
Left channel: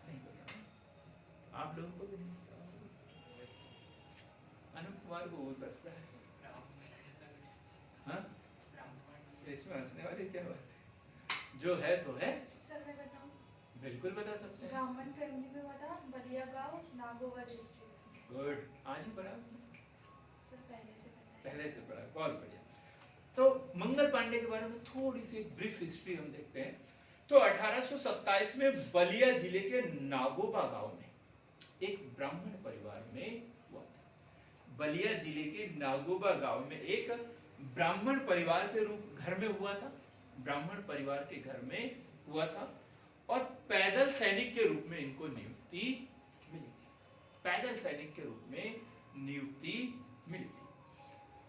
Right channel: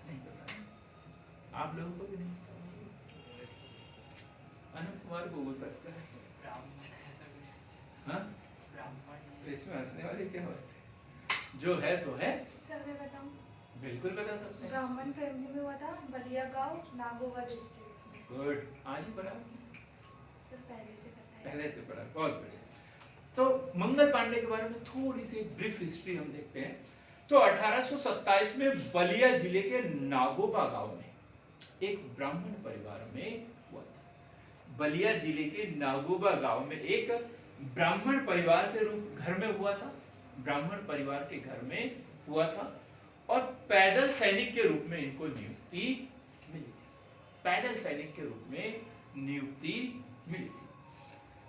नहीं पता? आप लोगों को भी नहीं पता? अनंत कुमार को हो सकता है। हाँ, इसमें हंसने वाली क्या बात है? जो है तो है। सर मैं बताऊं? बिल्कुल बता सकते हैं। ब्राह्मण फैमिली में हुआ था, बलिया गांव, नागोवा डिस्ट्रिक्ट। गुड, आज ही पढ़ा? सर पहले से पता है। पहले से पढ़ा, बहुत बढ़िया। तो मंगल पांडे के बारे में थोड़ी सी ब्रीफ हिस्ट्री हम देखते हैं। तो 1827 में बलिया जिले के नागोबा गांव में एक ब्राह्मण परिवार में हुआ था। बलिया जिले के नागोबा गांव में एक ब्राह्मण परिवार के रूप घर में हुआ था। ब्राह्मण परिवार के घर में हुआ था, और पैदल सैनिक के रूप में इनको नियुक्ति मिली। पैदल सैनिक के रूप में नियुक्ति मिली।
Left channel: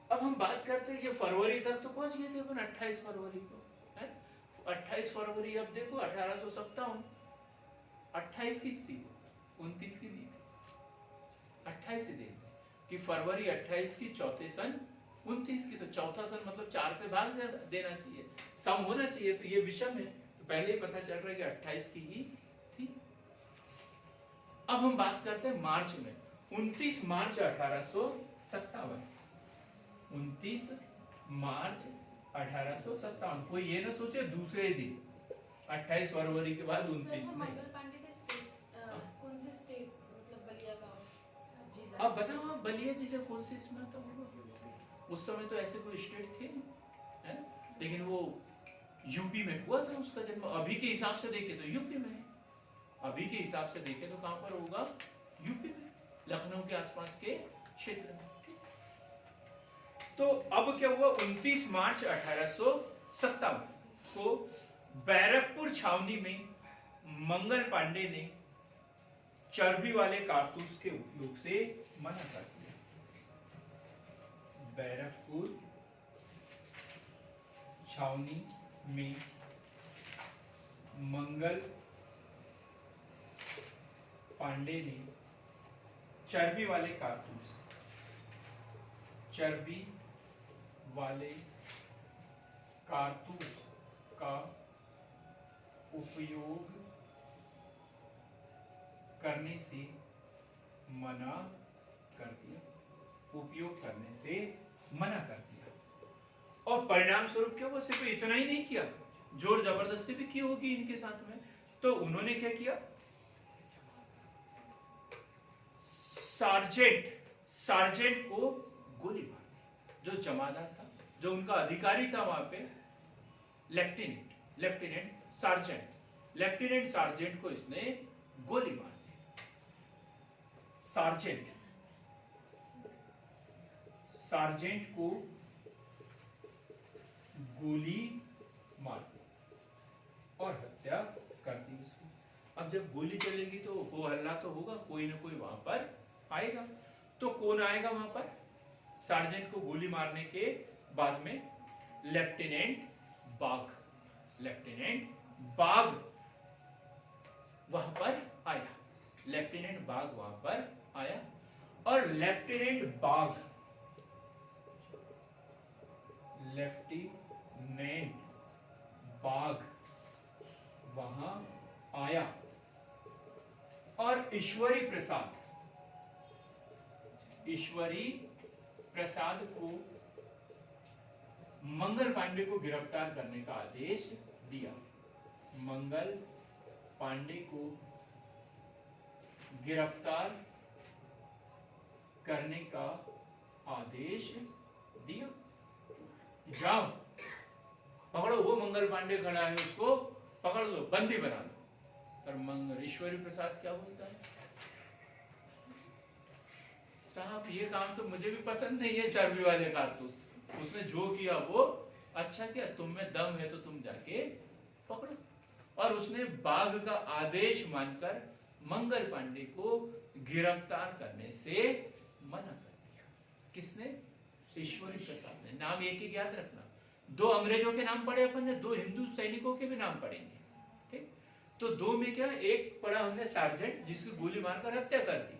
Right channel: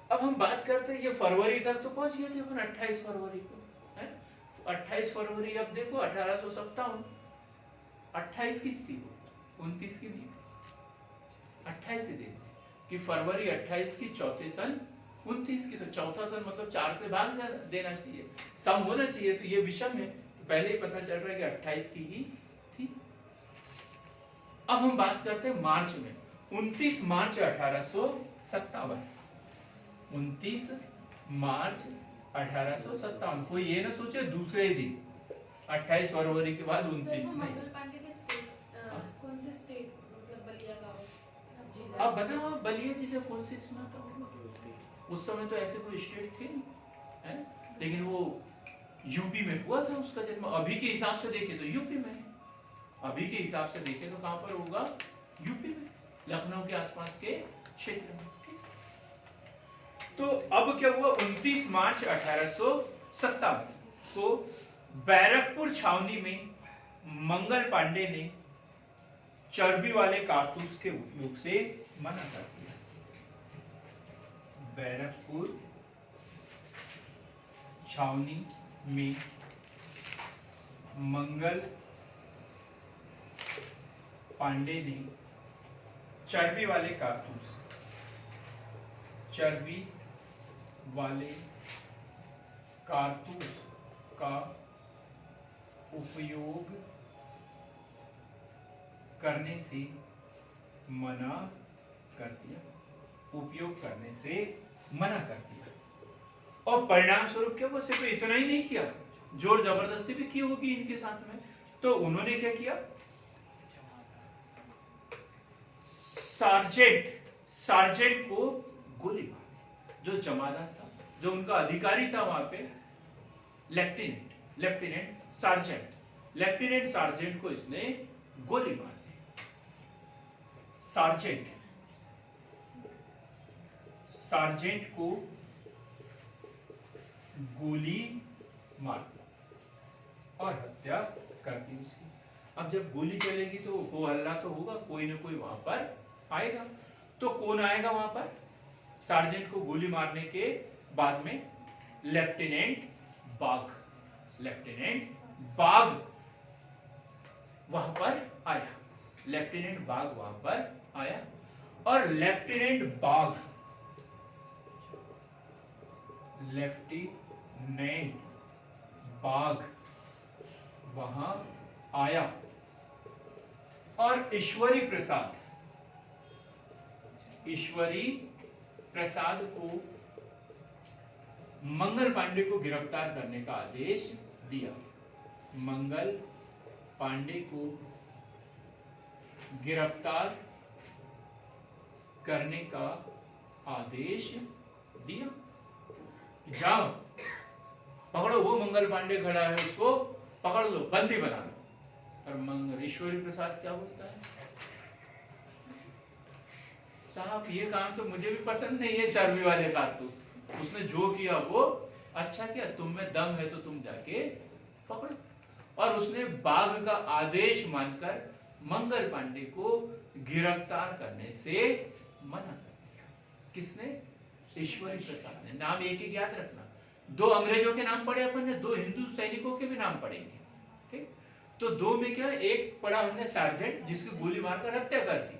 अब हम बात करते हैं, ये फरवरी तक तो पहुंच गए थे अपन, 28 फरवरी को, है 28 फरवरी। अब देखो 1857, 28 किस थी वो? 29 की नहीं थी, 28 से देखो कि फरवरी 28 की, चौथे सन 29 की। तो चौथा सन मतलब 4 से भाग देना चाहिए, सम होना चाहिए, तो ये विषम है, तो पहले ही पता चल रहा है कि 28 की ही थी। अब हम बात करते हैं मार्च में, 29 मार्च 1857। 29 मार्च 1857। कोई ये ना सोचे दूसरे ही दिन, 28 फरवरी के बाद 29 नहीं। मंगल पांडे के कौन से स्टेट, मतलब बलिया गांव जिला? अब बताओ, बलिया जिला कौन से इसमें आता होगा? उस समय तो ऐसे कोई स्टेट थे नहीं, है? लेकिन वो यूपी में हुआ था उसका जन्म। अभी के हिसाब से देखे तो यूपी में, अभी के हिसाब से देखे तो कहां पर होगा? यूपी में, लखनऊ के आसपास के क्षेत्र में। तो अब क्या हुआ? 29 मार्च 1857 को बैरकपुर छावनी में मंगल पांडे ने चर्बी वाले कारतूस के उपयोग से मना कर दिया। बैरकपुर छावनी में मंगल पांडे ने चर्बी वाले कारतूस, चर्बी वाले कारतूस का उपयोग करने से मना कर दिया। उपयोग करने से मना कर दिया। और परिणाम स्वरूप क्या हुआ? सिर्फ इतना ही नहीं किया, जोर जबरदस्ती भी की होगी इनके साथ में। तो उन्होंने क्या किया? सार्जेंट को गोली मार दी। जो जमादार था, जो उनका अधिकारी था वहां पे, लेफ्टिनेंट सार्जेंट को इसने गोली मार दी। सार्जेंट को गोली मार दी और हत्या कर दी उसकी। अब जब गोली चलेगी तो हो हल्ला तो होगा, कोई ना कोई वहां पर आएगा। तो कौन आएगा वहां पर? सार्जेंट को गोली मारने के बाद में लेफ्टिनेंट बाघ, लेफ्टिनेंट बाघ वहां पर आया। लेफ्टिनेंट बाघ वहां पर आया और लेफ्टिनेंट बाघ, लेफ्टिनेंट बाघ वहां आया और ईश्वरी प्रसाद, ईश्वरी प्रसाद को मंगल पांडे को गिरफ्तार करने का आदेश दिया। मंगल पांडे को गिरफ्तार करने का आदेश दिया। जाओ पकड़ो, वो मंगल पांडे खड़ा है उसको पकड़ लो, बंदी बना लो। और मंगल ईश्वरी प्रसाद क्या बोलता है? साहब ये काम तो मुझे भी पसंद नहीं है, चर्बी वाले कारतूस। उसने जो किया वो अच्छा किया, तुम में दम है तो तुम जाके पकड़ो। और उसने बाघ का आदेश मानकर मंगल पांडे को गिरफ्तार करने से मना कर दिया। किसने? ईश्वरी प्रसाद ने। नाम एक एक याद रखना। 2 अंग्रेजों के नाम पढ़े अपन ने, 2 हिंदू सैनिकों के भी नाम पढ़ेंगे। ठीक? तो 2 में क्या, एक पढ़ा हमने सार्जेंट जिसकी गोली मारकर हत्या कर दी।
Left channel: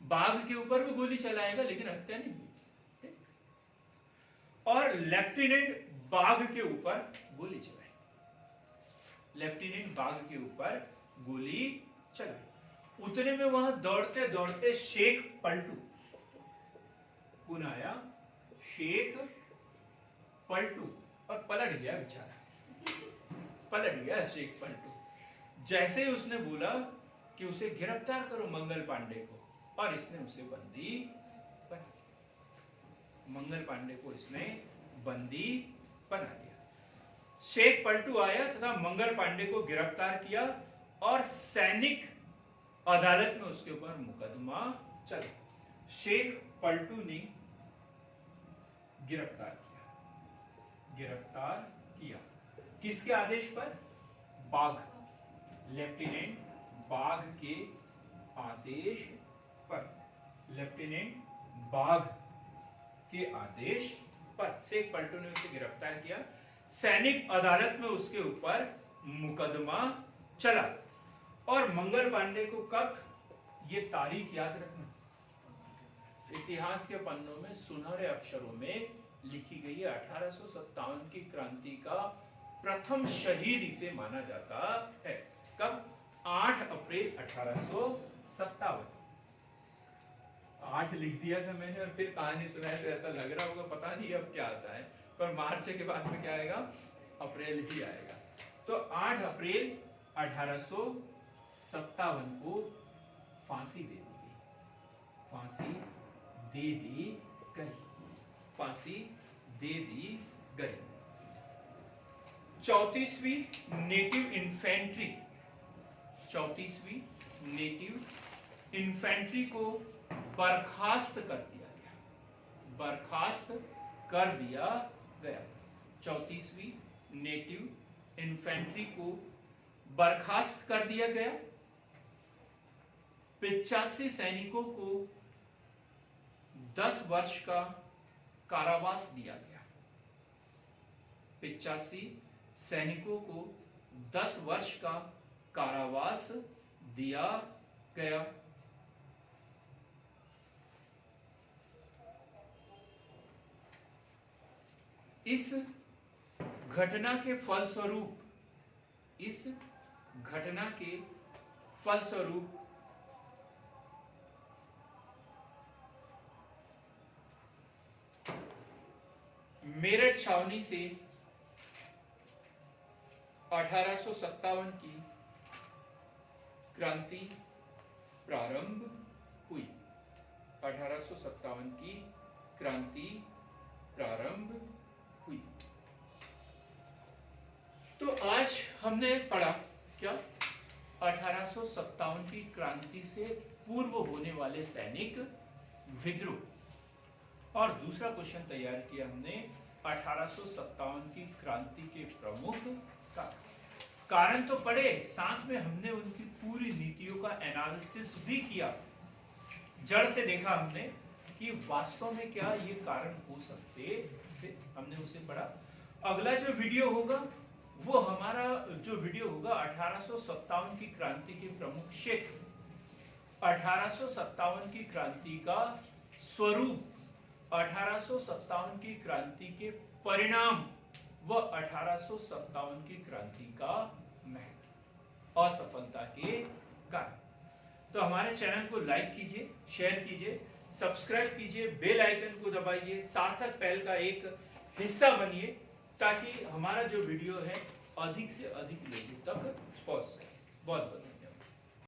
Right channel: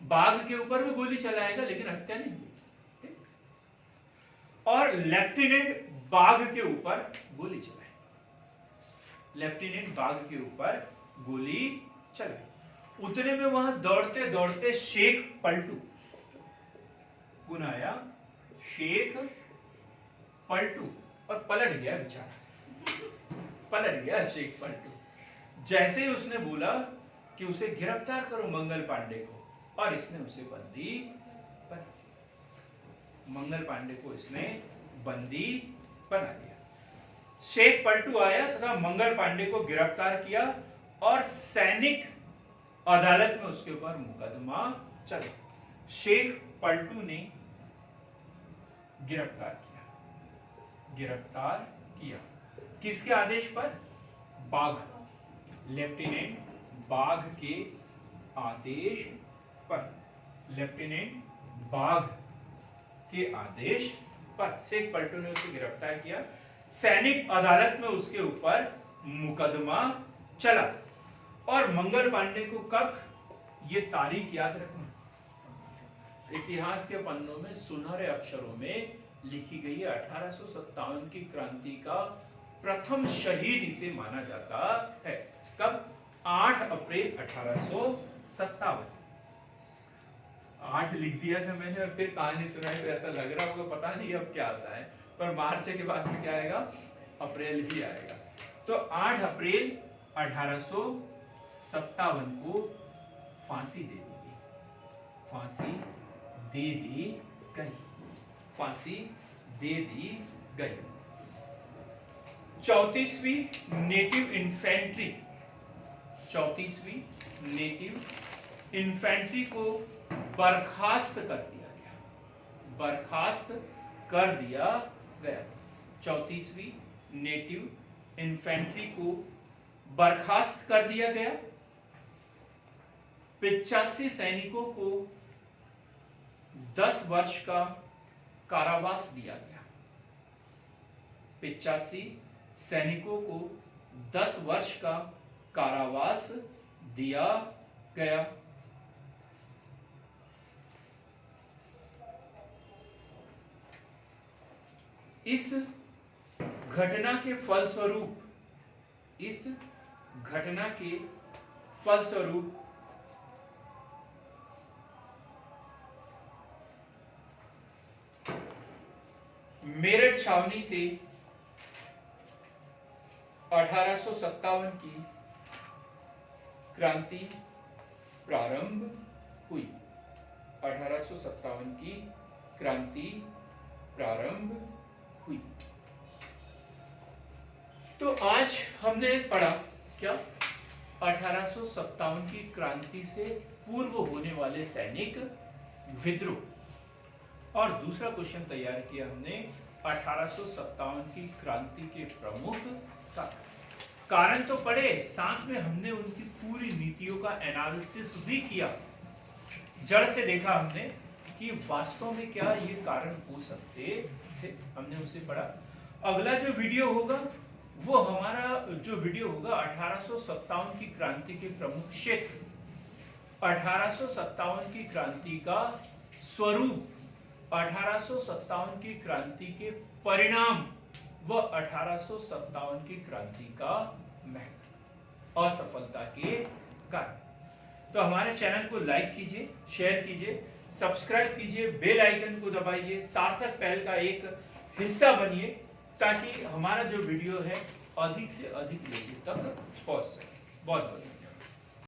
बाघ के ऊपर भी गोली चलाएगा लेकिन हत्या नहीं हुई। और लेफ्टिनेंट बाघ के ऊपर गोली चलाई, लेफ्टिनेंट बाघ के ऊपर गोली चलाई। उतने में वहां दौड़ते दौड़ते शेख पलटू कौन आया? शेख पलटू। और पलट गया बेचारा, पलट गया शेख पलटू। जैसे ही उसने बोला कि उसे गिरफ्तार करो मंगल पांडे को, और इसने उसे बंदी बना, मंगल पांडे को इसने बंदी बना लिया। शेख पलटू आया तथा मंगल पांडे को गिरफ्तार किया और सैनिक अदालत में उसके ऊपर मुकदमा चला। शेख पलटू ने गिरफ्तार किया किसके आदेश पर? बाघ, लेफ्टिनेंट बाघ के आदेश पर, लेफ्टिनेंट बाघ के आदेश पर शेख पलटू ने उसे गिरफ्तार किया। सैनिक अदालत में उसके ऊपर मुकदमा चला। और मंगल पांडे को कब, ये तारीख याद रखना, इतिहास के पन्नों में सुनहरे अक्षरों में लिखी गई है। 1857 की क्रांति का प्रथम शहीद इसे माना जाता है। कब? 8 अप्रैल 1857। 8 लिख दिया था मैंने और फिर कहानी सुनाई तो ऐसा लग रहा होगा पता नहीं अब क्या आता है, पर मार्च के बाद में क्या आएगा? अप्रैल ही आएगा। तो 8 अप्रैल 1857 को फांसी दे दी गई, फांसी दे दी गई, फांसी दे दी गई। 34वीं नेटिव इन्फेंट्री, 34वीं नेटिव इन्फेंट्री को बर्खास्त कर दिया गया, बर्खास्त कर दिया गया। 34वीं नेटिव इन्फेंट्री को बर्खास्त कर दिया गया। 85 सैनिकों को 10 वर्ष का कारावास दिया गया। 85 सैनिकों को 10 वर्ष का कारावास दिया गया। इस घटना के फलस्वरूप, इस घटना के फलस्वरूप मेरठ छावनी से 1857 की क्रांति प्रारंभ हुई। 1857 की क्रांति प्रारंभ हुई। तो आज हमने पढ़ा क्या? 1857 की क्रांति से पूर्व होने वाले सैनिक विद्रोह। और दूसरा क्वेश्चन तैयार किया हमने 1857 की क्रांति के प्रमुख कारण तो पढ़े, साथ में हमने उनकी पूरी नीतियों का एनालिसिस भी किया। जड़ से देखा हमने कि वास्तव में क्या ये कारण हो सकते थे, हमने उसे पढ़ा। अगला जो वीडियो होगा वो हमारा जो वीडियो होगा 1857 की क्रांति के प्रमुख क्षेत्र, 1857 की क्रांति का स्वरूप, 1857 की क्रांति के परिणाम व 1857 की क्रांति का महत्व, असफलता के कारण। तो हमारे चैनल को लाइक कीजिए, शेयर कीजिए, सब्सक्राइब कीजिए, बेल आइकन को दबाइए, सार्थक पहल का एक हिस्सा बनिए ताकि हमारा जो वीडियो है अधिक से अधिक लोगों तक पहुंच सके। बहुत बहुत